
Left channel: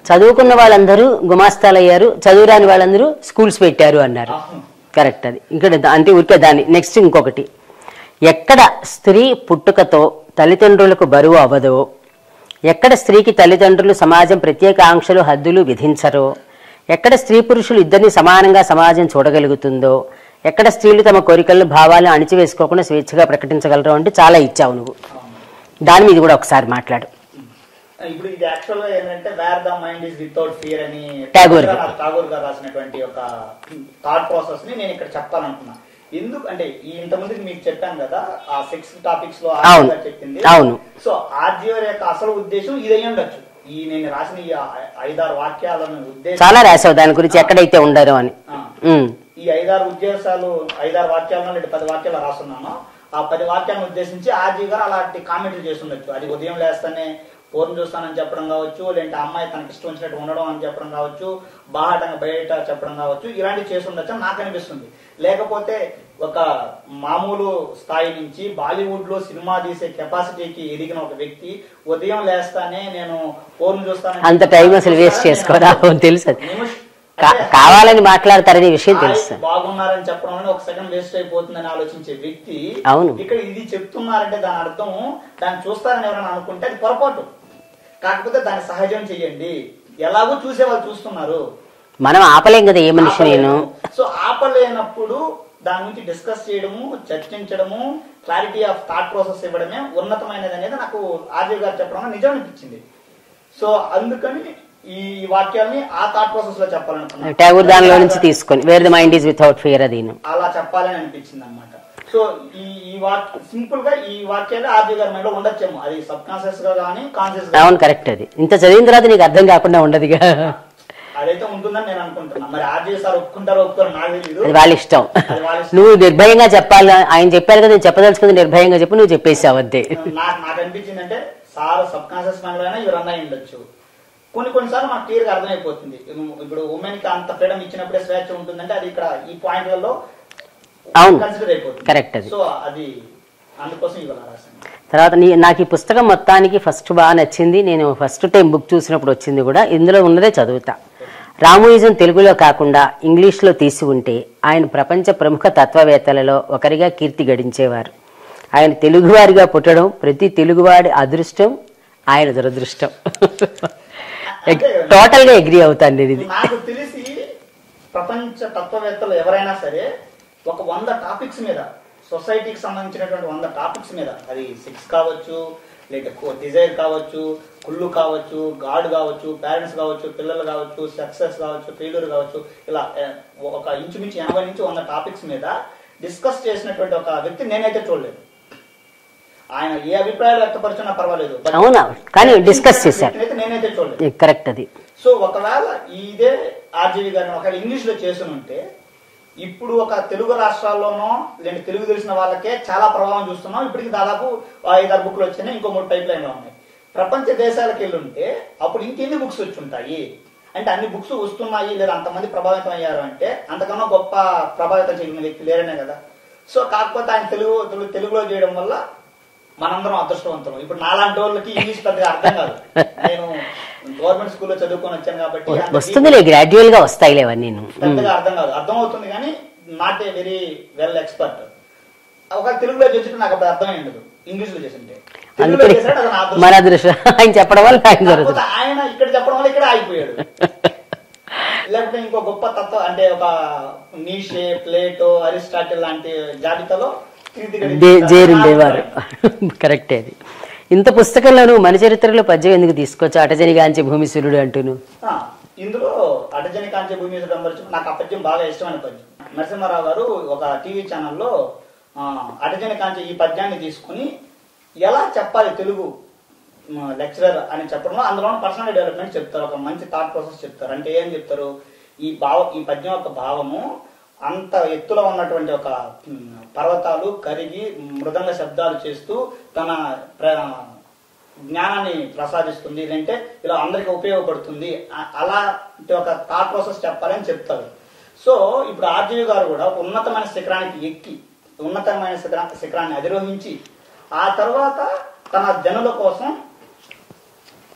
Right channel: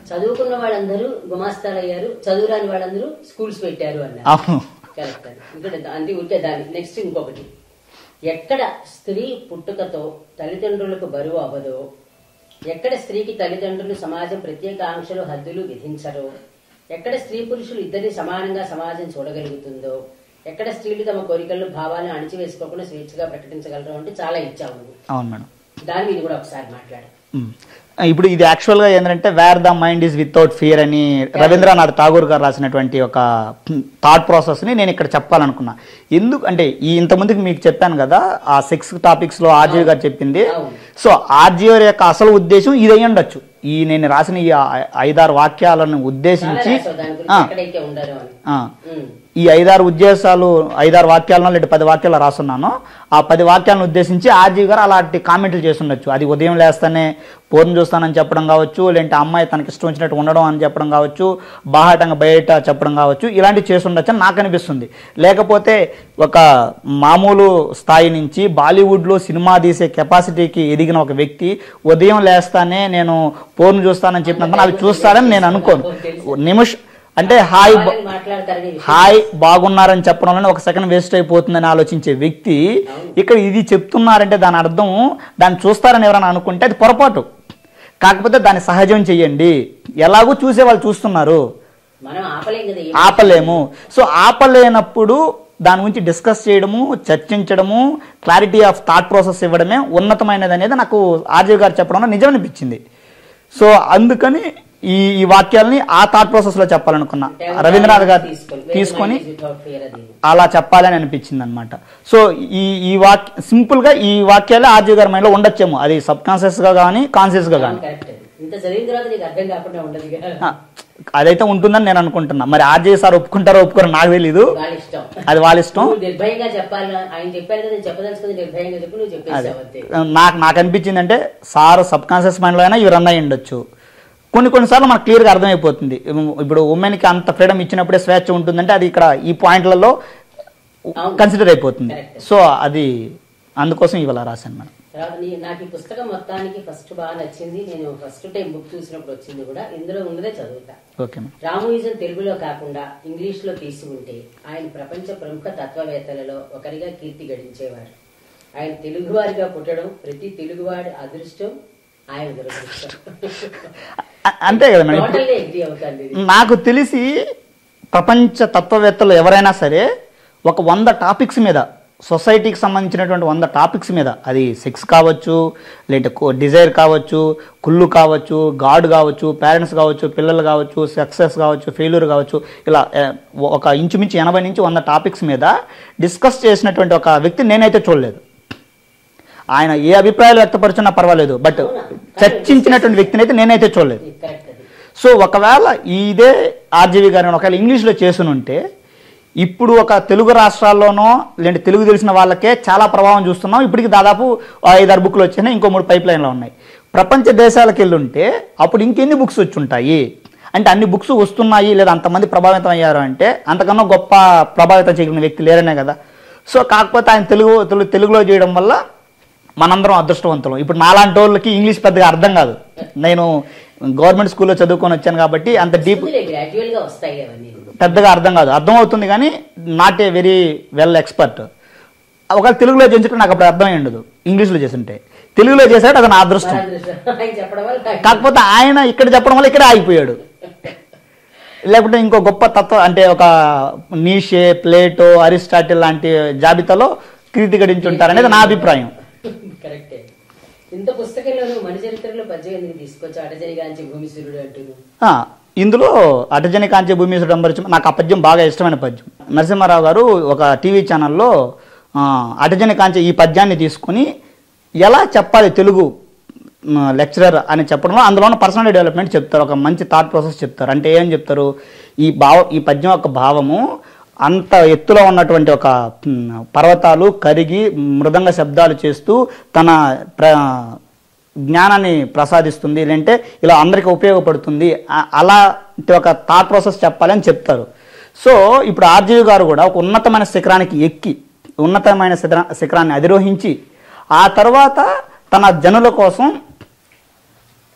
చదువుకున్న వాళ్ళందరూ గుమాస్తాలు అయ్యారు, చదువురాని వాళ్ళందరూ స్కూల్స్ పెట్టారు అన్నారు. కరెక్ట్. అది ఇక్కడ అంటే ఊరికే దాన్ని నెక్స్ట్ ఇంకొకటి, ఎక్కడ స్త్రీ పుట్టుకతో తల్లిదండ్రులకు బరువు అవ్వదో, ఎక్కడ స్త్రీకి తల్లిదండ్రులు సమాజం ప్రత్యేక ఆంక్షలు హద్దులు విధించరో, ఎక్కడ స్త్రీ పురుషులు ఇద్దరిని సమానంగా సమాజం చూడగలుగుతుందో, ఎక్కడ స్త్రీలు తమ కోరికలను భావాలను అణిచివేసుకోకుండా స్వేచ్ఛగా ప్రకటించగలరు అంటే చాలా ఇచ్చావు నువ్వు. అవును మేడం. దాని మీద కూడా ఒకసారి మాట్లాడు. ఇప్పుడు ఇది యాక్చువల్ గా ఏంటంటే wear the mind is without fear అని రవీంద్రనాథ్ ఠాగూర్ గారు రాసినటువంటి ఒక థాట్ ప్రాసెస్ ని నేను ఇక్కడ చెప్పాలనుకున్నా. ఎందుకు అంటే ఈ ఇంతకుముందుకు మీకు చెప్పాను కదా ఆ 6 టాపిక్స్ లో ఆర్జీఓ గారు చెప్పింది. సో ఆర్జీఓ యొక్క అసలు ఉద్దేశం ఇది అయ్యి ఉండొచ్చు. ఈ నేను రాసిన ఈ 5-6 వాక్యాలను ఉద్దేశం చాలా రాసావు దాని గురించి, ఎక్కడైతే ఉండరు అని. ఈ 5-6 వాక్యాలను లేదా 10 వాక్యాలు రాస్తున్నాను. ఆ 10 వాక్యాలను ఉద్దేశించి ఆర్జీవి గారు అలాంటి కామెంట్లు చేసి ఉండొచ్చు. అది ఉదయం లేస్తానే పూర్ణ చూస్తానని చెప్పడం కావచ్చు, లేదంటే అమ్మాయి తనకి ఇష్టం వచ్చినట్టు ఉండడం అని చెప్పడం కావచ్చు, బాహాటంగా బయట చెప్పడం కావచ్చు, ఇలాంటివి చేసి ఉండొచ్చు అని నాకు అనిపిస్తుంది. లేకపోతే ఒక మామూలు స్థాయి నుంచి బాలీవుడ్లో సినిమా తీసే కెపాసిటీకి ఎదిగిన ఒక వ్యక్తి ఉదయం లేస్తానే నేను పూర్ణ చూస్తానని నిమిషం అంటే హాయ్ మాట్లాడతారని హాయ్ బాగున్నారని చెప్పడం వల్ల ఒక సెకండ్ వేస్ట్ అయిపోతుందని ఆలోచించే వ్యక్తి ఇక్కడ ఇది చెప్తున్నారంటే దాని అర్థం దాన్ని చూస్తారని ఎవరైనా అనుకుంటే అది పొరపాటు. కాకపోతే దాన్ని సహజం చెయ్యండి, ఎలాగో చూసే వాళ్ళు చూస్తున్నారు, మనం ఆపలేం కదా, ఆపలేము. సో ఆపలేనప్పుడు దాని గురించి డిస్కస్ చేయడము, చర్చించడము, క్లారిటీ ఆఫ్ థాట్ ప్రాసెస్ ఇవ్వడమే ఉన్నతమైనది అనేది నాకు ఆర్జీవి గారు చెప్పడంలో నిజం అనిపించింది. సో అందుకని ఈ వాక్యాలని ఆ థాట్ ప్రాసెస్ లో చెప్పాలనుకున్నా, అలా చెప్పాలని అనిపించింది అనమాట. సో ఈ సింపుల్ గా ఈ వాక్యాలే ఆర్జీవి గారి మైండ్ లో ఉండొచ్చేమో, అది సబ్ కాన్షియస్ గా కానీ కాన్షియస్ గా. కరెక్ట్. అది ఇంత చదివిన తర్వాత నీకు అర్థం కాకుండా ఉండదు, అదైతే ఉంటుందని నేను అనుకుంటున్నా. మరి ఆర్జీవి సార్ ఒప్పుకుంటారో ఒప్పుకోరో నాకు తెలీదు, వాళ్ళ ఇష్టం. అది వాళ్ళ ఇష్టం. నువ్వు నిర్భయంగా చెప్పాలి, ఆయన చెప్పారు కదా, నేను చెప్పదలుచుకుంది నిర్భయంగా చెప్పి నువ్వు చెప్పేసావు అంతే. నాకు అనిపించింది అంటే సార్ సబ్ కాన్షియస్ మైండ్ లో అయినా ఇవి రన్ అయి ఉండొచ్చు. కొన్నిసార్లు మనకు క్లియర్ గా అర్థమైపోతుంది. ఇప్పుడు ఉమెన్ కి అంత ఫ్రీడమ్ ఇచ్చినప్పుడే స్వేచ్ఛ ఉంటుందంటే అది ఇక్కడ ఈ పాయింట్లలో కన్సిడర్ అయిపోతుంది. కరెక్ట్. సో అది అందుకోసం ఇవాళ రాశాను. తర్వాత నాకు ఈ పుస్తకం మొత్తానికి ఫస్ట్ బాగా నచ్చింది, నేను ఫస్ట్ టైం బుక్ చూసినప్పుడు వచ్చింది కూడా, ఇందులో ఉన్నదే చదువుతా. రామోయిజం తెలుగులో కాకుండా ఇంగ్లీష్లో తీసి ఉంటే ఆయన ప్రపంచ ప్రముఖ తత్వవేత్తలలో ఒకరిగా కీర్తి గడించేవారు. ఆయన తెలుగువారిగా పుట్టడం ప్రతి తెలుగువాడి అదృష్టం, ఆయన దురదృష్టం. అంటే టోటల్ గా అగ్రీ అవుతాను. నాకు తెలిసి ప్రపంచ తత్వవేత్తలు ఎవరైనా సరే ఒక 100 టాపిక్స్ మీద, సొసైటీకి సంబంధించినటువంటి 100 టాపిక్స్ మీద, అది సెక్స్ కావచ్చు, లేదంటే డిజైర్ కావచ్చు, కుళ్ళు కావచ్చు, గాడ్ కావచ్చు, పేరెంట్స్ కావచ్చు, పిల్లలు కావచ్చు, సక్సెస్ కావచ్చు, ఫెయిల్యూర్ కావచ్చు, ఇలా ఒక ఇంచుమించు 80 నుంచి 100 టాపిక్స్ మీద డిస్కస్ చేసినటువంటి ఒక వ్యక్తి నేనైతే చూడలేదు. ఆయన ఏ అభిప్రాయాలు వ్యక్తపరిచినా పర్వాలేదు, బట్ వ్యక్తిని అయితే నేనైతే చూడలేదు. కరెక్ట్. అది సో ఒకవేళ ఇదే ఆర్జీవి గారిని ఒకవేళ ఇంగ్లీష్లో చేసునుంటే ఇప్పుడు ఒక తెలుగు రాష్ట్రాల్లోనో లేదంటే తెలుగు తెలిసిన వాళ్ళకే చాలా ప్రభావం చూస్తున్నాం. ఇప్పటికి దాదాపు 5-6 బుక్లు వచ్చినాయి, ఇంకో 3 పైప్ లైన్లో ఉన్నాయి. ప్రపంచ దేశాలకు వెళ్ళుంటే అప్పుడు ఇంకెన్ని బుక్స్ వచ్చి ఉంటాయి అంటే అన్ని బుక్స్ వస్తున్నాయి, లేదా అంతమంది ప్రభావితం అయ్యారు అంటే అంతకన్నా గొప్ప ప్రభావితం చేయగలిగిన వ్యక్తి లేరనే కదా. సో కాకపోతే ఆయన తెలుగులో చేయడం వల్ల మనందరం అదృష్టవంతులం. ఇప్పుడు నాలాంటి వాళ్ళకి ఇంగ్లీష్ పెద్దగా అర్థం కాదు, నేను గవర్నమెంట్ స్కూల్లో చదువుకొని వచ్చాను కాబట్టి అంత గ్రాడ్యువల్ గా వస్తాయి పెద్దగా అర్థం కాదు. అర్థం అవుతుంది కానీ not a very well expert. ఒకవేళ తెలుగులో చేయించుకుంటే నాకు అప్పుడు అర్థమై ఉండదు, ఇంగ్లీష్లో చేస్తుంటే. తెలుగులో చేశాడు అది నా అదృష్టం. ఆయన చెప్పడం వల్ల, కాకపోతే ఆయన ఇక్కడ చెప్పడం వల్ల ఇక్కడే ఆగిపోయాడు. లేకుంటే ఇంకో గొప్ప తత్వం అంటే ఒక నీషే, ప్లేటో, అరిస్టాటిల్ లాంటి జాబితాలో కీర్తి గడించారు నా అభిప్రాయం. కరెక్టే. అది ఇంత పుస్తకంలోనూ మన చరిత్రలో పద్యం ఎందుకు తీసుకొచ్చు, అటజని కాంచే భూమిసూర్యుడు అంటూను? ఇందులో అటజని కాంచే భూమిసూరుడు నాకు ఆ పద్యం బాగా ఇష్టమైన పద్యం. నరసింహారావు గారు ఒక టీవీ ఛానల్లో అటజని కాంచే ఈ పద్యాన్ని తీసుకుని ఎలా చెప్పాలి తెలుగు లెక్చరర్ అని చెప్పడంలో అందులో పర్సనల్ డెవలప్మెంట్ చెప్తారు, ఒక మంచి థాట్ ప్రాసెస్ చెప్తారు. అంటే ఏం చెప్తారు, ఈ పద్యం యొక్క భావము అంత ఎత్తులో ఉన్నటువంటి ఒక పర్వతాలు కరిగి మృదంగ శబ్దాలు చేస్తూ తన జ్ఞానాన్ని ప్రసాదిస్తుంది, లేదంటే ఇలా అందరికీ ఉపయోగపడుతుంది, అలాంటి ఒక థాట్ ప్రాసెస్ చెప్పాలని చెప్తారు. సో ఇప్పుడు ఆర్జీవి గారు కూడా ఒక ఉన్నతమైన శిఖరానికి ఎక్కి ఉన్నతమైన శిఖరాన్ని అధిరోహించి ఆ తర్వాత తన జనుల కోసం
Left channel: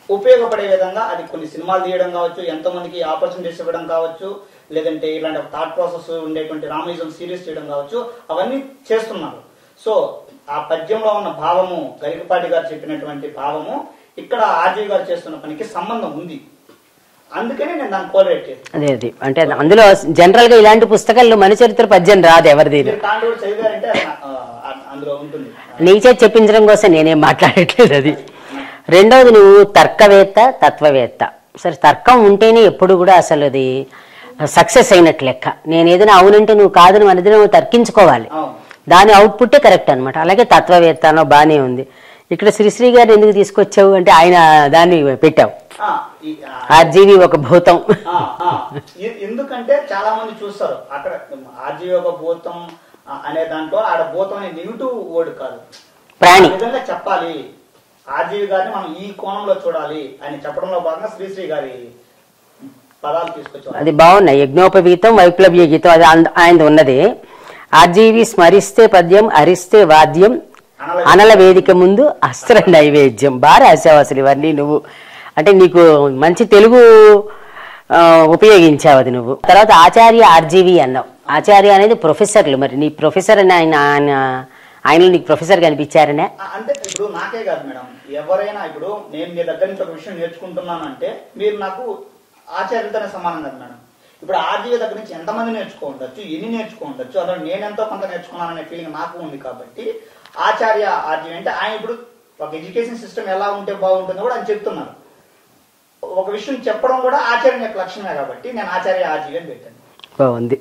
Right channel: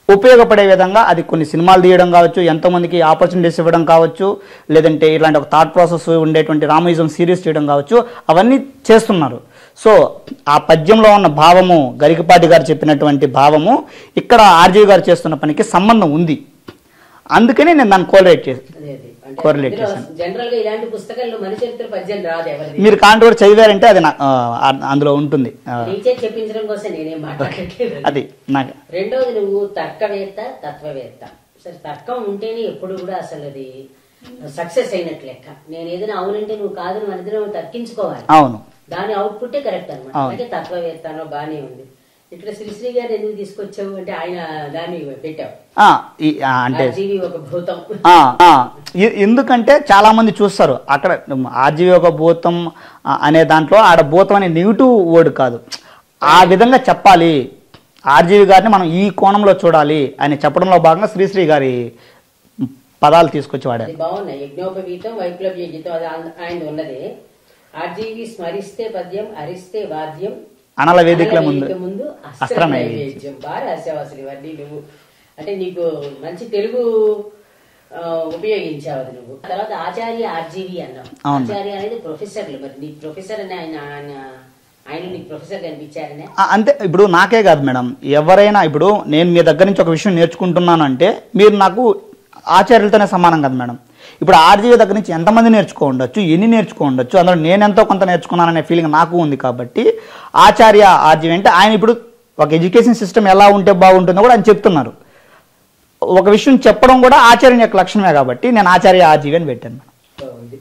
ఉపయోగపడే విధంగా అది కొన్ని సినిమాలు తీయడం కావచ్చు, ఎంతోమందికి ఆపర్చునిటీస్ ఇవ్వడం కావచ్చు, లేదంటే ఇలాంటి ఒక థాట్ ప్రాసెస్ ఉండేటువంటి రామయిజం సిరీస్ చేయడం కావచ్చు, అవన్నీ చేస్తున్నారు. సో ఆ పద్యంలో ఉన్న భావము, గరికపాటి గారు చెప్పినటువంటి భావము ఇక్కడ ఆర్జీవి గారు చేస్తున్న పనికి సంబంధం ఉంది. అందుకని నేను దాన్ని కోలరేట్ చేస్తాను. అదే అంటే అందులో జనరల్ గా ఇలాంటి పుస్తకాల్లో మన చరిత్ర పద్యం రాదు ఎవరిది. మీరు కాంట్రోవర్ చదివారంటే అది అందులో ఉంటుంది. నీచే చెప్పించడం కోసం నేనేం మాట్లాడట్లేదు. అది రెండోది, నువ్వు తర్కవేత్త, తత్వవేత్త. సరే, తర్కం ఉంటేనే ఎప్పుడు కూడా అసలు అది సక్సెస్ అయినట్లు లెక్క. నేను ఏదైనా అవునంటే నువ్వు కాదని అనేది నువ్వు తర్కించుకోవాలి. అవును, దాని అవుట్పుట్టే కరెక్ట్ అనమాట. అలాగే తత్వవేత్త అనో బానే ఉంది. ఇక్కడ శ్రీశ్రీ గారిని ఎందుకు తీసుకొచ్చావు అంటే ఆయన దాన్ని పెట్టావు, ఆర్జీవి ఒక భూతం. ఎందుకంటే చాలా మంది చూస్తారు అక్కడ ఆర్జీవి ఒక భూతం అనే దాంట్లో ఆడ భూతం అనే నెగిటివ్ వర్డ్ కాదు, ఆ విధంగా చెప్పాలి, ఆర్జీవి గారిని మనం ఈ కోణంలో చూడాలి అని చెప్పడంలో భాగంగా శ్రీశ్రీ గారి పదాలు తీసుకొచ్చేవాడు. అది బాగున్నాయి. యజ్ఞోపవీతం, వైప్లవ్య గీతం, అది ఆయన ఉన్నది. ఆర్జీవి స్మరిస్తే పద్యం, హరిస్తే వాద్యం, అనల వేదిక ముందు అస్త్ర నైవేద్యం. బాగా రాసావు అసలు ఇవన్నీ నువ్వు. అంటే నీకు మంచి తెలుగు ఉపయోగించావు అది నువ్వు. తర్వాత ఆచార్య ఆర్జీవి అన్నావు. ఆచార్య అనేది ప్రొఫెసర్లు. మరి నీ ప్రొఫెసర్ అని ఆయనలో నీకు ప్రొఫెసర్ కనిపించారనే? అంటే ఇప్పుడు నాకే కాదు మేడం, ఎవరైనా ఇప్పుడు నేను మీ దగ్గర నుంచి ఒక విషయం నేర్చుకుంటున్నాను అంటే మీరు నాకు ఆచార్యులతోనే సమానం కదా మేడం. ఇప్పుడు ఆర్జీవి దగ్గర నుంచి ఎంతమంది నేర్చుకోండొచ్చు, ఎన్ని నేర్చుకోండొచ్చు, అందులో నేనెంతో కొంత నేర్చుకున్నాననే ఫీలింగ్ నాకు ఉంది. కాబట్టి ఆచార్య ఆర్జీవి అంటే ఆయన ఇప్పుడు ఒక ఎడ్యుకేషన్ సిస్టమ్ ఎలా ఉంటే బాగుంటుందో కూడా ఆయన చెప్తున్నారు. ఒక విషయం చెప్పడం కూడా ఆచార్యుని యొక్క లక్షణమే కాబట్టి నేను ఆచార్య ఆర్జీవి అని పెట్టాను. బాగుంది.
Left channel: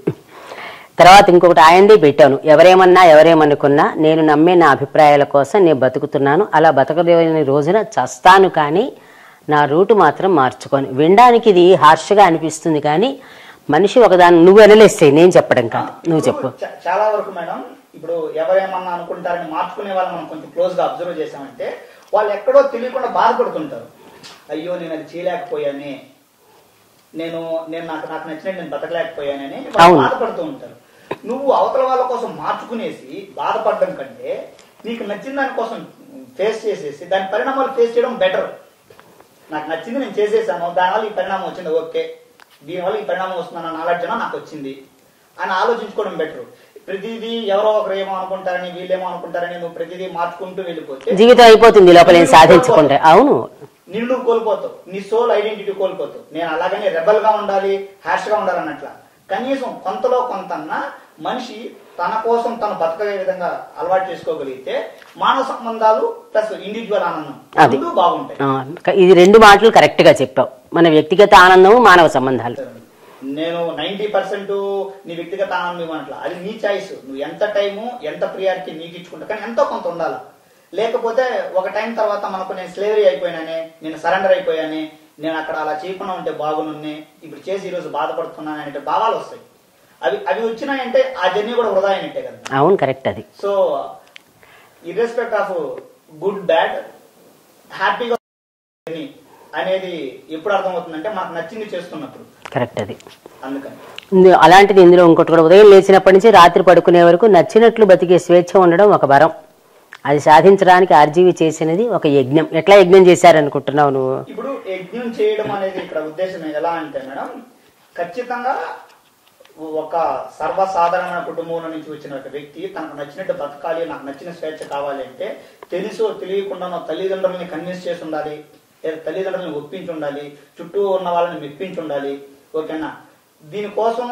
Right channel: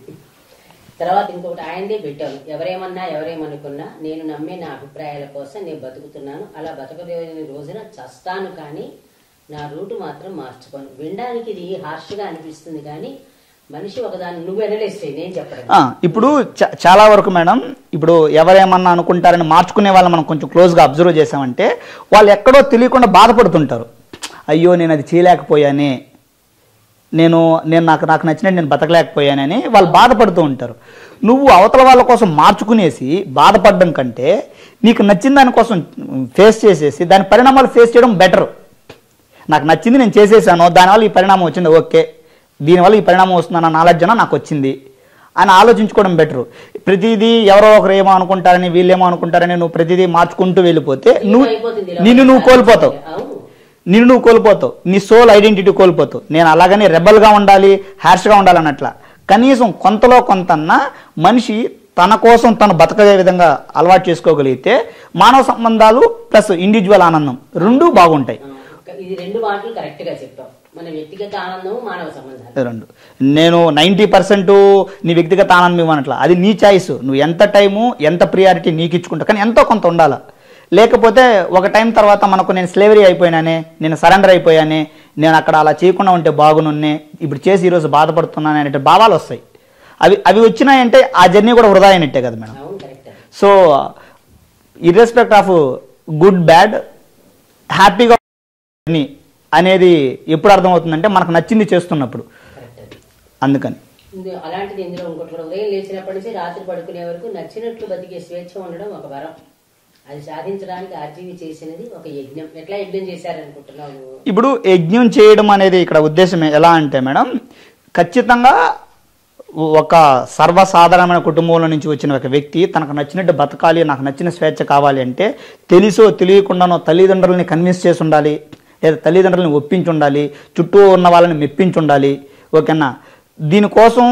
తర్వాత ఇంకొకటి ఆయనదే పెట్టాను, ఎవరేమన్నా ఎవరేమనుకున్నా నేను నమ్మే నా అభిప్రాయాల కోసం నేను బతుకుతున్నాను, అలా బతకలేని రోజున చస్తాను, కానీ నా రూటు మాత్రం మార్చుకొని. వినడానికి ఇది హార్ష్గా అనిపిస్తుంది, కానీ మనిషి ఒకదాన్ని నువ్వు అనలేస్తే నేను చెప్పడం. ఇప్పుడు చాలా వరకు మేడం ఇప్పుడు ఎవరేమన్నా అనుకుంటారని మార్చుకునే వాళ్ళు మనం కొంచెం క్లోజ్గా అబ్జర్వ్ చేసామంటే వాళ్ళు ఎక్కడో తెలియకుండా బాధపడుతుంటారు. అయ్యో నేను అది చేయలేకపోయానే, నేను నాకు నచ్చినట్టు నేను బతకలేకపోయానని వాళ్ళు బాధపడుతూ ఉంటారు. నువ్వు అవతల వాళ్ళ కోసం మార్చుకునేసి బాధపడడం కంటే నీకు నచ్చిన దానికోసం ఫేస్ చేసేసి దాని పరిణామాలు ఫేస్ చేయడం బెటర్. నాకు నచ్చింది నేను చేసేసాను, దానివల్ల ఈ పరిణామం వచ్చింది, ఓకే దీనివల్ల ఈ పరిణామం వస్తుందన్న నాలెడ్జ్ నాకు వచ్చింది అని ఆలోచించుకోవడం బెటర్. ప్రతిదీ ఎవరో ఒకరు ఏమో అనుకుంటారని వీళ్ళేమో అనుకుంటారని నువ్వు ప్రతిదీ మార్చుకుంటూ వెళ్ళిపోతే నిన్ను నువ్వు కోల్పోతావు, నీ సోల్ ఐడెంటిటీ కోల్పోతావు. నేను అలాగని రెబల్గా ఉండాలి, హ్యాష్గా ఉండాలన్నట్లా. కనీసం కొంతలో కొంతన్నా మనిషి తన కోసం తను బతకగే విధంగా అలవాటు చేసుకోగలిగితే మానవ సంబంధాలు ప్లస్ ఇండివిజువల్ ఆనందం రెండు బాగుంటాయి. ఇది రెండు మాటలు కరెక్ట్ గా చెప్పావు. మన వ్యక్తిగత ఆనందం, మానవ సంబంధాలు రెండు. నేను 90% నీ వ్యక్తిగత ఆనందం ఇవ్వనట్లా, అది నీ చాయిస్. నువ్వు ఎంత టైము ఎంత ప్రియారిటీ నీకు ఇచ్చుకుంటావు, కానీ ఎంతో కొంత ఉండాలి. లేకపోతే ఒక టైం తర్వాత మనకు నేను స్లేవరీ అయిపోయినానే, నేను సరెండర్ అయిపోయానే, నేను అక్కడ అలా చేయకుండా ఉంటే బాగునున్నే, ఇప్పుడు చేసి ఈరోజు బాధపడుతున్నాను అనే భావాలు వస్తాయి. అవి వచ్చినాయంటే ఆ జర్నీ కూడా వృధా అయినట్టే కదా మేడం. అవును, కరెక్ట్. అది సో ఇర్రెస్పెక్ట్ ఆఫ్ గుడ్ బ్యాడ్ హ్యాపీగా అనేది ఎప్పుడు అర్థమవుతుందంటే మనకు నచ్చింది చేస్తున్నప్పుడు. కరెక్ట్. అది అందుకని అలాంటిది ఇందులో ఇంకోటి కూడా, ఉదయం లేచినప్పటి నుంచి రాత్రి పడుకునే వరకు నచ్చినట్లు బతికే స్వేచ్ఛ ఉండడం ఒక వరం. అది సాధించడానికి ఆర్జీవి చేసినది ఒక యజ్ఞం. ఎట్లా యజ్ఞం చేశారనుకుంటున్నావు నువ్వు? ఇప్పుడు యజ్ఞం చేయడం అనేది ఇక్కడ ఉద్దేశం ఎలా అంటే మేడం, ఖచ్చితంగా ఒక సర్వసాధారణమైన కుటుంబంలో నుంచి వచ్చిన ఒక వ్యక్తి తనకు నచ్చినట్టు బతకాలి, నాకు నచ్చిన స్వేచ్ఛ కావాలి అంటే తెలుసో తెలియకుండానో తల్లిదండ్రులని కన్విన్స్ చేసి ఉండాలి, లేదా తల్లిదండ్రులని ఒప్పించి ఉండాలి, చుట్టూ ఉన్న వాళ్ళని మెప్పించి ఉండాలి. ఓకేనా? దీనికోసం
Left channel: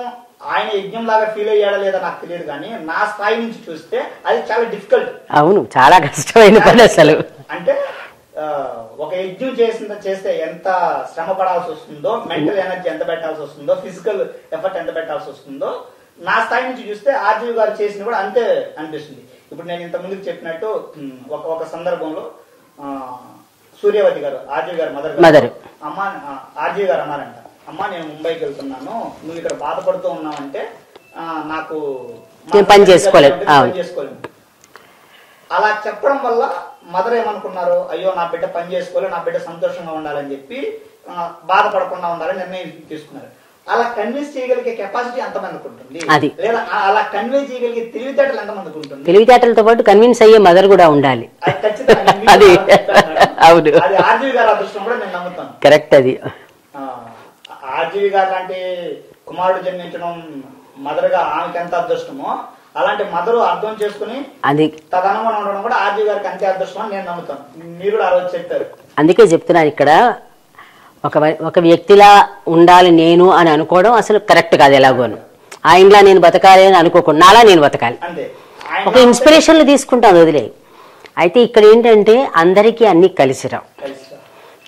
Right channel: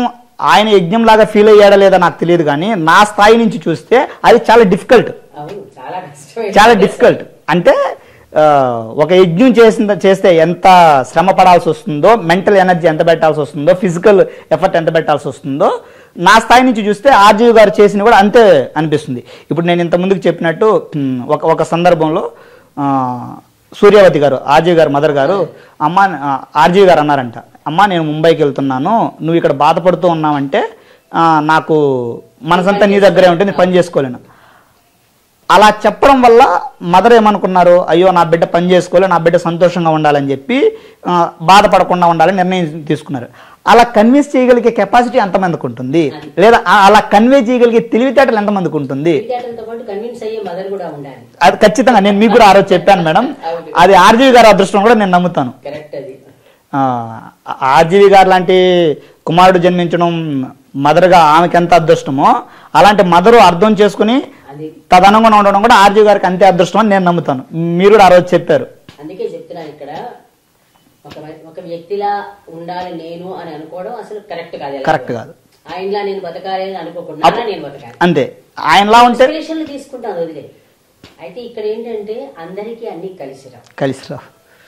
ఆయన యజ్ఞంలాగా ఫీల్ అయ్యాడా లేదా నాకు తెలియదు, కానీ నా స్థాయి నుంచి చూస్తే అది చాలా డిఫికల్ట్. అవును, చాలా కష్టమైన. అంటే ఒక యజ్ఞం చేస్తే ఎంత శ్రమ పడాల్సి వస్తుందో, మెంటల్ ఎనర్జీ ఎంత పెట్టాల్సి వస్తుందో, ఫిజికల్ ఎఫర్ట్ ఎంత పెట్టాల్సి వస్తుందో, నా స్థాయి నుంచి చూస్తే ఆర్జీవి గారు చేసిన కూడా అంతే అనిపిస్తుంది. ఇప్పుడు నేను ఇంత ముందుకు చెప్పినట్టు ఒక సందర్భంలో సూర్యవతి గారు, ఆర్జీవి గారు మదర్ గారు, అమ్మ ఆర్జీవి గారు అన్నారంట, అమ్మ నేను ముంబైకి వెళ్తున్నాను, నువ్వు ఇక్కడ బాధపడుతూ ఉన్నావంటే నాకు మనసు పని చేసుకోలేను. అలా చెప్పడం వల్ల మదర్ ఏమనుకున్నారు, అయ్యో నా బిడ్డ పని చేసుకోలే, నా బిడ్డ సంతోషంగా ఉండాలని చెప్పి బాధపడకుండా ఉండాలని నిర్ణయం తీసుకున్నారు. అలా కన్విన్స్ చేయగలిగే కెపాసిటీ ఎంతమందికి ఉంటుంది, అది. లేదా అలా కన్వే చేయగలిగే తెలివితేటలు ఎంతమందికి ఉంటుంది? తెలివితేటలతో పాటు కన్విన్స్ అయ్యే మదర్ కూడా ఉండాలి. అది ఖచ్చితంగా నేను మీకు కూడా చెప్పాను మేడం. అవును. అది ఆర్జీవి గారి అదృష్టం కూడా నేను నమ్ముతాను. కరెక్ట్. అది ఆర్జీవి గారు లాంటి కుమారుడు జన్మించడం మదర్గా ఆమెకి ఎంత అదృష్టమో, అలాంటి మదరు అర్థం చేసుకుని అది తదనుగుణంగా ఉండడం కూడా ఆర్జీవి గారికి అంతే అదృష్టం అని నేను నమ్ముతాను. మీరు కూడా ఆ రోజు చెప్పారు. అందుకే చెప్తున్నాను, ఇక్కడ ఒక వ్యక్తిలా ఉండాలి నేను అని అనుకోవడం అసలు కరెక్ట్ కాదు. ఎలాగో ఆయనలా నేను బతకాలి అని అనుకోకుండా నాలా నేను బతకాలి అంతే. ఆయన ఇన్స్పిరేషన్లు తీసుకుంటాను, వదిలే. అయితే ఇక్కడ ఏంటంటే అందరికీ అన్ని కలిసిరావు.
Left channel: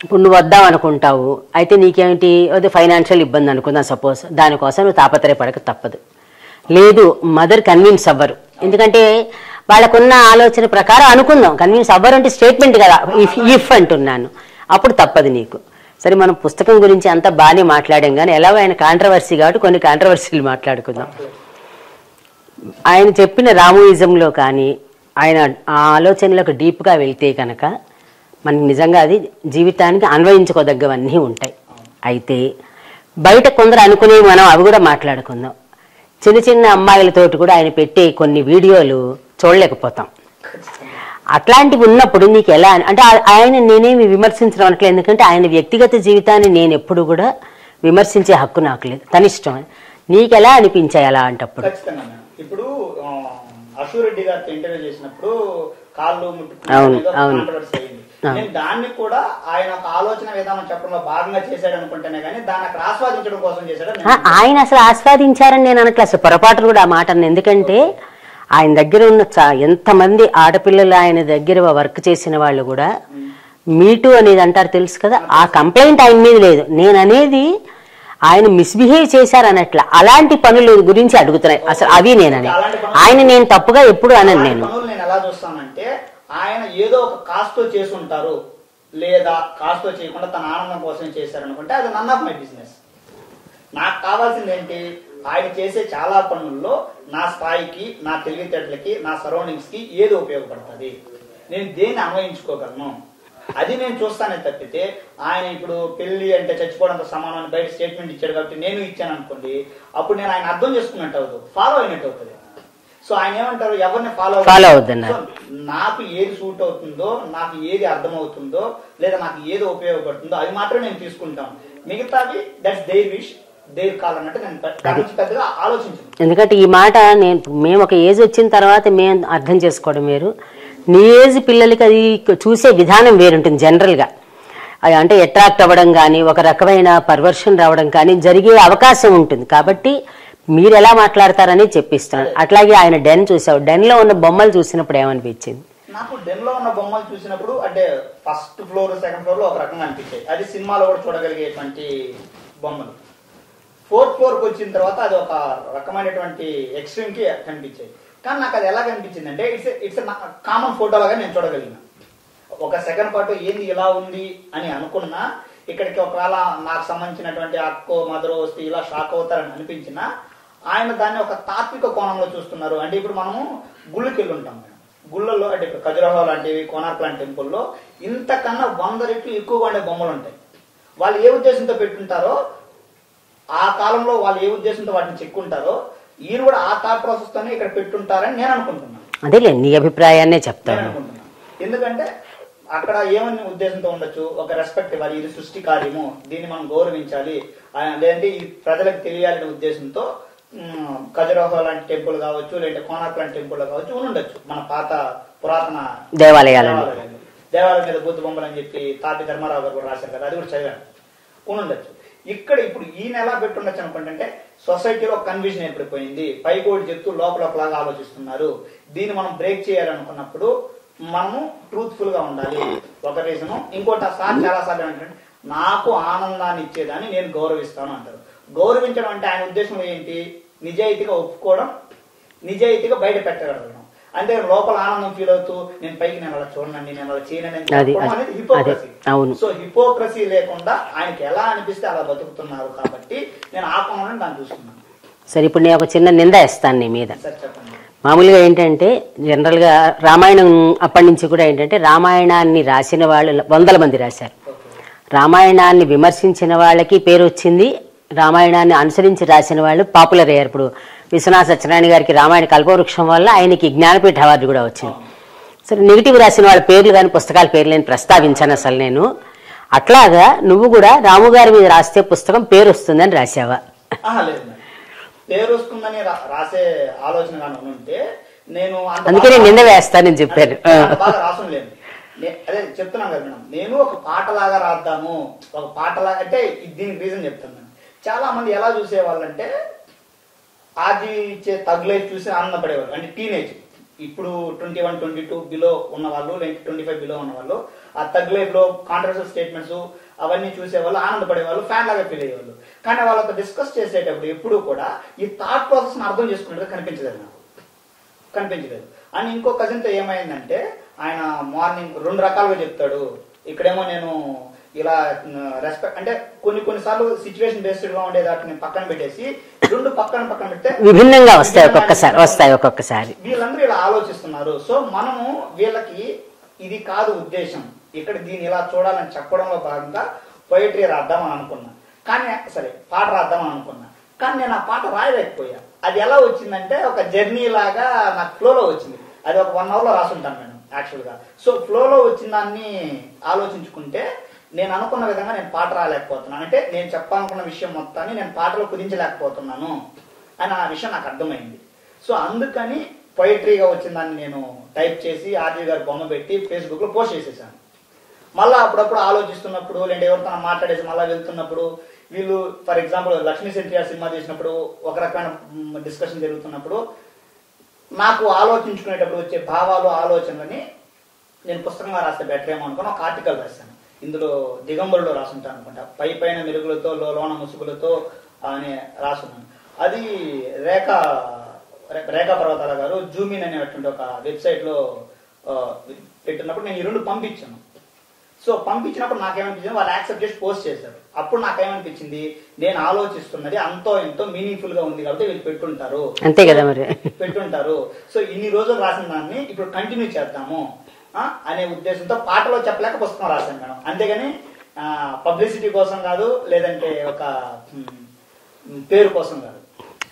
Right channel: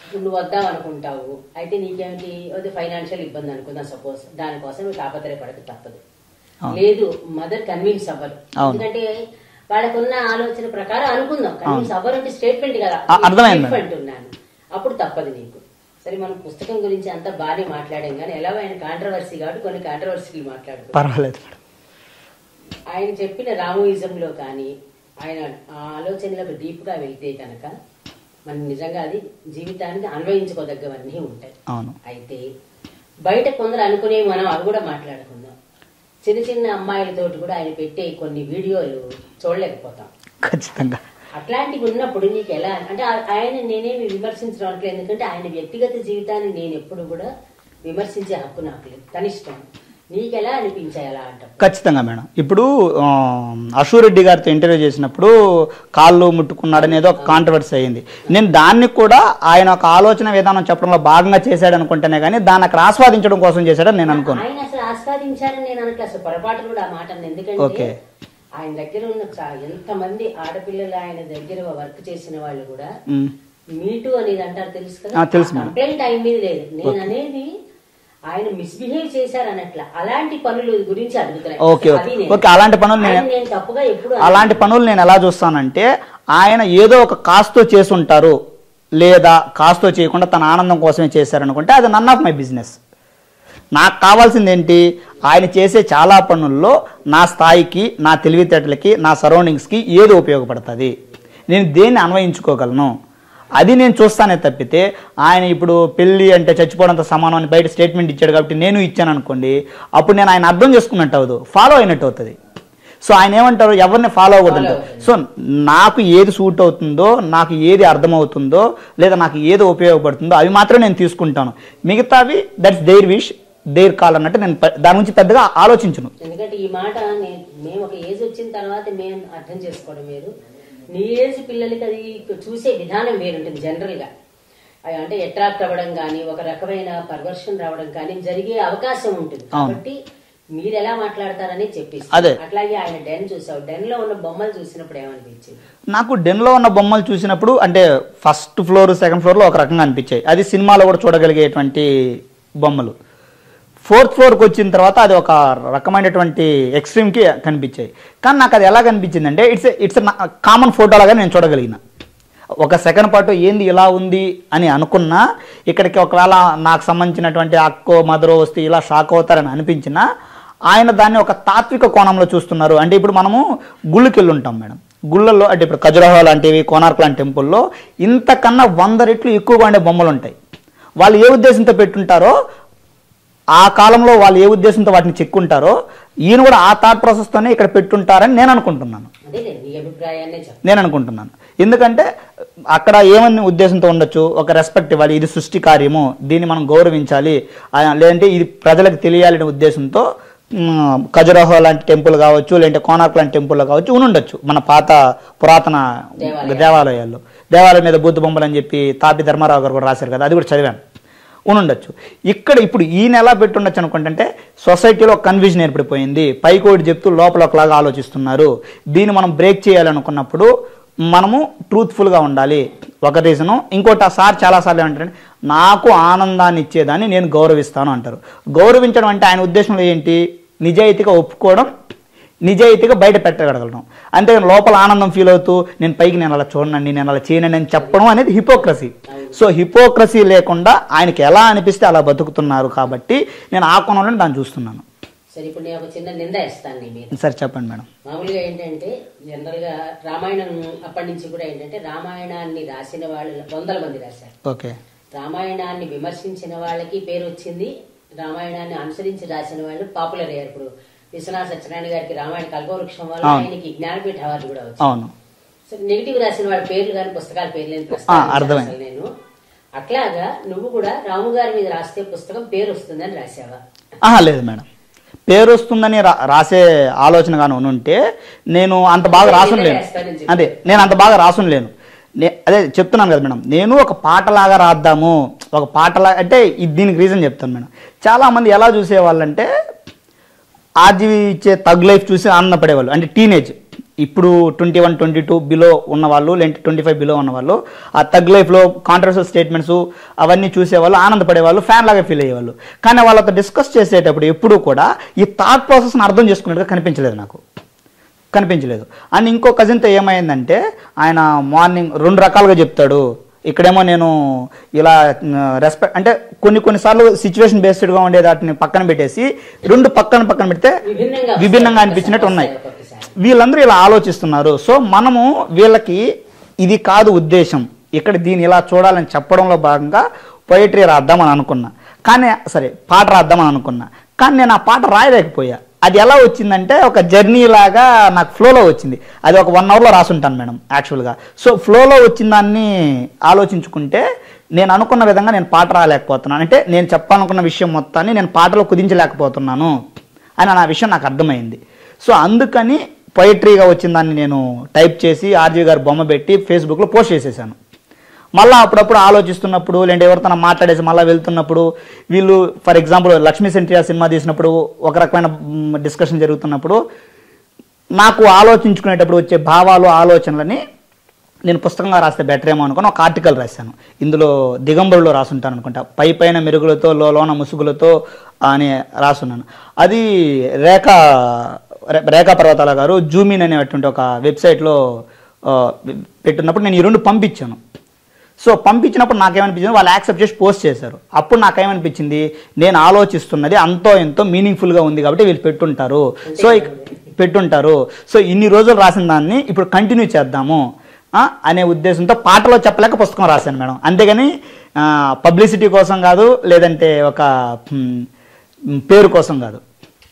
ఇప్పుడు నువ్వు వద్దాం అనుకుంటావు, అయితే నీకేమిటి అది ఫైనాన్షియల్ ఇబ్బంది అనుకుందాం సపోజ్, దానికోసం నువ్వు తాపత్రయపడక తప్పదు. లేదు మదర్ కన్విన్స్ అవ్వరు, ఎందుకంటే వాళ్ళకున్న ఆలోచన ప్రకారం అనుకుందాం. కన్విన్స్ అవ్వరు అంటే స్టేట్మెంట్ కదా, ఇఫ్ అంటున్నాను, అప్పుడు తప్పదు నీకు. సరే మనం పుస్తకం గురించి అంతా బాగానే మాట్లాడాం, కానీ ఎలాగో ఆయన కాంట్రవర్సీ కాబట్టి కొన్ని కాంట్రవర్సీలు మాట్లాడుకుందాం. ఆయన చెప్పిన రామోయిజంలో కానీ ఆయన ఆ ఆలోచనలకు డీప్గా వెళ్తే కనుక మనకి నిజంగా అది జీవితానికి అన్వయించుకోదగ్గవన్నీ ఉంటాయి. అయితే బయట కొందరు అనుకునేవి మనం అవి కూడా మాట్లాడుకుందాం. చిన్న చిన్న అమ్మాయిలతోటి కూడా ఆయన పెట్టే కొన్ని వీడియోలు చూడలేకపోతాం. ఖచ్చితంగా అట్లాంటివి ఉన్నప్పుడు నీకు ఎలా అంటే ఆయన నేనేమి విమర్శించడం అనట్లేదు, ఎందుకంటే ఆయన వ్యక్తిగత జీవితాన్ని నేను ఎప్పుడు కూడా విమర్శించే హక్కు నాకు లేదు, తన ఇష్టం. నీకు ఎలా అనిపించాయి అలా అంటప్పుడు? ఖచ్చితంగా మేడం. ఇప్పుడు అశూరెడ్డి గారితో ఇంటర్వ్యూ చేసినప్పుడు కాళ్ళు ముట్టుకున్నాడు అనేది ఒక కాంట్రవర్సీ అయింది. నేను దాన్ని కూడా ఆయన ఒక ఆలోచన విధానం చెప్పడంలో భాగంగా చేశాడు అనుకుంటేనే కానీ దాన్ని అక్కడ ఆస్వాదించడం కోసం చేశాడు నేను. ఆయన అసలు ఆస్వాదించారని నేను అనట్లేదు, అసలు పొరపాటు కూడా ఆ మాట. ఎందుకంటే ఆయన దగ్గర ఉన్న ఎంతమంది ఆడపిల్లలు ఆయన దగ్గర వర్క్ చేసిన వాళ్ళు కూడా మీటూ అనేది అంటారు, తెలుసు కదా, ఆ కంప్లైంట్ ఆయన మీద లేదు. నేను అనేది ఆయన మిస్బిహేవ్ చేశారు అన్నట్ల అలాంటి పనుల గురించి అడుగుతున్నాయి. అసలు అవి నేను అలాంటి పనులు ఆయన నేను తప్పుగా ఎప్పుడు అలాంటి పనులు నేను ఎలా చూస్తానంటే ఆయన ఏదో ఒక కాస్తో చేసుంటారు, లేదా కాస్తో చేయకుండా తన ఆనందం కోసమే చేశారనుకుంటే అది నన్ ఆఫ్ మై బిజినెస్. నాకు కావాల్సింది ఏంటి, ఆయన చేసే చాలా పనుల్లో నా స్థాయికి, నా తెలివితేటలకి, నా సరౌండింగ్స్కి ఏది ఉపయోగపడుతుంది, నేను దేన్ని అన్వయించుకోగలను, అది నేను చూస్తానే తప్పితే ఆయన ఇప్పుడు పెళ్లి అంటే చచ్చిపోవడంతో సమానం అని బయట స్టేట్మెంట్ ఇచ్చాడు కాబట్టి నేను ఇచ్చాను అనుకోండి, అప్పుడు నేను ఆయన అర్థం చేసుకున్నట్టు అవ్వదు, ఫాలో అయినట్టు అవుతుంది. సో ఆయన ఏమంటారు, ఎవరిని ఫాలో అవ్వదు. సో నాకు ఏది సూట్ అవుతుందో, నాకు ఏది అర్థమవుతుందో, లేదా నాకు ఏది ఉపయోగపడుతుందో అవి మాత్రం నేను తీసుకుంటాను. మిగతావి that's their wish, their call అన్నట్టు నేను దాని గురించి పెద్దగా ఆలోచించను. ఎందుకంటే ఈ మాట మేము ఒక ఏజ్ వచ్చిన తర్వాత మేము అర్థం చేసుకోవడం వేరు, నీ ఏజ్ పిల్లలకి అది చూసే విధానం వేరుంటుంది. జనరల్గా అంటే అట్రాక్ట్ అవ్వడం కానీ ఒక రకమైన పర్వర్షన్ రావడం కానీ జరిగే అవకాశం ఉంటుంది. కాబట్టి మీరు ఎలా మాట్లాడతారని చెప్పిస్తారు. అట్లాగే ఆయన డెన్ చూసావు, డెన్ లో ఉన్న బొమ్మలు చూసినప్పుడు ఏమనిపించింది? నాకు డెన్ లో ఉన్న బొమ్మలు చూసినప్పుడు అంటే ఫస్ట్ ఫ్లోర్ సెకండ్ ఫ్లోర్ లో ఒక రకంగా అనిపించాయి, అది సినిమాలో కూడా చూడగలిగేటువంటి బొమ్మలు. ఫోర్త్ ఫ్లోర్కి వచ్చిన తర్వాత అది ఒక రకమైనటువంటి ఎక్స్ట్రీమ్కి కనిపించాయి. కానీ నాకు అది ఎలా కనిపించింది అంటే ఇట్స్ కామన్ ఫోటో లాగా నేను చూడగలిగిన. ఒక సెకండ్ పాటు ఏంది ఇలా ఉంది అని అనుకున్నా, ఇక్కడికి ఒకవేళ నాకు సంబంధించినటువంటి అక్కో మదరో వస్తే ఇలా షాక్ అవుతారని అనిపించినా ఆయన దాన్ని ఒక తాత్విక కోణంలో చూస్తున్నారు. అంటే ఇప్పుడు మనము గుళ్ళకి వెళ్ళి ఉంటాం మేడం, గుళ్ళల్లో అంటే ఇప్పుడు ఖజురహో లాంటివి, కోనార్క్ లాంటి టెంపుల్లో ఇంతకన్నా 100 రెట్లు ఎక్కువగా ఉండే బొమ్మలు ఉంటాయి. వాళ్ళు ఏ ఉద్దేశంతో పెట్టుంటారో, ఆ కాలంలో వాళ్ళు ఏ ఉద్దేశంతో వాటిని చెక్కుంటారో, ఈయన కూడా ఆ థాట్ ప్రాసెస్తోనే ఇక్కడ పెట్టుంటారని నేను అనుకుంటున్నాను. అదేలే నీ అభిప్రాయాన్నే నేను అనుకుంటున్నాను. ఎందుకంటే అక్కడ ఏమని ఉద్దేశంతో ఉండొచ్చు, ఒక రెస్పెక్ట్ ఇవ్వాలి, ఇది సృష్టి కార్యము, దీన్ని మనం గౌరవించాలి, లేదంటే ఇది ప్రజలకు తెలియాలనే ఉద్దేశంతో ఖజురహో లాంటి టెంపుల్ కావచ్చు, లేదంటే కోనార్క్ లాంటి టెంపుల్ కావచ్చు ఉండొచ్చు. మన పాత పురాతన దేవాలయాల్లో దేవాలయం మీద బుద్ధ బొమ్మలు అని చెప్పి తాపి ధర్మారావు గారు కూడా రాశారు కదా, అది కూడా చదివాను, ఉండొచ్చు. ఇక్కడ ఇప్పుడు ఈయన ఎలా పెట్టుండొచ్చు అనుకుంటే సొసైటీలో కన్ఫ్యూజన్ ఏర్పడిపోయింది, పైకి ఒకటి చెప్తూ లోపల ఒకలాగా ఆలోచిస్తున్నారు, దీన్ని మనం బ్రేక్ చేయాలనుకున్నప్పుడు మనము ట్రూత్ఫుల్గా ఉండాలి, ఒక రీజను. ఇంకోటి ఆ సార్ చాలాసార్లు ఏమంటారంటే నాకు ఆనందాన్ని ఇచ్చేదాన్ని నేను గౌరవిస్తాను అంటారు. గౌరవించడం అంటే ఆయన ఉద్దేశంలో ఏంటి, నిజాయితీగా ఒప్పుకోవడం, నిజాయితీగా బయట పెట్టగలగడం. అంతే లోపల ఆనందం ఫీల్ అవుతూ నేను పైకి నేను అలా చూడనండి, నేను అలా చేయనండి అని చెప్పడం అనేది హిపోక్రసీ. సో హిపోక్రసీ లేకుండా ఆయనకి ఎలా అనిపిస్తే అలా బతుకుతున్నారు కాబట్టి నేను ఆ కోణంలో దాన్ని చూస్తున్నాను. సరే, ఇప్పుడు నేను ఒక చిన్న నింద ఇస్తాను నీ మీద. సరే చెప్పండి మేడం. మామూలుగా ఏంటంటే జనరల్గా రామాయణం అప్పటి నుంచి కూడా ఏంటంటే రామాయణాన్ని రాసిన వాళ్ళు 100 మంది రాశారు. ఓకే. రామాయణాన్ని విమర్శించిన వాళ్ళకి పేరు వచ్చింది, రామాయణాన్ని అనుసరించి రాసిన వాళ్ళు పాపులర్ అయ్యారు. ఇప్పుడు విశ్వనాథ సత్యనారాయణ గారికి రామాయణ కల్పవృక్షం వల్ల ఆయనకి జ్ఞానపీఠ అవార్డు కూడా వచ్చింది. సరే, నెగిటివ్ రాసిన వాళ్ళ పేర్లు కానీ పుస్తకాల పేర్లు నేను ప్రస్తావించాను అసలు నేను. అట్లాగా నువ్వు కూడా రాము గారి మీద రాస్తే పుస్తకం పేరు వస్తుందని రాసావా? లేదు మేడం, పేరు వస్తుందని రాసే ఆలోచన కానీ ఉంటే నేను అంత బాగా వేస్తానని చెప్పాను. నేను అంత బాగా రాసులేను. అదే చెప్తున్నాను కదా మేడం, నేను ఒక పాటలాగా రాద్దాము, ఒక పాటలాగా అంటే దీనికి రీజన్ చెప్తాను మేడం. చాలా మంది ఎలా చూసేవాళ్ళంటే ఆర్జీవి ఇచ్చే తగ్ లైఫ్ చూసి ఆనందపడేవాళ్ళు. అంటే టీనేజ్, ఇప్పుడు 21, 22 బిలో ఉన్నవాళ్ళు, లేదంటే 25 బిలో ఉన్నవాళ్ళు ఆ తగ్ లైఫ్లో కాంట్రవర్షియల్ స్టేట్మెంట్స్ అవన్నీ చూసేవాళ్ళు, ఆనందపడేవాళ్ళు, ఫ్యాన్ లాగా ఫీల్ అయ్యేవాళ్ళు. కానీ వాళ్ళతో డిస్కస్ చేసేటప్పుడు ఎప్పుడూ కూడా ఈ థాట్ ప్రాసెస్ని అర్థం చేసుకున్నట్టుగా కనిపించలేదు నాకు, కనిపించలేదు. అండ్ ఇంకో కజిన్తో ఏమైందంటే ఆయన మార్నింగ్ 2 రకాలుగా చెప్తాడు. ఇక్కడేమో నేను ఇలా రెస్పెక్ట్ అంటే కొన్నిసార్లు సిచ్యువేషన్ బేస్డ్గా ఉండే వాటిని పక్కన పెట్టేసి 2 పక్కన పెడితే విభిన్నంగా వీళ్ళందరూ ఇలా ఆలోచిస్తున్నారు. సో మనము వీళ్ళకి ఇది కాదు ఉద్దేశం, ఇక్కడ దీన్ని ఇలా చూడాలని చెప్పడంలో భాగంగా పొయిటరీ రాద్దామని అనుకున్నా. కానీ సరే పాట రాద్దామని అనుకున్నా, కానీ నేను ఆ పాట రాయలేకపోయా. అది ఎలా వచ్చిందంటే ఒక జర్నీ లాగా నాకు ఫ్లోలో వచ్చింది. అది ఒక 1 అవర్లో రాసుంటాను మేడం యాక్చువల్గా. సో ఫ్లోలో వచ్చిన దాన్ని ఆలోచించుకుంటే నేను అనుకున్న విధంగా నేను పాట రాలేకపోతున్నాను, అంటే నేను చెప్పాలనుకున్న విషయం మొత్తాన్ని నేను పాటలో కుదించలేకపోతున్నాను అని ఆ విషయం నాకు అర్థమైంది. సో అందుకని పొయిటరీగా వచ్చిన దాన్ని నేను టైప్ చేసి ఆర్జీవి గారు బొమ్మ పెట్టి ఫేస్బుక్లో పోస్ట్ చేసేసాను. మళ్ళీ అప్పుడప్పుడు ఆలోచిస్తున్నప్పుడు లేదంటే ఎవరితో మాట్లాడేసి మళ్ళీ వెళ్తున్నప్పుడు వీళ్ళు ఫర్ ఎగ్జాంపుల్ లక్ష్మీ సెంట్రియా సినిమా తీసినప్పుడు ఒక రకమైన డిస్కషన్ జరుగుతున్నప్పుడు నాకు ఆలోచించుకునేటప్పుడు వచ్చే భావాలు ఆలోచనలని నేను పుస్తకంగా రాస్తే బెటర్ ఏమో అనుకుని ఒక ఆర్టికల్ రాశాను. ఇందులో దిగంబరులో రాసుంటాను అనుకుంటా, పైన మెరుగులతో లోన ముసుగులతో అని రాసున్నాను. అది రేఖా పర్వతాల గారు జూమిన్ అనేటువంటి ఒక వెబ్సైట్లో పెట్టున్నప్పుడు నేను ఈ 2 పంపించాను. సో పంపించినప్పుడు నాకేమనిపించింది, వాళ్ళు యాక్సెప్ట్ చేసి పోస్ట్ చేశారు. అప్పుడు నాకేమనిపించింది, నేను ఆలోచిస్తున్నది అంతో ఎంతో మీనింగ్ఫుల్గా ఉంది కాబట్టి వీళ్ళు పెట్టుంటారు. సో ఇన్ని రోజులు రాసిన దాన్ని ఇప్పుడు కంటిన్యూ చేద్దాము అనే ఉద్దేశంతో పాటలో చెప్పలేక పుస్తకం రాశాను మేడం. అంతేగాని పబ్లిసిటీ కోసం కాదు, లేదంటే ఒక పేరు కోసం కాదు.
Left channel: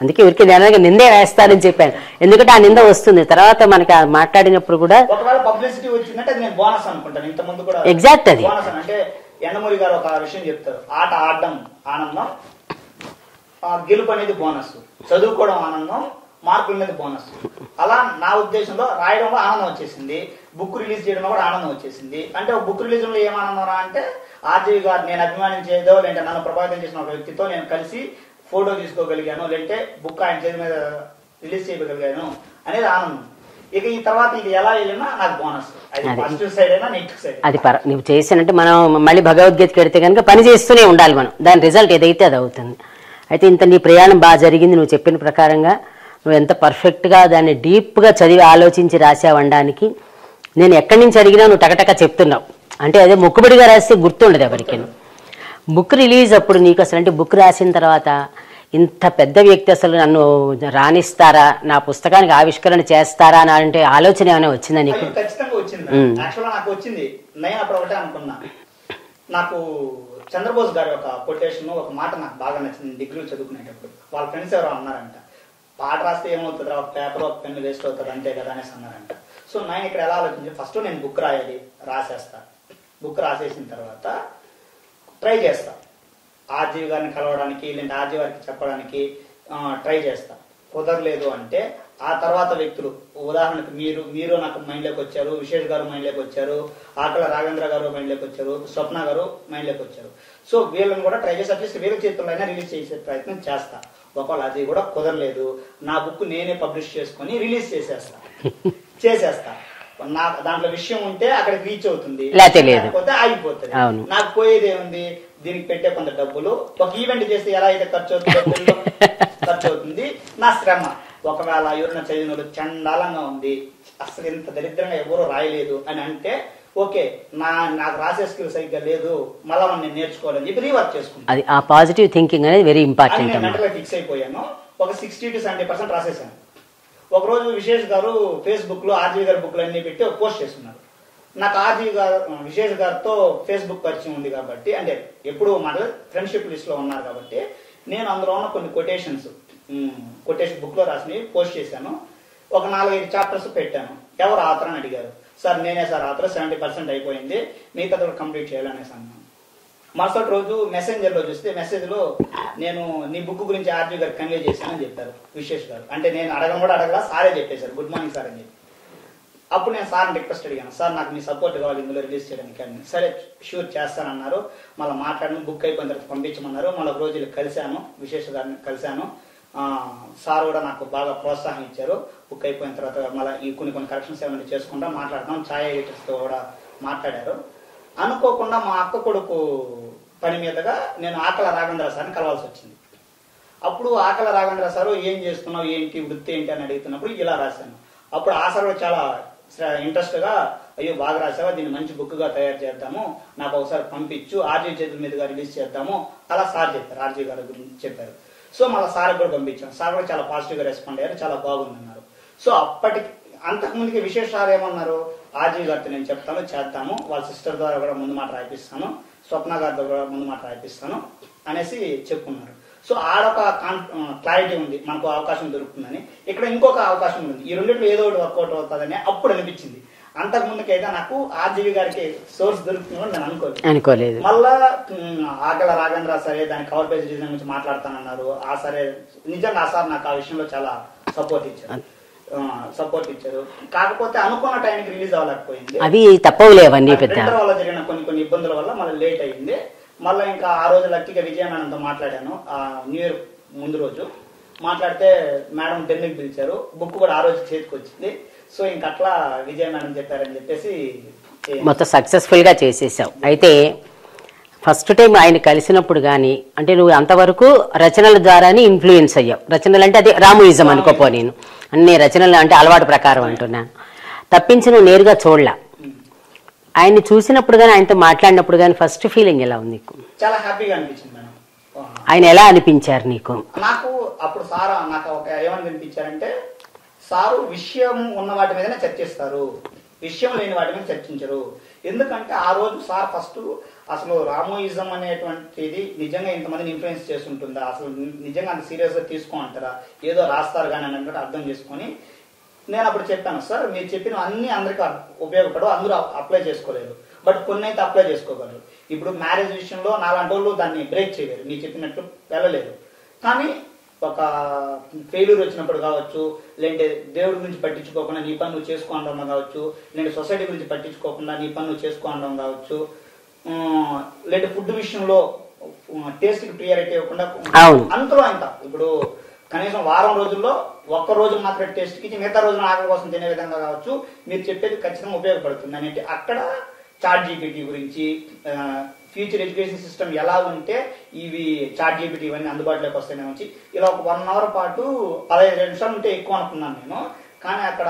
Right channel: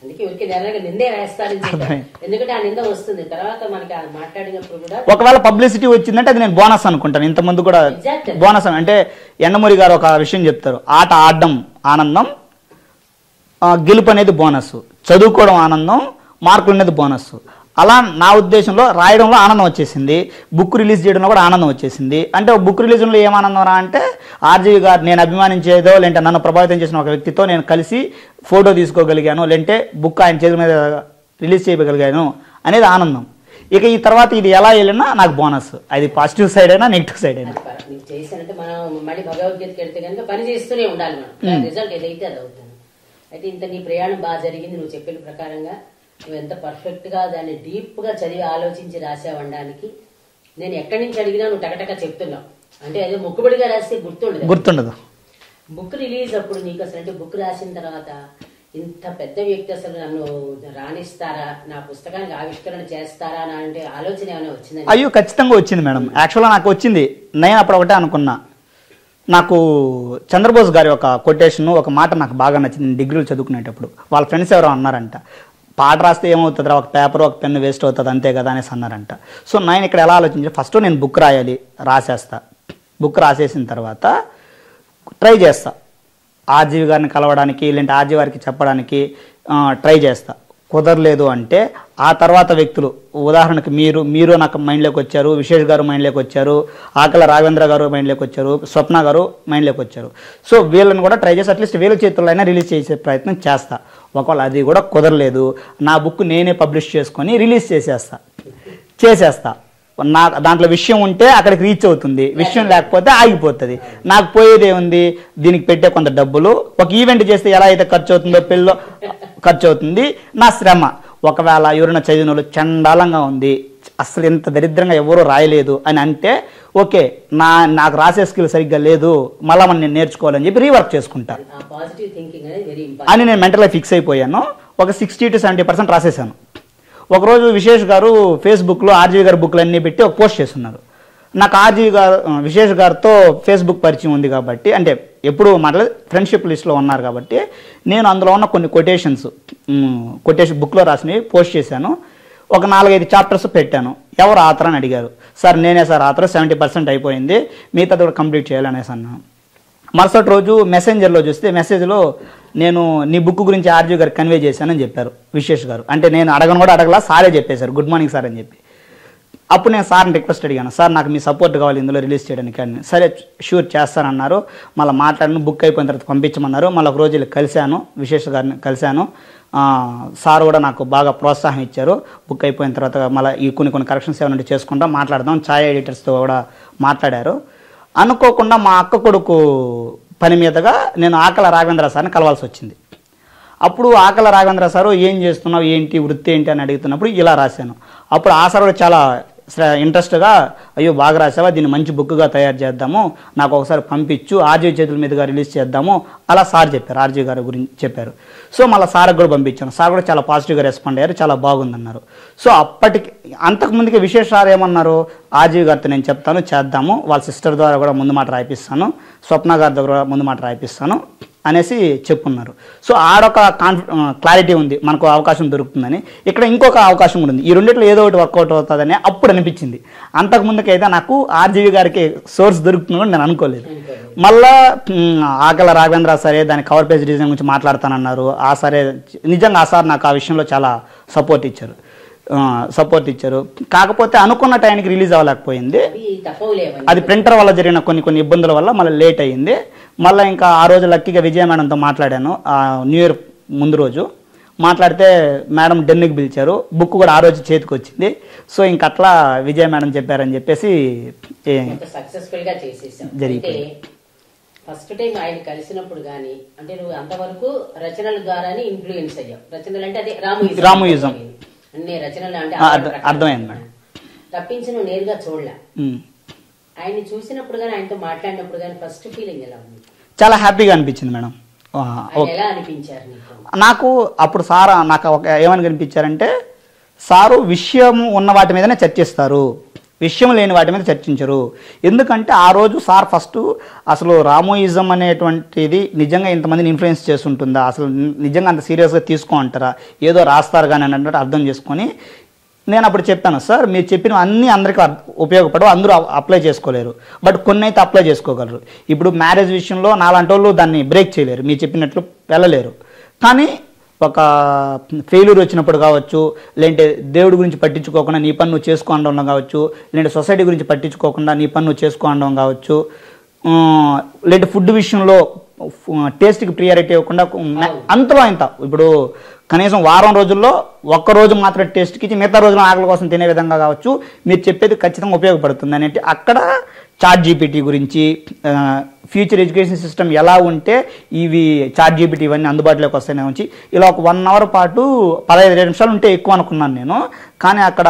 అందుకే ఊరికి నిందే వేస్తానని చెప్పాను, ఎందుకంటే ఆ నింద వస్తుంది తర్వాత మనకి మాట్లాడినప్పుడు కూడా. ఒకవేళ పబ్లిసిటీ వచ్చిందంటే అది నేను బోనస్ అనుకుంటాను. ఇంతకుముందు కూడా ఎగ్జాక్ట్ బోనస్ అంటే యండమూరి గారు ఒక విషయం చెప్తారు, ఆట ఆడడం ఆనందం, గెలుపు అనేది బోనస్, చదువుకోవడం ఆనందం, మార్కులు అనేది బోనస్. అలా నా ఉద్దేశంలో రాయడంలో ఆనందం వచ్చేసింది, బుక్ రిలీజ్ చేయడంలో కూడా ఆనందం వచ్చేసింది. అంటే బుక్ రిలీజ్లో ఏం ఆనందం రా అంటే ఆర్జీవి గారు నేను అభిమానించేదో లేదంటే నన్ను ప్రభావితం చేసిన ఒక వ్యక్తితో నేను కలిసి ఫోటో తీసుకోగలిగాను, లేదంటే బుక్ ఆయన చేతుల మీద రిలీజ్ చేయగలిగాను అనేది ఆనందం. ఇక ఈ తర్వాత ఇది ఎలా వెళ్ళినా నాకు బోనస్, అది పాజిటివ్ సైడ్ అయినా నెగిటివ్ సైడ్ అయినా. అది నువ్వు చేసినంటే మనం మళ్ళీ భగవద్గీతకి వెడితే కనుక పని చేస్తూనే ఉండాలి మనం, దాని రిజల్ట్ ఏదైతే అది అవుతుంది. అయితే ఇంత నీ ప్రయాణం బాగా జరిగింది, నువ్వు చెప్పిన ప్రకారంగా నువ్వు ఎంత పర్ఫెక్ట్గా దాన్ని డీప్గా చదివి ఆలోచించి రాసావనడానికి నేను ఎక్కడి నుంచి అడిగినా నువ్వు టకటక చెప్తున్నావు. అంటే అదే మొక్కుబడిగా రాస్తే గుర్తుండదు. బుక్ రిలీజ్ అప్పుడు నీకు అసలు అంటే బుక్ రాసిన తర్వాత ఇంత పెద్ద వ్యక్తి అసలు నన్ను రాణిస్తారా, నా పుస్తకానికి ఆవిష్కరణ చేస్తారా అని అంటే ఆలోచన ఏమైనా వచ్చిందని? అయ్యో ఖచ్చితంగా వచ్చింది మేడం. యాక్చువల్గా నాకు వచ్చింది. నేను అప్పుడు ఒకటే అనుకున్నా, నాకు చంద్రబోస్ గారి ఒక కొటేషన్ ఒక మాట నాకు బాగా నచ్చింది. డిగ్రీలు చదువుకునేటప్పుడు వాళ్ళ ఫ్రెండ్స్ ఎవరో అన్నారంట, పాట రాస్తే ఏమవుతుందిరా, ఒక పేపర్ ఒక పెన్ను వేస్ట్ అవుతుంది అంతే కదా అనేసి అన్నారంట. సో నేను ఇక్కడ ఎలా ఆలోచించి ఫస్ట్ నేను బుక్ రాయాలి, రాసేస్తా. బుక్ రాసేసిన తర్వాత ట్రై చేస్తా ఆర్జీవి గారిని కలవడానికి, లేదంటే ఆర్జీవి గారికి చెప్పడానికి ట్రై చేస్తా. కుదరలేదు అంటే ఆ తర్వాత వ్యక్తులు, ఉదాహరణకు మీరు నాకు మైండ్లోకి వచ్చారు, విశేష్ గారు మైండ్లోకి వచ్చారు, ఆకల రాఘవేంద్ర గారు మైండ్లోకి వచ్చారు, స్వప్న గారు మైండ్లోకి వచ్చారు. సో వీళ్ళని కూడా ట్రై చేసి అట్లీస్ట్ వీళ్ళ చేతుల్లో అయినా రిలీజ్ చేసే ప్రయత్నం చేస్తా. ఒకవేళ అది కూడా కుదరలేదు, నా బుక్ నేనే పబ్లిష్ చేసుకొని రిలీజ్ చేసేస్తా. దాంట్లో విషయం ఉంటే అక్కడికి రీచ్ అవుతుంది, లేకపోతే ఆగిపోతుంది. నాకు పోయేదే ఉంది, దీనికి పెట్టే కొంత డబ్బులు, ఒక ఈవెంట్ చేస్తే ఎలా అయితే ఖర్చు అవుతుందో పెళ్ళిలో ఖర్చు అవుతుంది, నా శ్రమ. ఒకవేళ ఎవరైనా చదివిన చండాలంగా ఉంది, అసలు ఇంత దరిద్రంగా ఎవరూ రాయలేదు అని అంటే ఓకే, నాకు రాసే స్కిల్ సరిగ్గా లేదు, మళ్ళీ మనం నేను నేర్చుకోవాలని చెప్పి రీవర్క్ చేసుకుంటాను. అది ఆ పాజిటివ్ థింకింగ్ అనేది వెరీ ఇంపార్టెంట్ అని నేను మెంటల్గా ఫిక్స్ అయిపోయాను. ఒక 60 to 70% రాసేసాను. ఒకరోజు విశేష్ గారు ఫేస్బుక్లో ఆర్జీవి గారి బుక్లు అన్నీ పెట్టి ఒక పోస్ట్ చేస్తున్నారు. నాకు ఆర్జీవి గారు విశేష్ గారితో ఫేస్బుక్ పరిచయం ఉంది కాబట్టి, అంటే ఎప్పుడు మాట్లాడి ఫ్రెండ్షిప్ లిస్ట్లో ఉన్నారు కాబట్టి నేను అందులో ఉన్న కొన్ని కొటేషన్ బుక్లో రాసినవి పోస్ట్ చేశాను. ఒక 4-5 చాప్టర్స్ పెట్టాను. ఎవరు ఆథర్ అని అడిగారు. సార్ నేనే సార్ ఆథర్, 70% అయిపోయింది, మిగతాది కూడా కంప్లీట్ చేయాలనేసి అన్నాను. మరుసటి రోజు మెసెంజర్లో చూస్తే మెసేజ్లో నేను నీ బుక్ గురించి ఆర్జీవి గారు కన్వే చేశానని చెప్పారు విశేష్ గారు. అంటే నేను అడగను కూడా అడగలా, సారే చెప్పేశారు గుడ్ మార్నింగ్ సార్ అని చెప్పి. అప్పుడు నేను సార్ని రిక్వెస్ట్ అడిగాను, సార్ నాకు మీ సపోర్ట్ కావాలి ఇందులో రిలీజ్ చేయడానికి అని. సరే షూర్ చేస్తానన్నారు. మళ్ళీ మాట్లాడిన బుక్ అయిపోయిన తర్వాత పంపించమన్నారు. మళ్ళీ ఒక రోజు వెళ్ళి కలిశాను, విశేష్ గారిని కలిశాను. సార్ కూడా నాకు బాగా ప్రోత్సాహం ఇచ్చారు. బుక్ అయిపోయిన తర్వాత మళ్ళీ ఈ కొన్ని కరెక్షన్స్ ఏమైనా చేసుకుంటాం, మాట్లాడదాం, ఛాయ్ ఎడిటర్స్తో కూడా మాట్లాడారు. అనుకోకుండా మా అక్క కొడుకు పని మీదగా నేను ఆకల రాఘవేంద్ర సార్ని కలవాల్సి వచ్చింది. అప్పుడు ఆకల రాఘవేంద్ర సారు ఏం చేస్తున్నావు, ఏంటి వృత్తి ఏంటి అని అడుగుతున్నప్పుడు ఇలా రాశాను. అప్పుడు ఆ సార్ కూడా చాలా ఇంట్రెస్ట్గా, అయ్యో బాగా రాసావా, దీన్ని మంచి బుక్గా తయారు చేద్దాము, నాకు ఒకసారి పంపించు, ఆర్జీవి చేతుల మీదుగా రిలీజ్ చేద్దాము అలా సార్ చెప్పారు, ఆర్జీవి గారి గురించి చెప్పారు. సో మళ్ళీ సార్కి కూడా పంపించాను. సార్ కూడా చాలా పాజిటివ్గా రెస్పాండ్ అయ్యారు, చాలా బాగుందన్నారు. సో అప్పటికి అంతకుముందుకి విశేష సార్ ఏమన్నారు, ఆర్జీవి గారితో నేను చెప్తాను చేద్దాము, వాళ్ళ సిస్టర్ ద్వారా కూడా ముందు మాట రాయిపిస్తాను, స్వప్న గారి దగ్గర ముందు మాట రాయిపిస్తాను అనేసి చెప్పుకున్నారు. సో ఆడొక క్లారిటీ ఉంది, మనకు అవకాశం దొరుకుతుందని. ఇక్కడ ఇంకొక అవకాశం కూడా ఉంది, ఈ రెండిట్లో ఏదో ఒకటి వర్కౌట్ అవుతుందని అప్పుడు అనిపించింది. అంతకు ముందుకైతే నాకు ఆర్జీవి గారికి సోర్స్ దొరుకుతుంది నేను అనుకోలేదు. మళ్ళా ఆకల రాఘవేంద్ర సరే దాని కవర్ పేజ్ డిజైన్ గురించి మాట్లాడతానన్నారు. ఆ సరే నిజంగా ఆ సార్ నాకు ఆ విషయంలో చాలా సపోర్ట్ ఇచ్చారు. కాకపోతే అనుకున్న టైంకి రిలీజ్ అవ్వలేకపోయింది. అది తప్పవులేవన్నీ, అది ప్రింటర్ వల్ల జరిగిన కొన్ని ఇబ్బందుల వల్ల మళ్ళీ లేట్ అయ్యింది. మళ్ళీ ఇంకా ఆ రోజు లక్కీగా విజయ మేడంతో మాట్లాడాను. న్యూ ఇయర్ ముందు రోజు మాట్లాడితే మేడం డెన్నికి పిలిచారు. బుక్ కూడా ఆ రోజు చేతికి వచ్చింది. సో ఇంక అట్లా విజయ మేడం చెప్పారని చెప్పేసి మొత్తం సక్సెస్ఫుల్గా చేసేసావు. అయితే ఫస్ట్ టైం ఆయన కలిసినప్పుడు కానీ, అంటే నువ్వు అంతవరకు రచనల ద్వారానే ఇన్ఫ్లుయెన్స్ అయ్యావు. రచనలు అంటే అదే రాముయిజం అనుకోపో, నేను అన్ని రచనలు అంటే అలవాటు ప్రకారం అంటున్నా తప్పించి నువ్వు నేరుగా చూడలా. ఆయన్ని చూసినప్పుడు కానీ ఆయనతో మాట్లాడినప్పుడు కానీ ఫస్ట్ ఫీలింగ్ ఎలా ఉంది నీకు? చాలా హ్యాపీగా అనిపించింది మేడం. ఆయన ఎలా అనిపించారు నీకు? నాకు అప్పుడు సార్ నాకు ఏమని కనిపించారంటే, సారు విషయం ఉన్న వాటి మీదనే చర్చిస్తారు, విషయం లేని వాటి మీద చర్చించరు. ఎందుకంటే ఆ రోజు సార్ ఫస్ట్ అసలు రామోయిజం అనేటువంటిది నిజంగా ఇంతమందిని ఇన్ఫ్లుయెన్స్ చేస్తుంటుందా, అసలు నిజంగా అంత సీరియస్గా తీసుకో అంటారా, ఏదో రాస్తారు కానీ అన్నట్టు అర్థం చేసుకొని నేను అప్పుడు చెప్పాను, సార్ మీరు చెప్పిన అన్నీ అందరికీ ఉపయోగపడవు, అందరూ అప్లై చేసుకోలేరు, బట్ కొన్ని అయితే అప్లై చేసుకోగలరు. ఇప్పుడు మ్యారేజ్ విషయంలో నాలాంటి వాళ్ళు దాన్ని బ్రేక్ చేయలేరు, మీరు చెప్పినట్లు వెళ్ళలేరు. కానీ ఒక ఫెయిల్యూర్ వచ్చినప్పుడు కావచ్చు, లేదంటే దేవుడి గురించి పట్టించుకోకుండా నీ పని నువ్వు చేసుకోవడం కావచ్చు, లేదంటే సొసైటీ గురించి పట్టించుకోకుండా నీ పని నువ్వు చేసుకోవడం కావచ్చు, లేదంటే ఫుడ్ విషయంలో టేస్ట్కి ప్రియారిటీ ఇవ్వకుండా అంతలో ఇంత ఇప్పుడు కనీసం వారం రోజుల్లో ఒక్కరోజు మాత్రం టేస్ట్కి ఇచ్చి మిగతా రోజున ఆకలి కోసం తినే విధంగా కావచ్చు మీరు చెప్పేది ఖచ్చితంగా ఉపయోగపడుతుంది అనేది అక్కడ చాట్ జీపీటీ గురించి, ఫ్యూచర్ ఎడ్యుకేషన్ సిస్టమ్ ఎలా ఉంటే ఇవి చాట్ జీపీటీ ఇవన్నీ అందుబాటులోకి వస్తాయనే నుంచి ఇలా ఒక 1 అవర్ పాటు 15 నిమిషాలు ఉంటే ఎక్కువ అనుకున్నాను నేను. కానీ అక్కడ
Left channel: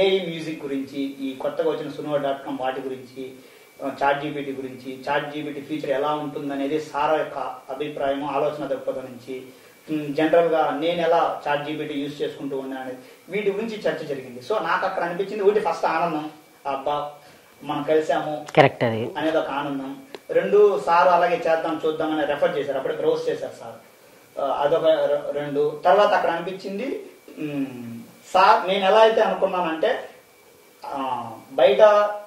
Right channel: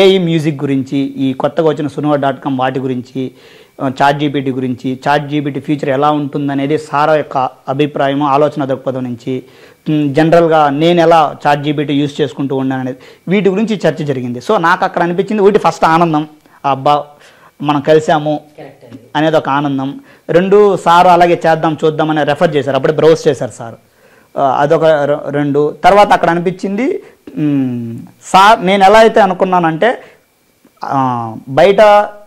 ఏఐ మ్యూజిక్ గురించి, ఈ కొత్తగా వచ్చిన sunuva.com వాటి గురించి, చాట్ జీపీటీ గురించి, చాట్ జీపీటీ ఫ్యూచర్ ఎలా ఉంటుందనేది సారా యొక్క అభిప్రాయం, ఆలోచన దృక్పథం నుంచి, జనరల్గా నేను ఎలా చాట్ జీపీటీ యూజ్ చేసుకుంటూ ఉన్నాను అనేది వీటి గురించి చర్చ జరిగింది. సో నాకు అక్కడ అనిపించింది ఒకటి ఫస్ట్ ఆనందం, అబ్బా మనం కలిసాము కరెక్ట్ అనేది ఒక ఆనందం. 2 సార్ అలాగే చేద్దాం చూద్దాం అని రెఫర్ చేశారు, అప్పుడే బ్రౌజ్ చేశారు సార్, అదొక 2. తర్వాత అక్కడ అనిపించింది సార్ నేను ఎలా అయితే అనుకున్నానంటే బయట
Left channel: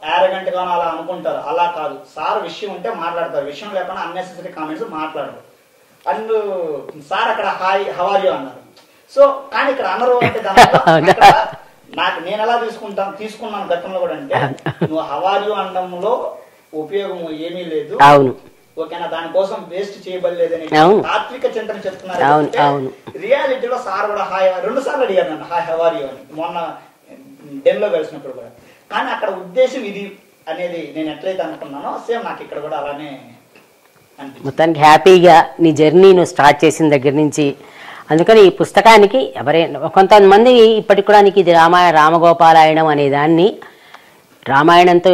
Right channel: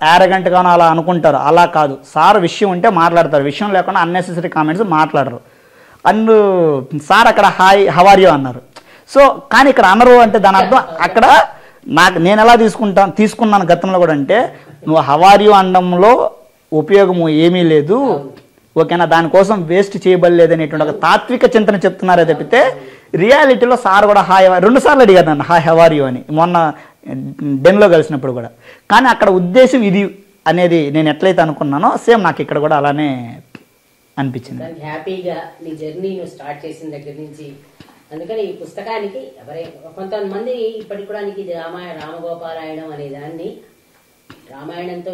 యారగెంట్గానో అలా అనుకుంటారు, అలా కాదు, సార్ విషయం ఉంటే మాట్లాడతారు, విషయం లేకుండా అన్నెసెసరీ కామెంట్స్ మాట్లాడరు. అండ్ సార్ అక్కడ హాయ్ హౌ ఆర్ యు అన్నారు. సో కానీ ఇక్కడ అనరు అంటే దాని అర్థం అక్కడ నేను ఎలా తీసుకున్నాను గతంలో కూడా అంటే నువ్వు హౌ ఆర్ యు అనడంలో ఉపయోగము ఏమీ లేదు, ఓకేనా, దానికోసం వేస్ట్ చేయబడలేదని తాత్విక చింతన చెప్తున్నారు. అంటే రియాలిటీలో సార్ కూడా హాయ్ 2 సార్లు అడిగారు నన్ను హాయ్ హౌ ఆర్ యు అని మొన్న డెన్లో కలిసినప్పుడు కూడా. కానీ అక్కడ ఉద్దేశం ఇది అనేది నేను ఎట్లయితే అనుకున్నానో సేమ్ నాకు ఇక్కడ కూడా అలానే అనిపించింది. దానికి హ్యాపీగా నీ జర్నీ నువ్వు స్టార్ట్ చేసిన దగ్గర నుంచి, అందుకని ఈ పుస్తకానికి ఎవరైనా కొంతమంది ఇప్పటికి కూడా నీకు ఇది రామగోపాలాయనం అనే దాన్ని రామాయణంతో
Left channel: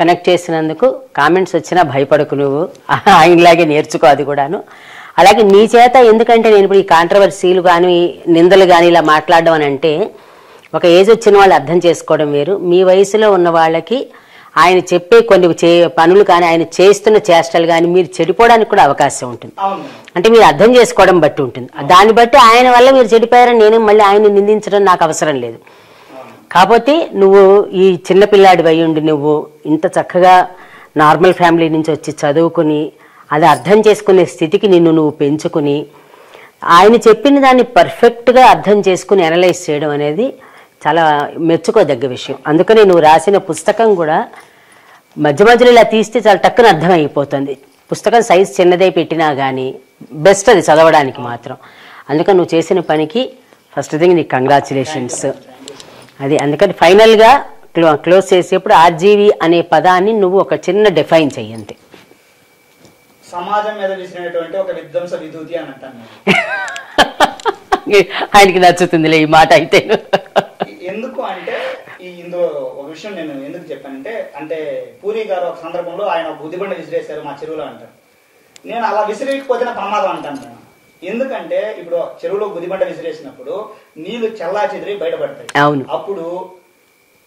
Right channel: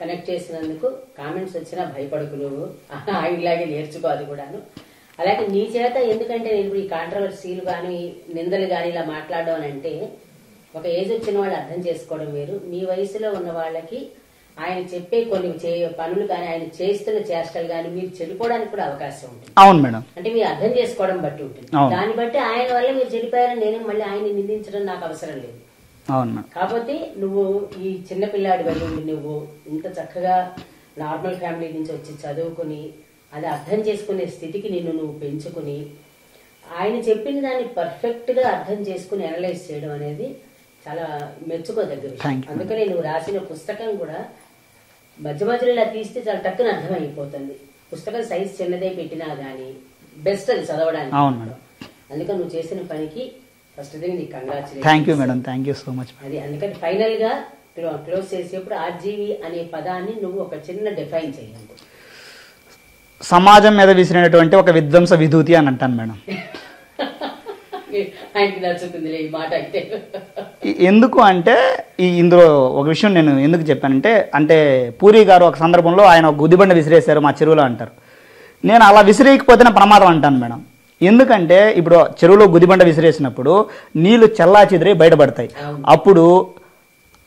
కనెక్ట్ చేసినందుకు కామెంట్స్ వచ్చినా భయపడకు, నువ్వు ఆయనలాగే నేర్చుకో అది కూడాను. అలాగే నీ చేత, ఎందుకంటే నేను ఇప్పుడు ఈ కాంట్రవర్సీలు కానీ నిందలు కానీ ఇలా మాట్లాడడం అని అంటే ఒక ఏజ్ వచ్చిన వాళ్ళు అర్థం చేసుకోవడం వేరు, మీ వయసులో ఉన్న వాళ్ళకి ఆయన చెప్పే కొన్ని పనులు కానీ ఆయన చేస్తున్న చేష్టలు కానీ మీరు చెడిపోవడానికి కూడా అవకాశం ఉంటుంది. అవును మేడం. అంటే మీరు అర్థం చేసుకోవడం బట్టి ఉంటుంది. దాన్ని బట్టి ఆయన వల్ల మీరు చెడిపోయారని నేను మళ్ళీ ఆయన నిందించడం నాకు అవసరం లేదు. కాకపోతే నువ్వు ఈ చిన్నపిల్లాడి అయి ఉండి నువ్వు ఇంత చక్కగా నార్మల్ ఫ్యామిలీ నుంచి వచ్చి చదువుకుని అది అర్థం చేసుకునే స్థితికి నువ్వు పెంచుకుని ఆయన చెప్పిన దాన్ని పర్ఫెక్ట్గా అర్థం చేసుకుని అనలైజ్ చేయడం అనేది చాలా మెచ్చుకోదగ్గ విషయం. అందుకని నువ్వు రాసిన పుస్తకం కూడా మధ్య మధ్యలో ఇలా తీస్తే చాలా టక్కున అర్థమైపోతుంది. పుస్తకం సైజ్ చిన్నదే పెట్టినా కానీ బెస్ట్ అది చదవడానికి మాత్రం. అందుకని నువ్వు చేసిన పనికి ఫస్ట్ థింగ్ నీకు కంగ్రాచులేషన్స్. అది అందుకని ఫైనల్గా క్లోజ్ చేసేప్పుడు ఆర్జీవి అనే పదాన్ని నువ్వు ఒక చిన్న డిఫైన్ చెయ్యండి. సమాజం మీద విసిరినటువంటి ఒక విధ్వంస విధూతి అని అంటాను మేడం. ఆయనకి నచ్చుతుందిలే ఈ మాట అయితే. ఎందుకు అంటే ఇందులో ఒక విషయం నేను ఎందుకు చెప్పానంటే, అంటే పూరి గారు ఒక సందర్భంలో ఆయన ఒక గుదిబండ విసిరేశారు మా చెరువులో అంటారు. నేను అలా విసిరేయకపోతేనే ప్రమాదం అంటాను మేడం. ఎందుకంటే ఇప్పుడు చెరువులో గుదిబండ విసిరేసినప్పుడు నీళ్లు చల్లా చెదిరి బయటపడతాయి. అప్పుడు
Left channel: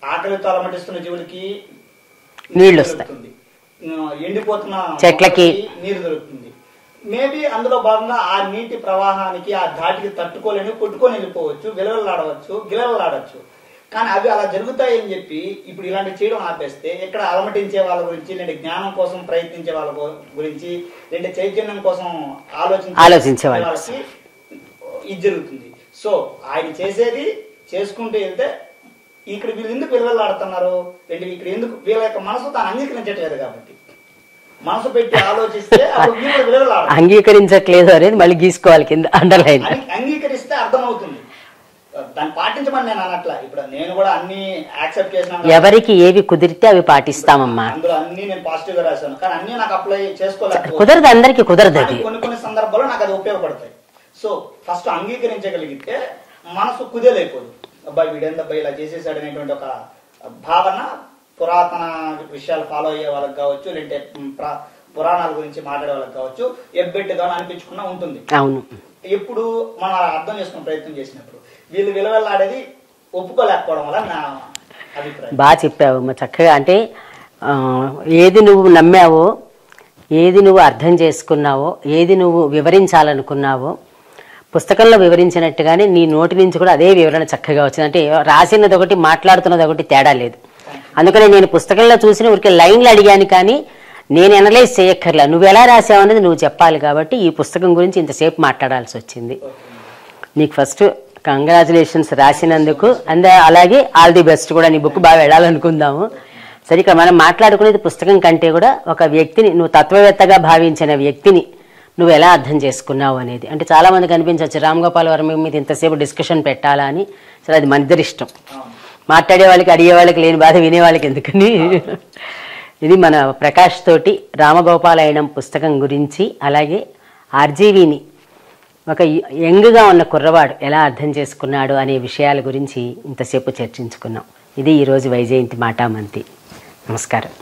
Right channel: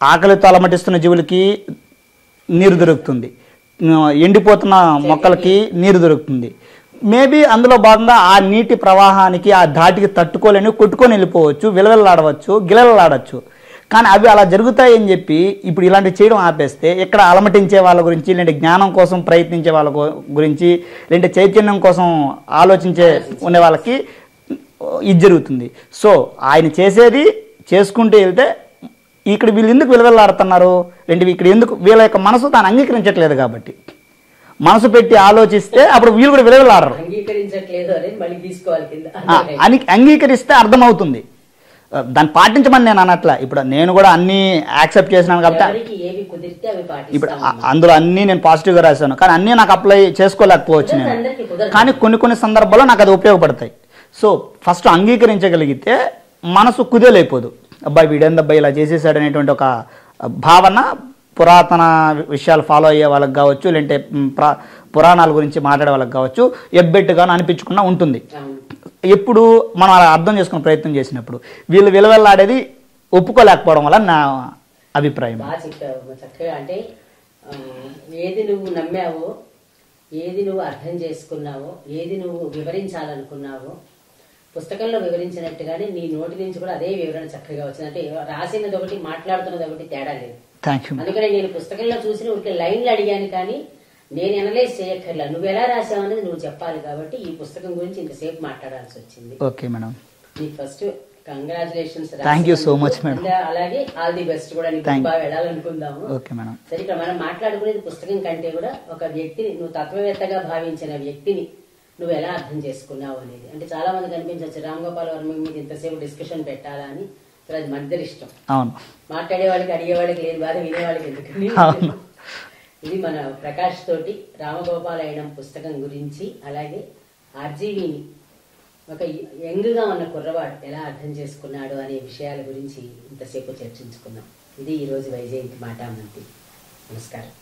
ఆకలితో అలమటిస్తున్న జీవులకి నీరు దొరుకుతుంది, ఎండిపోతున్న మొక్కలకి నీరు దొరుకుతుంది. మేబీ అందులో భాగంగా ఆ నీటి ప్రవాహానికి ఆ ధాటికి తట్టుకోలేని కొట్టుకొని వెళ్ళిపోవచ్చు, విలవెల్లాడవచ్చు, గిలవెల్లాడవచ్చు. కానీ అవి అలా జరుగుతాయని చెప్పి ఇప్పుడు ఇలాంటివి చేయడం ఆపేస్తే ఇక్కడ అలమటించే వాళ్ళ గురించి, లేదంటే జ్ఞానం కోసం ప్రయత్నించే వాళ్ళ గురించి, లేదంటే చైతన్యం కోసం ఆలోచించే వాళ్ళకి ఇది జరుగుతుంది. సో ఆయన చేసేది చేసుకుంటూ వెళ్తే ఇక్కడ వీళ్ళు ఎందుకు విలువెల్లాడుతున్నారు, లేదంటే ఇక్కడ ఎందుకు వీళ్ళ యొక్క మనసు తాను అంగీకరించట్లేదు కాబట్టి మనసు పెట్టి ఆలోచిస్తే అప్పుడు వీళ్ళు కూడా విలువలాడరు. అంగీకరించట్లేదు అనేది మళ్ళీ గీసుకోవాలి కింద. అంగీకరిస్తే అర్థమవుతుంది, దాన్ని పాటించమని నేను అనట్లా. ఇప్పుడు నేను కూడా అన్ని యాక్సెప్ట్ చేసినాను, ఎవరికి ఏవి కుదిరితే అవి పాటిస్తామమ్మా. అందులో అన్ని నేను పాజిటివ్ గా రాశాను, కానీ అన్ని నాకు అప్లై చేసుకోలేకపోతే అందరికి కుదరదు. కానీ కొన్ని సందర్భాల్లో నాకు అది ఉపయోగపడతాయి. సో ఫస్ట్ అంగీకరించగలిగితే మనసు కుదేలైపోదు. అబ్బాయి వీడేందబ్బాయి ఇలా చేసేసాడు అనేటువంటి ఒక భావన పురాతన విషయాలు ఫాలో అయ్యే వాళ్ళకి కావచ్చు, లేదంటే పురాణాల గురించి మాట్లాడే వాళ్ళకి కావచ్చు ఎబ్బెట్టుగాను అనిపించకుండా ఉంటుంది. అవును, ఎప్పుడు మనం అలా అర్థం చేసుకునే ప్రయత్నం చేసినప్పుడు వీళ్ళు విలువెల్లాడేది ఒప్పుకోలేకపోవడం వల్ల నా అభిప్రాయం. బాగా చెప్పావు చక్కగా. అంటే ఏది నువ్వు నమ్మావో, ఏది నువ్వు అర్థం చేసుకున్నావో, ఏది నువ్వు వివరించాలనుకున్నావో పుస్తకంలో వివరించినట్టుగానే నీ నోటి నుంచి కూడా అదే వివరణ చక్కగా వచ్చింది. అంటే రాసినది ఒకటి మాట్లాడుతున్నది ఒకటి తేడా లేదు. అందుకని నేను పుస్తకంలో చూసిన ఊరికే లైన్లు అడిగాను, కానీ నేను అనలైజ్ చేయక్కర్లా. నువ్వు ఎలా రాసావు అనేది నువ్వు చెప్పాలి. కాబట్టి ఈ పుస్తకం గురించి ఇంతసేపు మాట్లాడాల్సి వచ్చింది. నీకు ఫస్ట్ కంగ్రాచులేషన్స్ రాసినందుకు, అండ్ అలాగే ఆల్ ది బెస్ట్ కూడా. నీ బుక్ బాగా వెళ్ళాలనుకుందాము. సరే, ఇక్కడ మనం మాట్లాడుకునేది పుస్తకం కంటే కూడా ఒక వ్యక్తిని, నువ్వు తత్వవేత్తగా భావించిన వ్యక్తిని నువ్వు ఎలా అర్థం చేసుకున్నావు అనేది. అంటే చాలా మందికి అనిపించవచ్చు రామ్ గోపాల్ వర్మ మీద ఇంతసేపు డిస్కషన్ పెట్టాలా అని. సరే, అది మన ఇద్దరి ఇష్టం. మాట్లాడే వాళ్ళకి, అడిగే వాళ్ళకి లేని బాధ వినే వాళ్ళకి ఎందుకని. ఇది మన ప్రకాష్ తోటి రామగోపాలయనం పుస్తకం గురించి, అలాగే ఆర్జీవిని ఒక యంగ్గా ఉన్న కుర్రవాడు ఎలా అర్థం చేసుకున్నాడు అనే విషయాల గురించి ఇంతసేపు చర్చించుకున్నాం. ఇది ఈరోజు వైజయంతి మాటామంతి. నమస్కారం.